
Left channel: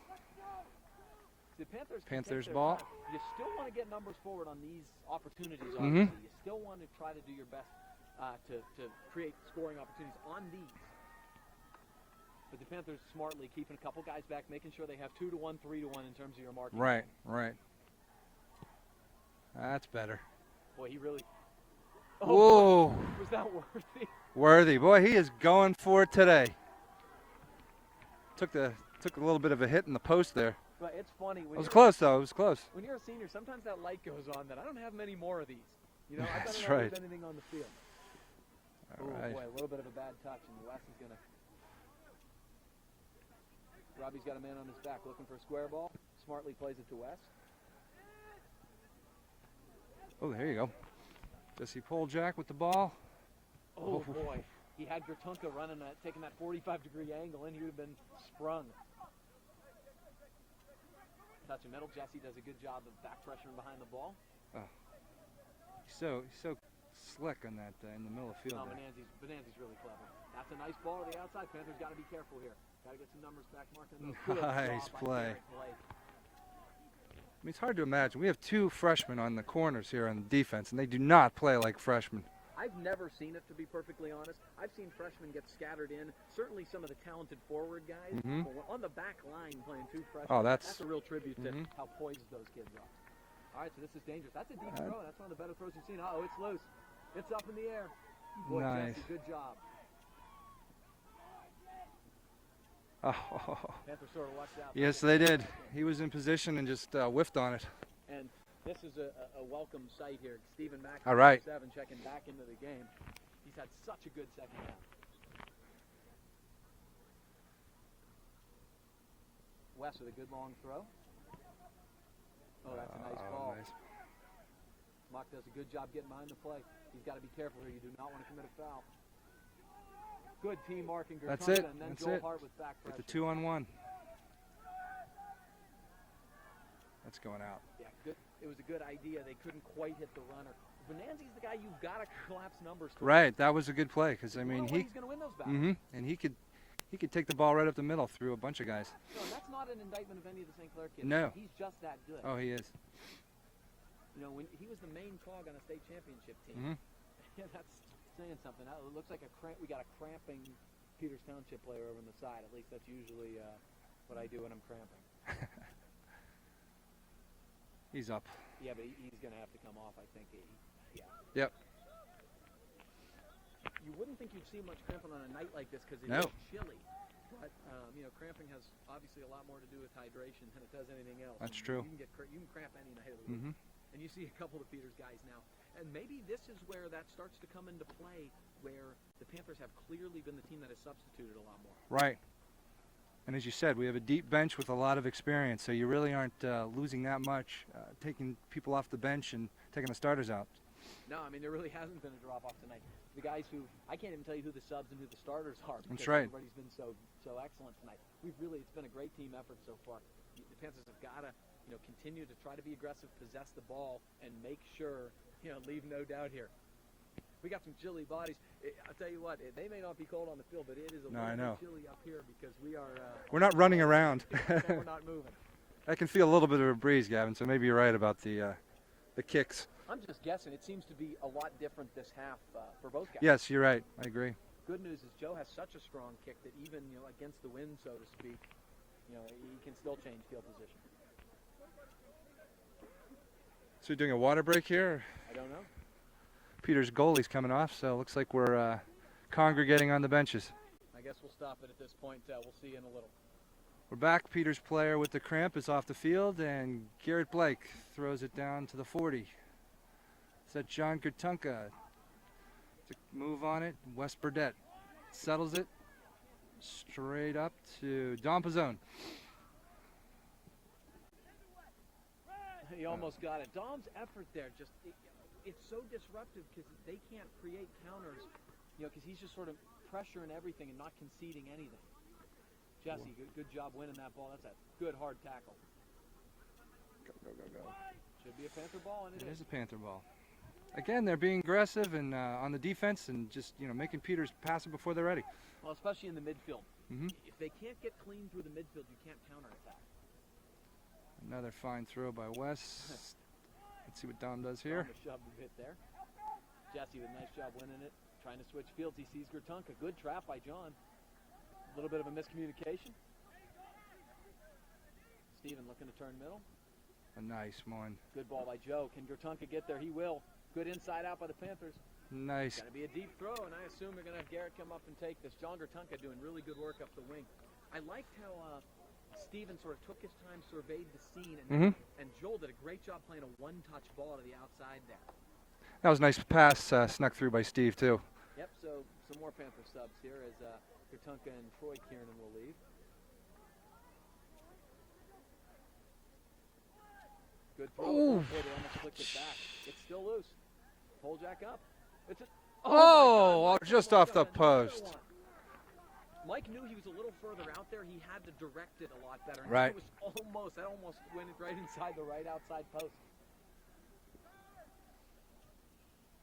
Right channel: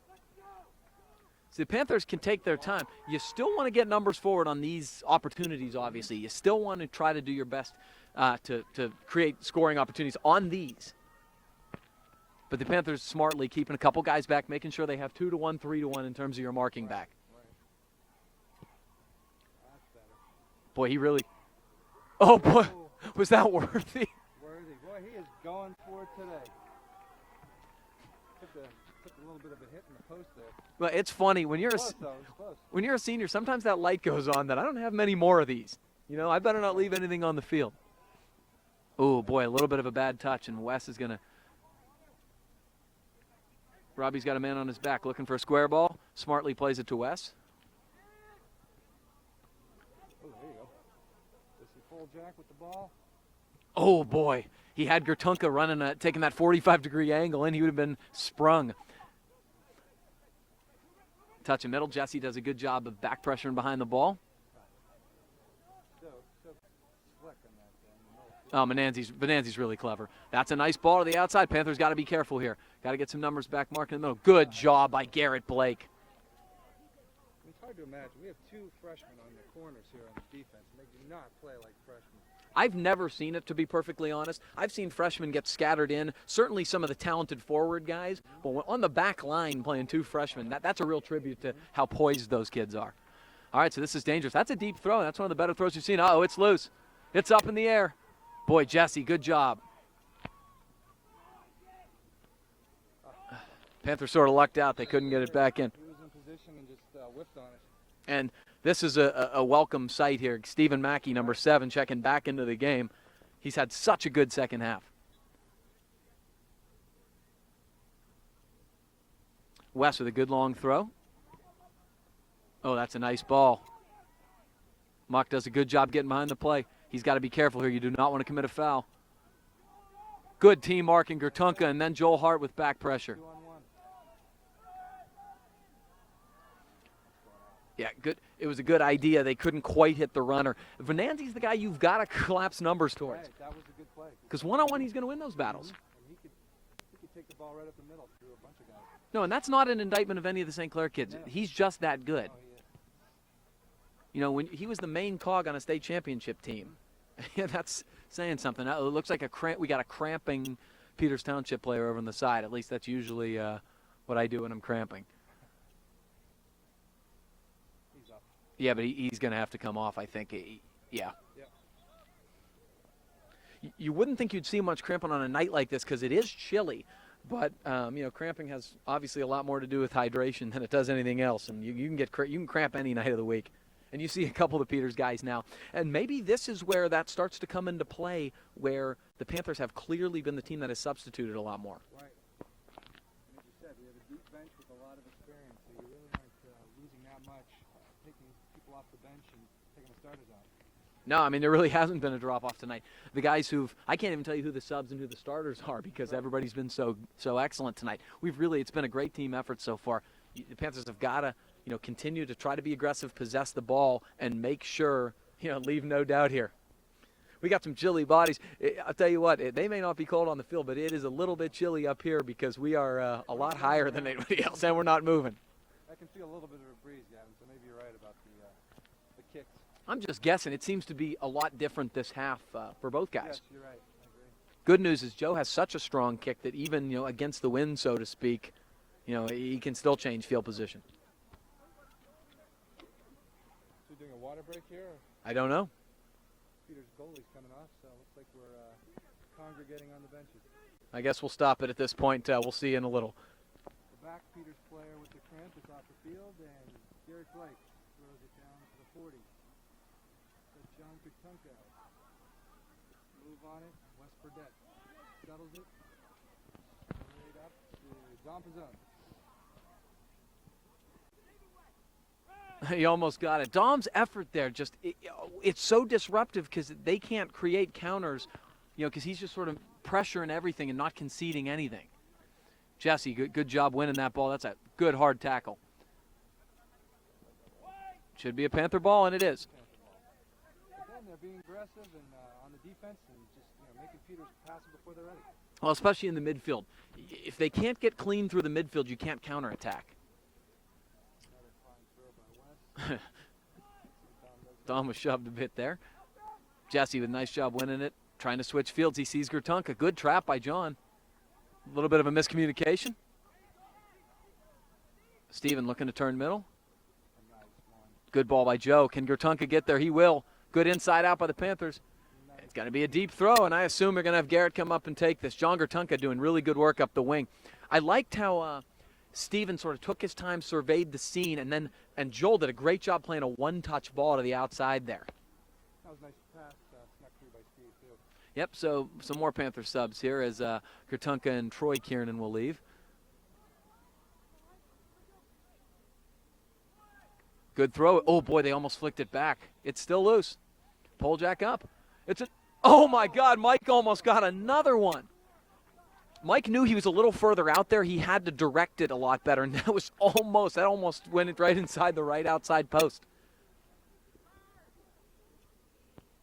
The Panthers can take their ball. time. You still want to get numbers forward on these opportunities, obviously. You still want to try to do your best to create scoring opportunities on these. But the Panthers smartly keeping a couple guys back, making sure they have 2-to-1, 3-to-1 in terms of your marking back. Right. That's better. Boy, he really – oh, whoa. boy, was that worthy? Worthy. Boy, he is going for it today. Took a little bit of a hit in the post there. Well, it's funny. When you're close, though. It was close. When you're a senior, sometimes that light goes on that I don't have many more of these. You know, I better not leave anything on the field. Oh, boy, a little bit of a bad touch, and Wes is going to – Robbie's got a man on his back looking for a square ball. Smartly plays it to Wes. Oh, there you go. Jesse Poljack with the ball. Oh, boy. He had Gertunka running, taking that 45-degree angle in. He would have been sprung. Touch in middle. Jesse does a good job of back pressuring behind the ball. He's so slick on that in the middle of the field. Oh, Bonanzi's really clever. That's a nice ball to the outside. Panthers got to be careful here. Got to get some numbers back marking in the middle. Good job by Garrett Blake. I mean, it's hard to imagine. We have two freshmen on the corners here on the defense, and they do not play like freshmen. I've never seen it, to be perfectly honest. I've seen freshmen get scattered in, certainly some of the talented forward guys, but on the back line playing two freshmen, that's a real tribute to how poised those kids are. All right, so this is dangerous. That's a deep throw. That's one of the better throws you've seen. Uh-oh, it's loose. It's up in the air. Boy, nice. Jesse, good job. Oh. Panthers sort of lucked out. They couldn't get it back in. He was in position and just whiffed on it. And this is a welcome sight here. Stephen Mackey, number 7, checking back into the game. He's had such a good second half. Wes with a good long throw. Oh, that's a nice ball. Nice. Mock does a good job getting behind the play. He's got to be careful here. You do not want to commit a foul. Good team marking Gertunka, and then Joel Hart with back pressure. 2-on-1. That's going out. Yeah, good. It was a good idea. They couldn't quite hit the runner. Venanzi's the guy you've got to collapse numbers to. Right, that was a good play. Because one-on-one, he's going to win those battles. And he could take the ball right up the middle through a bunch of guys. No, and that's not an indictment of any of the St. Clair kids. No. He's just that good. Oh, he is. You know, when he was the main cog on a state championship team, yeah, that's saying something. It looks like we got a cramping Peters Township player over on the side. At least that's usually what I do when I'm cramping. He's up. Yeah, but he's going to have to come off, I think. Yeah. Yep. You wouldn't think you'd see much cramping on a night like this because it is chilly. But, you know, cramping has obviously a lot more to do with hydration than it does anything else. That's and true. You can cramp any night of the week. And you see a couple of the Peters guys now. And maybe this is where that starts to come into play, where the Panthers have clearly been the team that has substituted a lot more. Right. And as you said, we have a deep bench with a lot of experience, so you really aren't losing that much, taking people off the bench and taking the starters out. No, I mean, there really hasn't been a drop-off tonight. The guys I can't even tell you who the subs and who the starters are because everybody's been so excellent tonight. It's been a great team effort so far. The Panthers have got to, you know, continue to try to be aggressive, possess the ball, and make sure, you know, leave no doubt here. We got some chilly bodies. I'll tell you what, they may not be cold on the field, but it is a little bit chilly up here because we are we're not running around. And we're not moving. I can feel a little bit of a breeze, Gavin, so maybe you're right about the kicks. I'm just guessing. It seems to be a lot different this half for both guys. Yes, you're right. I agree. Good news is Joe has such a strong kick that even, you know, against the wind, so to speak, you know, he can still change field position. So you're doing a water break here? I don't know. Peter's goalie's coming off, so it looks like we're congregating on the benches. I guess we'll stop it at this point. We'll see you in a little. We're back. Peter's player with the cramp is off the field, and Garrett Blake throws it down to the 40. Is that John Gertunka? To move on it, Wes Burdett settles it straight up to Don Pizzone. He almost got it. Dom's effort there, it's so disruptive because they can't create counters, you know, because he's just sort of pressuring everything and not conceding anything. Jesse, good job winning that ball. That's a good hard tackle. Go. Should be a Panther ball, and it is. It's a Panther ball. Again, they're being aggressive and on the defense and just, you know, making Peters pass it before they're ready. Well, especially in the midfield. If they can't get clean through the midfield, you can't counterattack. Another fine throw by Wes. Let's see what Dom does here. Dom was shoved a bit there. Jesse with a nice job winning it. Trying to switch fields. He sees Gertunka. Good trap by John. A little bit of a miscommunication. Steven looking to turn middle. A nice one. Good ball by Joe. Can Gertunka get there? He will. Good inside out by the Panthers. Nice. It's going to be a deep throw, and I assume we're going to have Garrett come up and take this. John Gertunka doing really good work up the wing. I liked how Steven sort of took his time, surveyed the scene, and then and Joel did a great job playing a one-touch ball to the outside there. That was a nice pass snuck through by Steve, too. Yep, so some more Panther subs here as Gertunka and Troy Kiernan will leave. Good throw. Ooh. Oh, boy, they almost flicked it back. It's still loose. Pole jack up. It's a. Oh, my God, Mike just almost off got the another post. one. Mike knew he was a little further out there. He had to direct it a lot better, and Right. that almost went right inside the right outside post.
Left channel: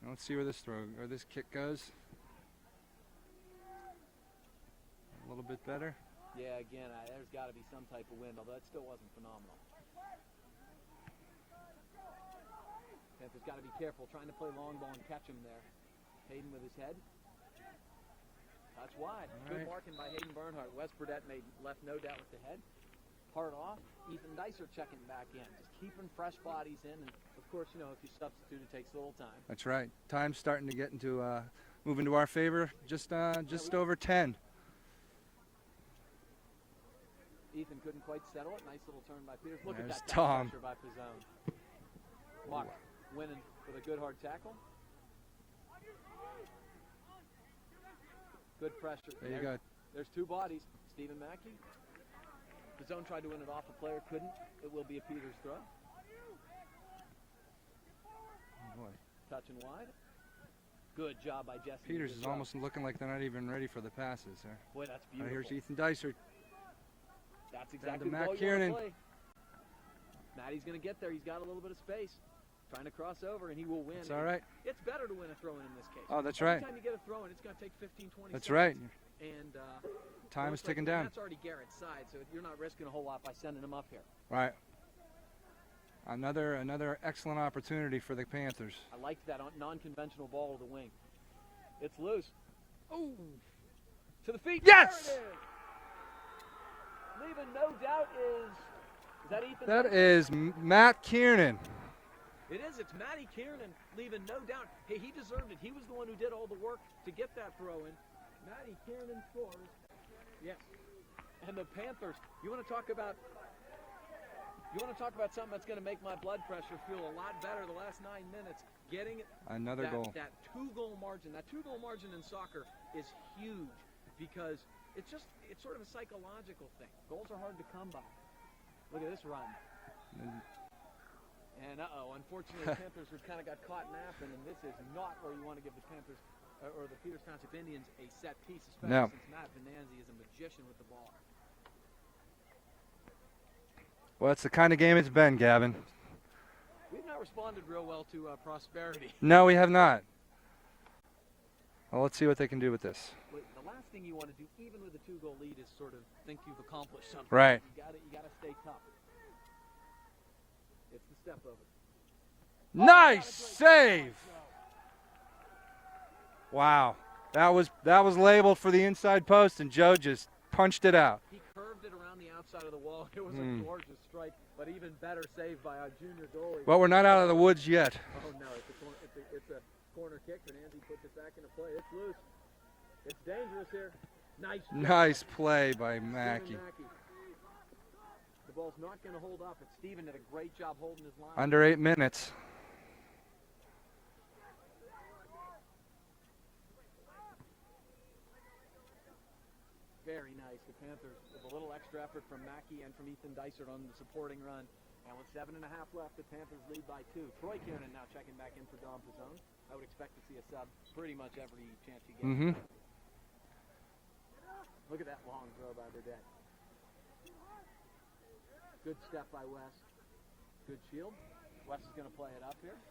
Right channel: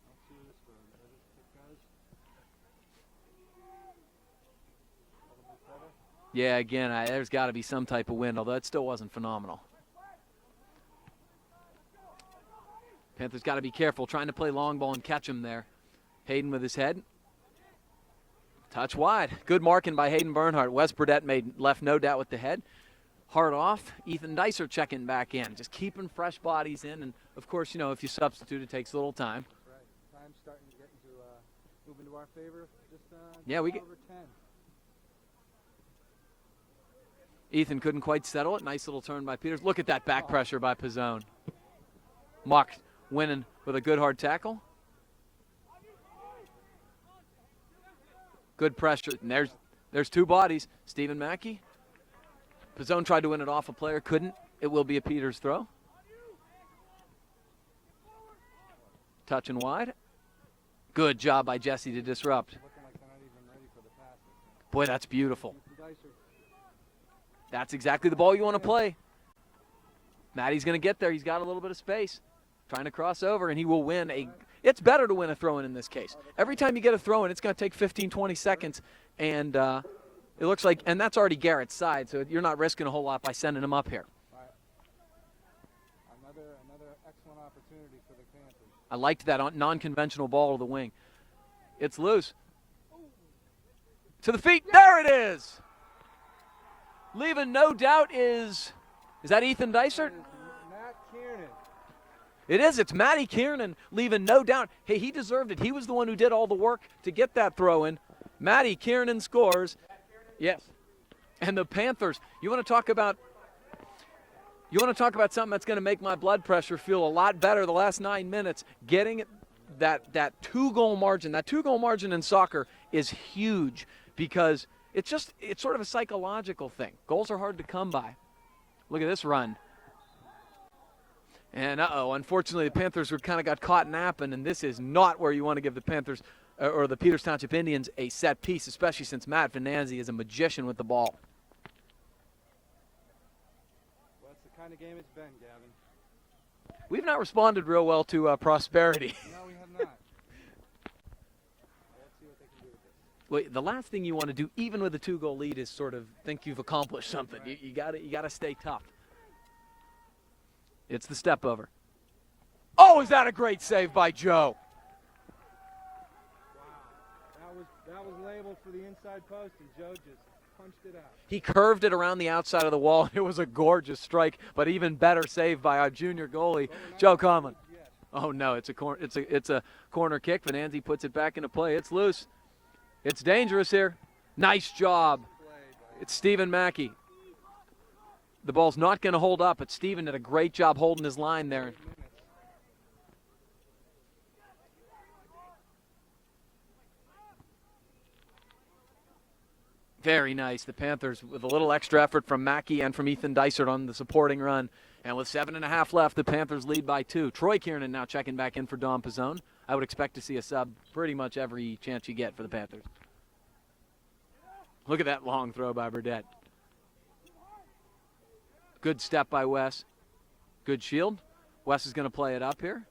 Let's see where this throw or this kick goes. A little bit better. Yeah, again, there's got to be some type of wind, although it still wasn't phenomenal. Panthers got to be careful, trying to play long ball and catch him there. Hayden with his head. Touch wide. Good marking by Hayden Bernhardt. Wes Burdett left no doubt with the head. Hard off. Ethan Dicer checking back in. Just keeping fresh bodies in. And, of course, you know, if you substitute, it takes a little time. That's right. Time's starting to get into move into our favor. Just Yeah, over 10. Ethan couldn't quite settle it. Nice little turn by Peters. Look at There's that back Tom. pressure by Pizzone. Mock winning with a good hard tackle. Good pressure. And there's two bodies. Stephen Mackey. Pizzone tried to win it off a player. Couldn't. It will be a Peters throw. Touch and wide. Good job by Jesse to Peters is disrupt. almost looking like they're not even ready for the passes there. Boy, that's beautiful. Here's Ethan Dicer. That's exactly the Matt ball you want to Kiernan. play. Maddie's going to get there. He's got a little bit of space. Trying to cross over, and he will win. That's all right. It's better to win a throw-in in this case. Oh, that's Every right. time you get a throw-in, it's going to take 15, 20 That's seconds. right. And it Time's looks like, ticking and down. that's already Garrett's side, so you're not risking a whole lot by sending him up here. Right. Another excellent opportunity for the Panthers. I liked that non-conventional ball to the wing. It's loose. Ooh. To the feet. There it is. Leaving no doubt is that Ethan That Dicer? is Matt Kiernan. It is. It's Matty Kiernan, leaving no doubt. Hey, he deserved it. He was the one who did all the work to get that throw in. Matty Kiernan scores. Yes. And the Panthers, you want to talk about something that's going to make my blood pressure feel a lot better the last 9 minutes. Getting Another goal. that two-goal margin. That two-goal margin in soccer is huge because it's sort of a psychological thing. Goals are hard to come by. Look at this run. And unfortunately, the Panthers kind of got caught napping, and this is not where you want to give the Panthers or the Peters Township Indians a set piece, especially since Matt Venanzi is a magician with the ball. Well, it's the kind of game it's been, Gavin. We've not responded real well to prosperity. No, we have not. Well, let's see what they can do with this. Wait, the last thing you want to do, even with a two-goal lead, is sort of think you've accomplished something. Right. You got to stay tough. It's the step over. Oh, is that a great save by Joe? Wow. That was labeled for the inside post, and Joe just punched it out. He curved it around the outside of the wall. It was a gorgeous strike, but even better save by our junior goalie. Well, we're not Joe out of the Conlon. woods yet. Oh no, it's a corner kick. Venanzi puts it back into play. It's loose. It's dangerous here. Nice job. Nice play by It's Stephen Mackey. Mackey. The ball's not going to hold up, but Stephen did a great job holding his line Under there. 8 minutes. Very nice. The Panthers with a little extra effort from Mackey and from Ethan Dysert on the supporting run. And with 7.5 left, the Panthers lead by 2. Troy Kiernan now checking back in for Dom Pizzone. I would expect to see a sub pretty much every chance you get for the Panthers. Look at that long throw by Burdett. Good step by Wes. Good shield. Wes is going to play it up here.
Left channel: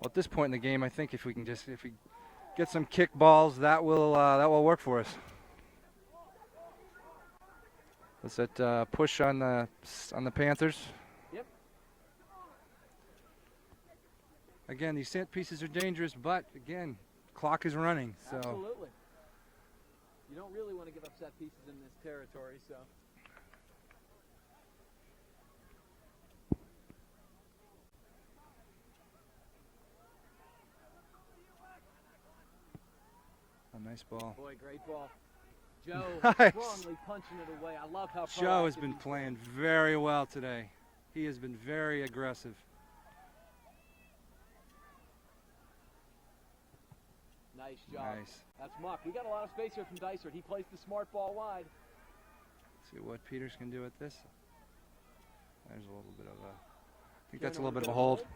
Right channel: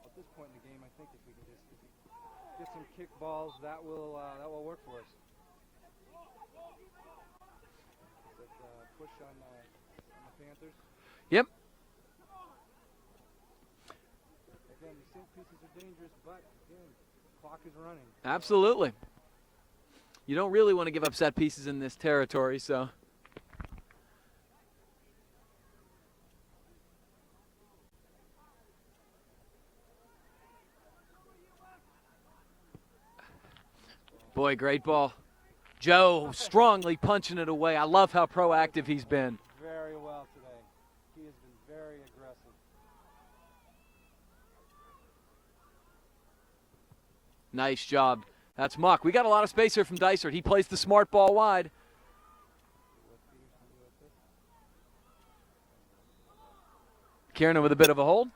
Well, at this point in the game, I think if we get some kick balls, that will work for us. Was that push on the Panthers? Yep. Again, these set pieces are dangerous, but again, clock is running. So. Absolutely. You don't really want to give up set pieces in this territory, so. Oh, nice ball. Boy, great ball. Joe strongly punching it away. I love how proactive he's been. Very well today. He has been very aggressive. Nice job. Nice. That's Muck. We got a lot of space here from Dysart. He plays the smart ball wide. Let's see what Peters can do with this. There's a little bit of a... Kiernan with a bit of a hold.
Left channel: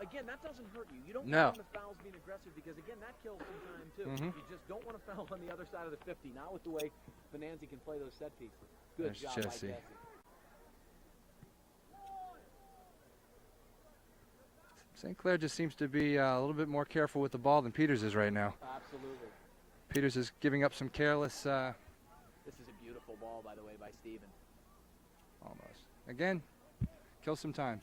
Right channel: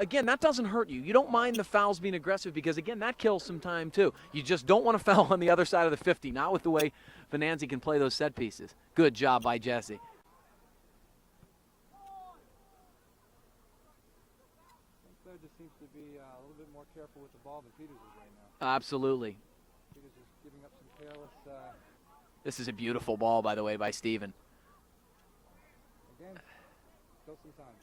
Again, that doesn't hurt you. You don't No. mind the fouls being aggressive because, again, that kills some time, too. You just don't want to foul on the other side of the 50, not with the way Venanzi can play those set pieces. Good job by Jesse. St. Clair just seems to be a little bit more careful with the ball than Peters is right now. Absolutely. Peters is giving up some careless... This is a beautiful ball, by the way, by Steven. Almost. Again, kill some time.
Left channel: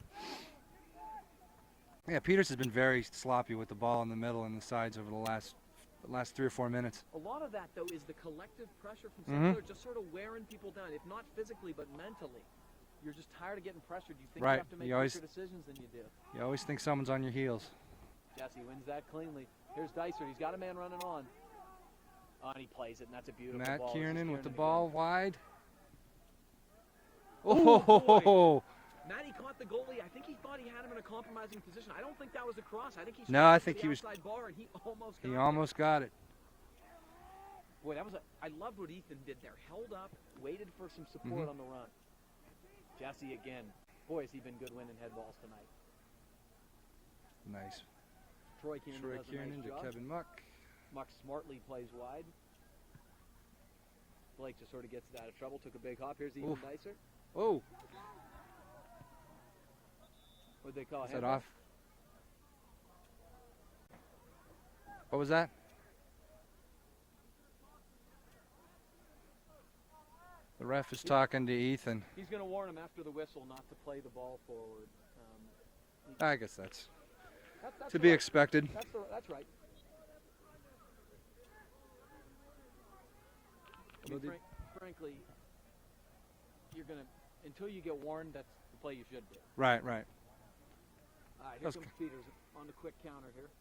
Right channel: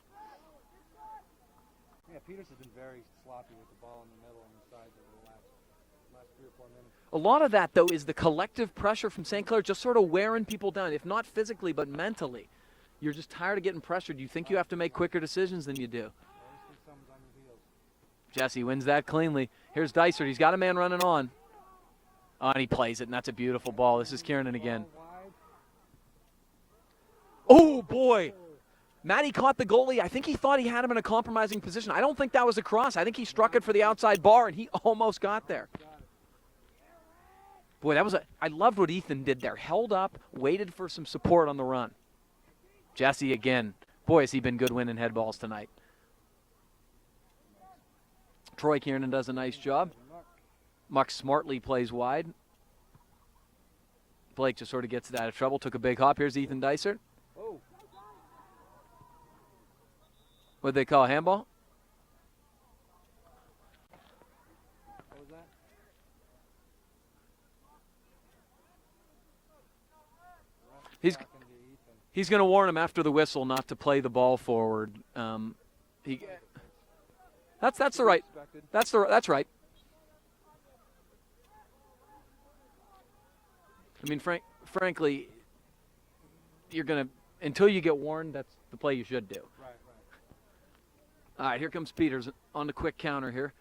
Yeah, Peters has been very sloppy with the ball in the middle and the sides over the last 3 or 4 minutes. A lot of that, though, is the collective pressure from St. Clair just sort of wearing people down, if not physically, but mentally. You're just tired of getting pressured. You think you have to make quicker decisions than you do. You always think someone's on your heels. Jesse wins that cleanly. Here's Dysart. He's got a man running on. Oh, and he plays it, and that's a beautiful ball. This is Kiernan again. Ball wide. Oh, boy. Matty caught the goalie. I think he thought he had him in a compromising position. I don't think that was a cross. I think he struck it for the outside bar, and he almost got there. Almost got it. Boy, that was I loved what Ethan did there. Held up, waited for some support on the run. Jesse again. Boy, has he been good winning head balls tonight. Nice. Troy Kiernan does a nice job. Muck smartly plays wide. Blake just sort of gets it out of trouble. Took a big hop. Here's Ethan Dysart. Oh. What'd they call? Handball? What was that? The ref is talking to Ethan. He's going to warn him after the whistle not to play the ball forward. I guess that's to the be expected. That's right. I mean, frankly, you're going to until you get warned. That's the play you should do. Right. All right, here comes Peters on the quick counter here,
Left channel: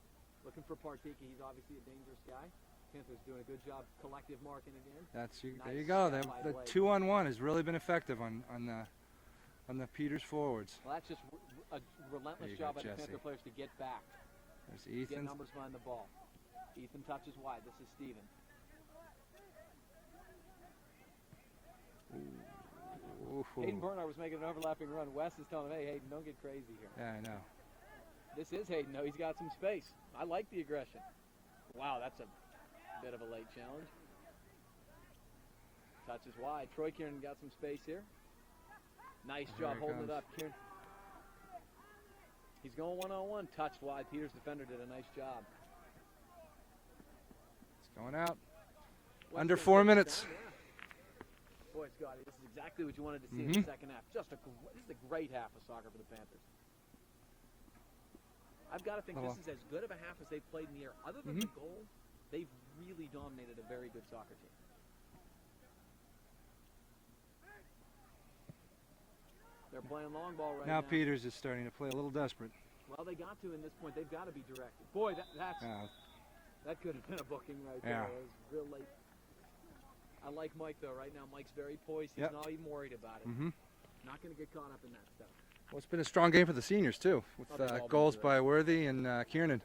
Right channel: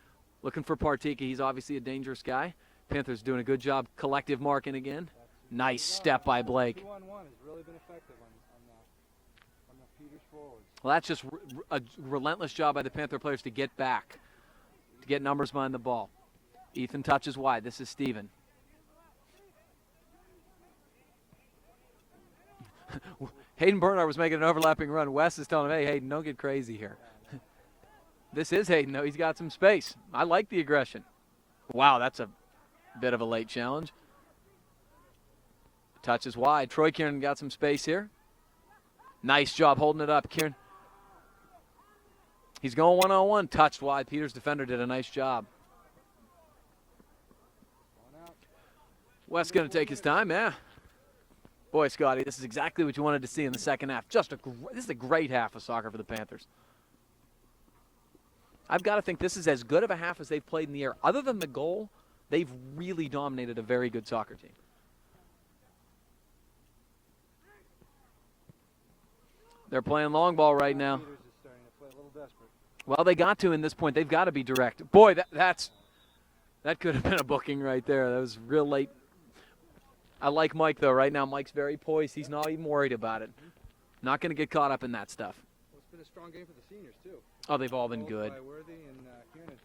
looking for Partika. He's obviously a dangerous guy. Panthers doing a good job collective marking again. Nice step by Blake. 2-on-1 has really been effective on the Peters forwards. Well, that's just a relentless job by the Panther players to get back, get numbers behind the ball. Ethan touches wide. This is Steven. Hayden Bernard was making an overlapping run. Wes is telling him, hey, Hayden, don't get crazy here. Yeah, I know. This is Hayden, though. He's got some space. I like the aggression. Wow, that's a bit of a late challenge. Touches wide. Troy Kiernan got some space here. Nice job holding it up, Kieran. He's going one-on-one. Touched wide. Peters' defender did a nice job. It's going out. Wes going to take his time, yeah. Boy, Scotty, this is exactly what you wanted to see in the second half. This is a great half of soccer for the Panthers. I've got to think this is as good of a half as they've played in the air. Other than the goal, they've really dominated a very good soccer team. They're playing long ball right now. Peters is starting to play a little desperate. Well, they got to in this point. They've got to be direct. Boy, that could have been a booking right there. That was real late. I like Mike, though. Right now, Mike's very poised. He's not even worried about it. Not going to get caught up in that stuff. Well, it's been a strong game for the seniors, too. Oh, they've all been goals good. by Worthy and Kiernan.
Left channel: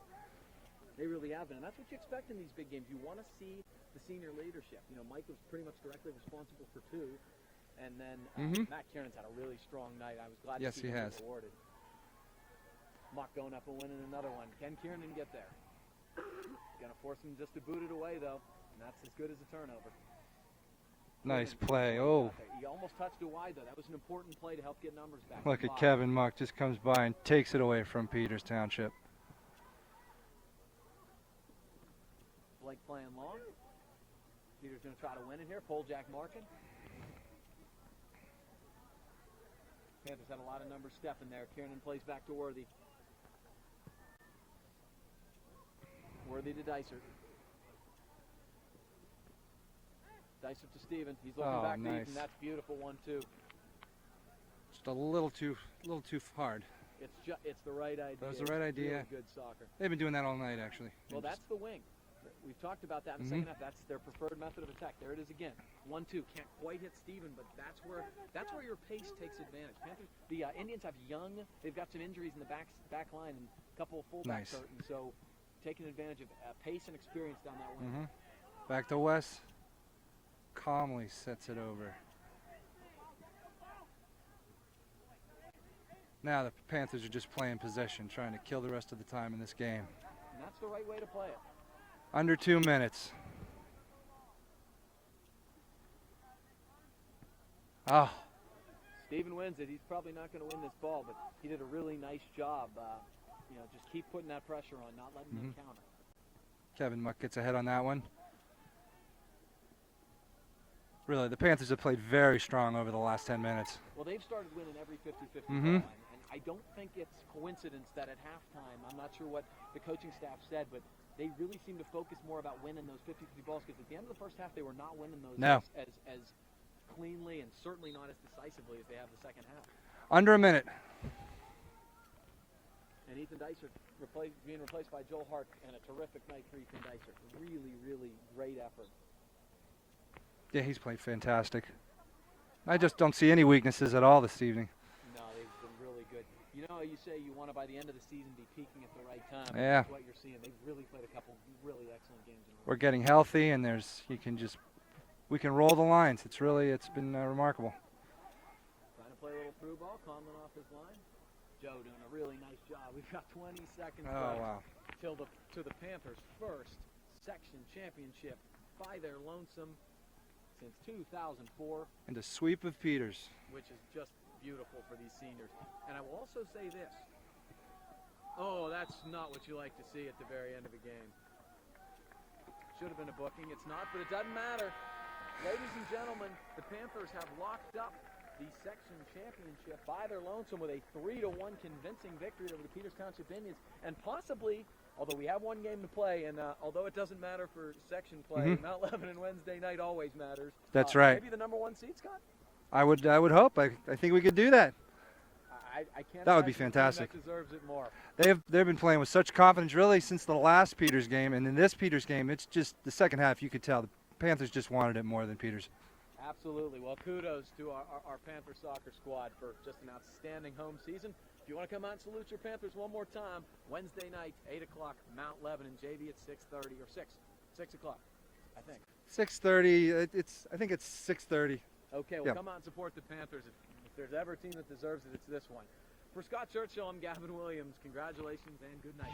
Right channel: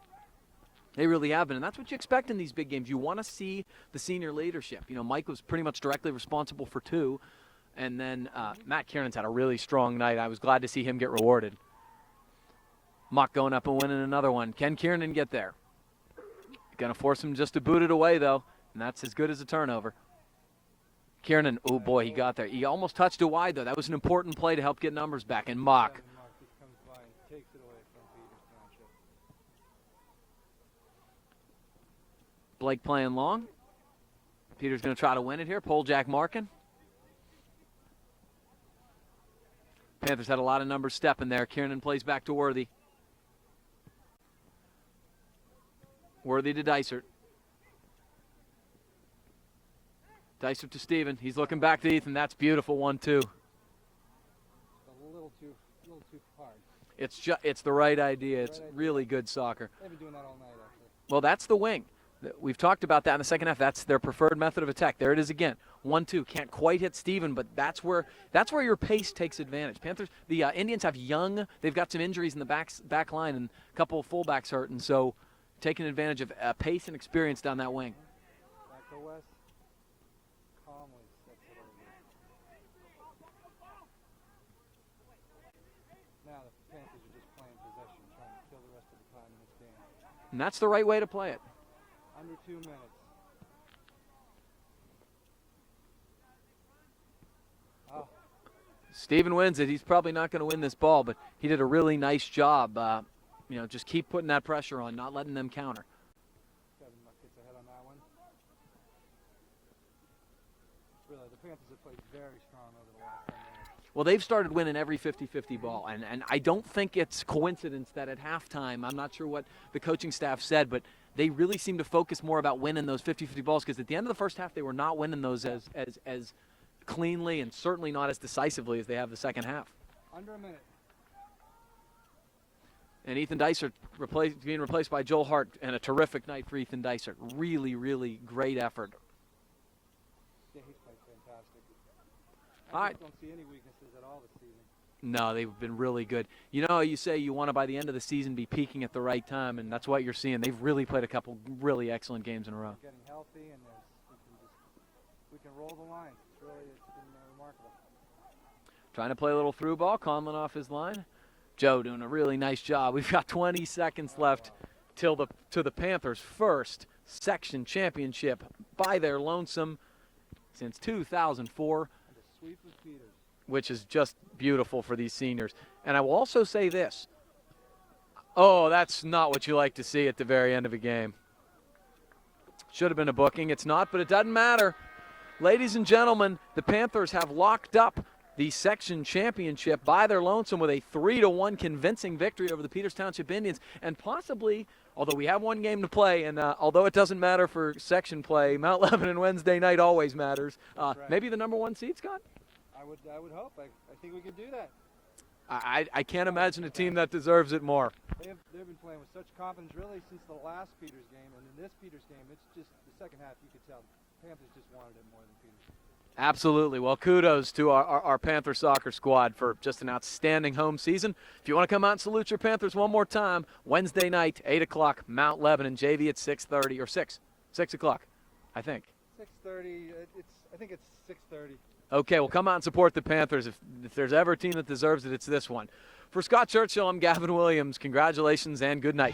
They really have been, and that's what you expect in these big games. You want to see the senior leadership. You know, Mike was pretty much directly responsible for 2, and then Matt Kiernan's had a really strong night. I was glad to see him get rewarded. Mock going up and winning another one. Can Kiernan get there? Going to force him just to boot it away, though, and that's as good as a turnover. Kiernan, nice oh boy, he got there. He almost touched it wide, though. That was an important play to help get numbers back. Look and at Mock. Kevin Mock just comes by and takes it away from Peters Township. Blake playing long. Peters going to try to win it here. Pole jack marking. Panthers had a lot of numbers stepping there. Kiernan plays back to Worthy. Worthy to Dysert. Dysert to Steven. He's looking back to nice. Ethan. That's beautiful 1-2. Just a little too hard. It's the right idea. It's the right It's idea. really good soccer. They've been doing that all night, actually. Well, that's the wing. We've talked about that in the second half. That's their preferred method of attack. There it is again. 1-2. Can't quite hit Steven, but that's where your pace takes advantage. Panthers, the Indians have young. They've got some injuries in the back line and a couple of fullbacks hurting. So taking advantage of pace and experience down that wing. Back to West. Calmly sets it over. Now the Panthers are just playing possession, trying to kill the rest of the time in this game. And that's the right way to play it. Under 2 minutes. Oh, Steven wins it. He's probably not going to win this ball, but he did a really nice job. Just keep putting that pressure on, not letting them counter. Kevin Muck gets ahead on that one. Really, the Panthers have played very strong over the last 10 minutes. Well, they've started winning every 50-50 ball, and I don't think it's coincidence that at halftime, I'm not sure what the coaching staff said, but they really seem to focus more about winning those 50-50 balls, because at the end of the first half, they were not winning those as cleanly and certainly not as decisively as they have the second half. Under a minute. And Ethan Dysert being replaced by Joel Hart, and a terrific night for Ethan Dysert. Really, really great effort. Yeah, he's played fantastic. I just don't see any weaknesses at all this evening. No, they've been really good. You know, you say you want to, by the end of the season, be peaking at the right time, and that's what you're seeing. They've really played a couple really excellent games in a row. We're getting healthy, and we can roll the lines. It's been remarkable. Trying to play a little through ball, Conlon off his line. Joe doing a really nice job. We've got 20 seconds left to the Panthers' first section championship by their lonesome since 2004. And a sweep of Peters. Which is just beautiful for these seniors. And I will also say this. Oh, that's not what you like to see at the very end of a game. Should have been a booking. It's not, but it doesn't matter. Ladies and gentlemen, the Panthers have locked up the section championship by their lonesome with a 3-1 convincing victory over the Peters Township Indians, and possibly, although we have one game to play, and although it doesn't matter for section play, Mount Lebanon Wednesday night always matters. That's right. Maybe the number 1 seed, Scott? I would hope. I think we could do that. I can't imagine a team that deserves it more. They've been playing with such confidence really since the last Peters game, and in this Peters game, it's just the second half. You could tell the Panthers just wanted it more than Peters. Absolutely. Well, kudos to our Panther soccer squad for just an outstanding home season. If you want to come out and salute your Panthers one more time, Wednesday night, 8 o'clock, Mount Lebanon, JV at 6:30 or 6 o'clock, I think. 6:30. I think it's 6:30. Okay, well, come out and support the Panthers. If there's ever a team that deserves it, it's this one. For Scott Churchill, I'm Gavin Williams. Congratulations and good night.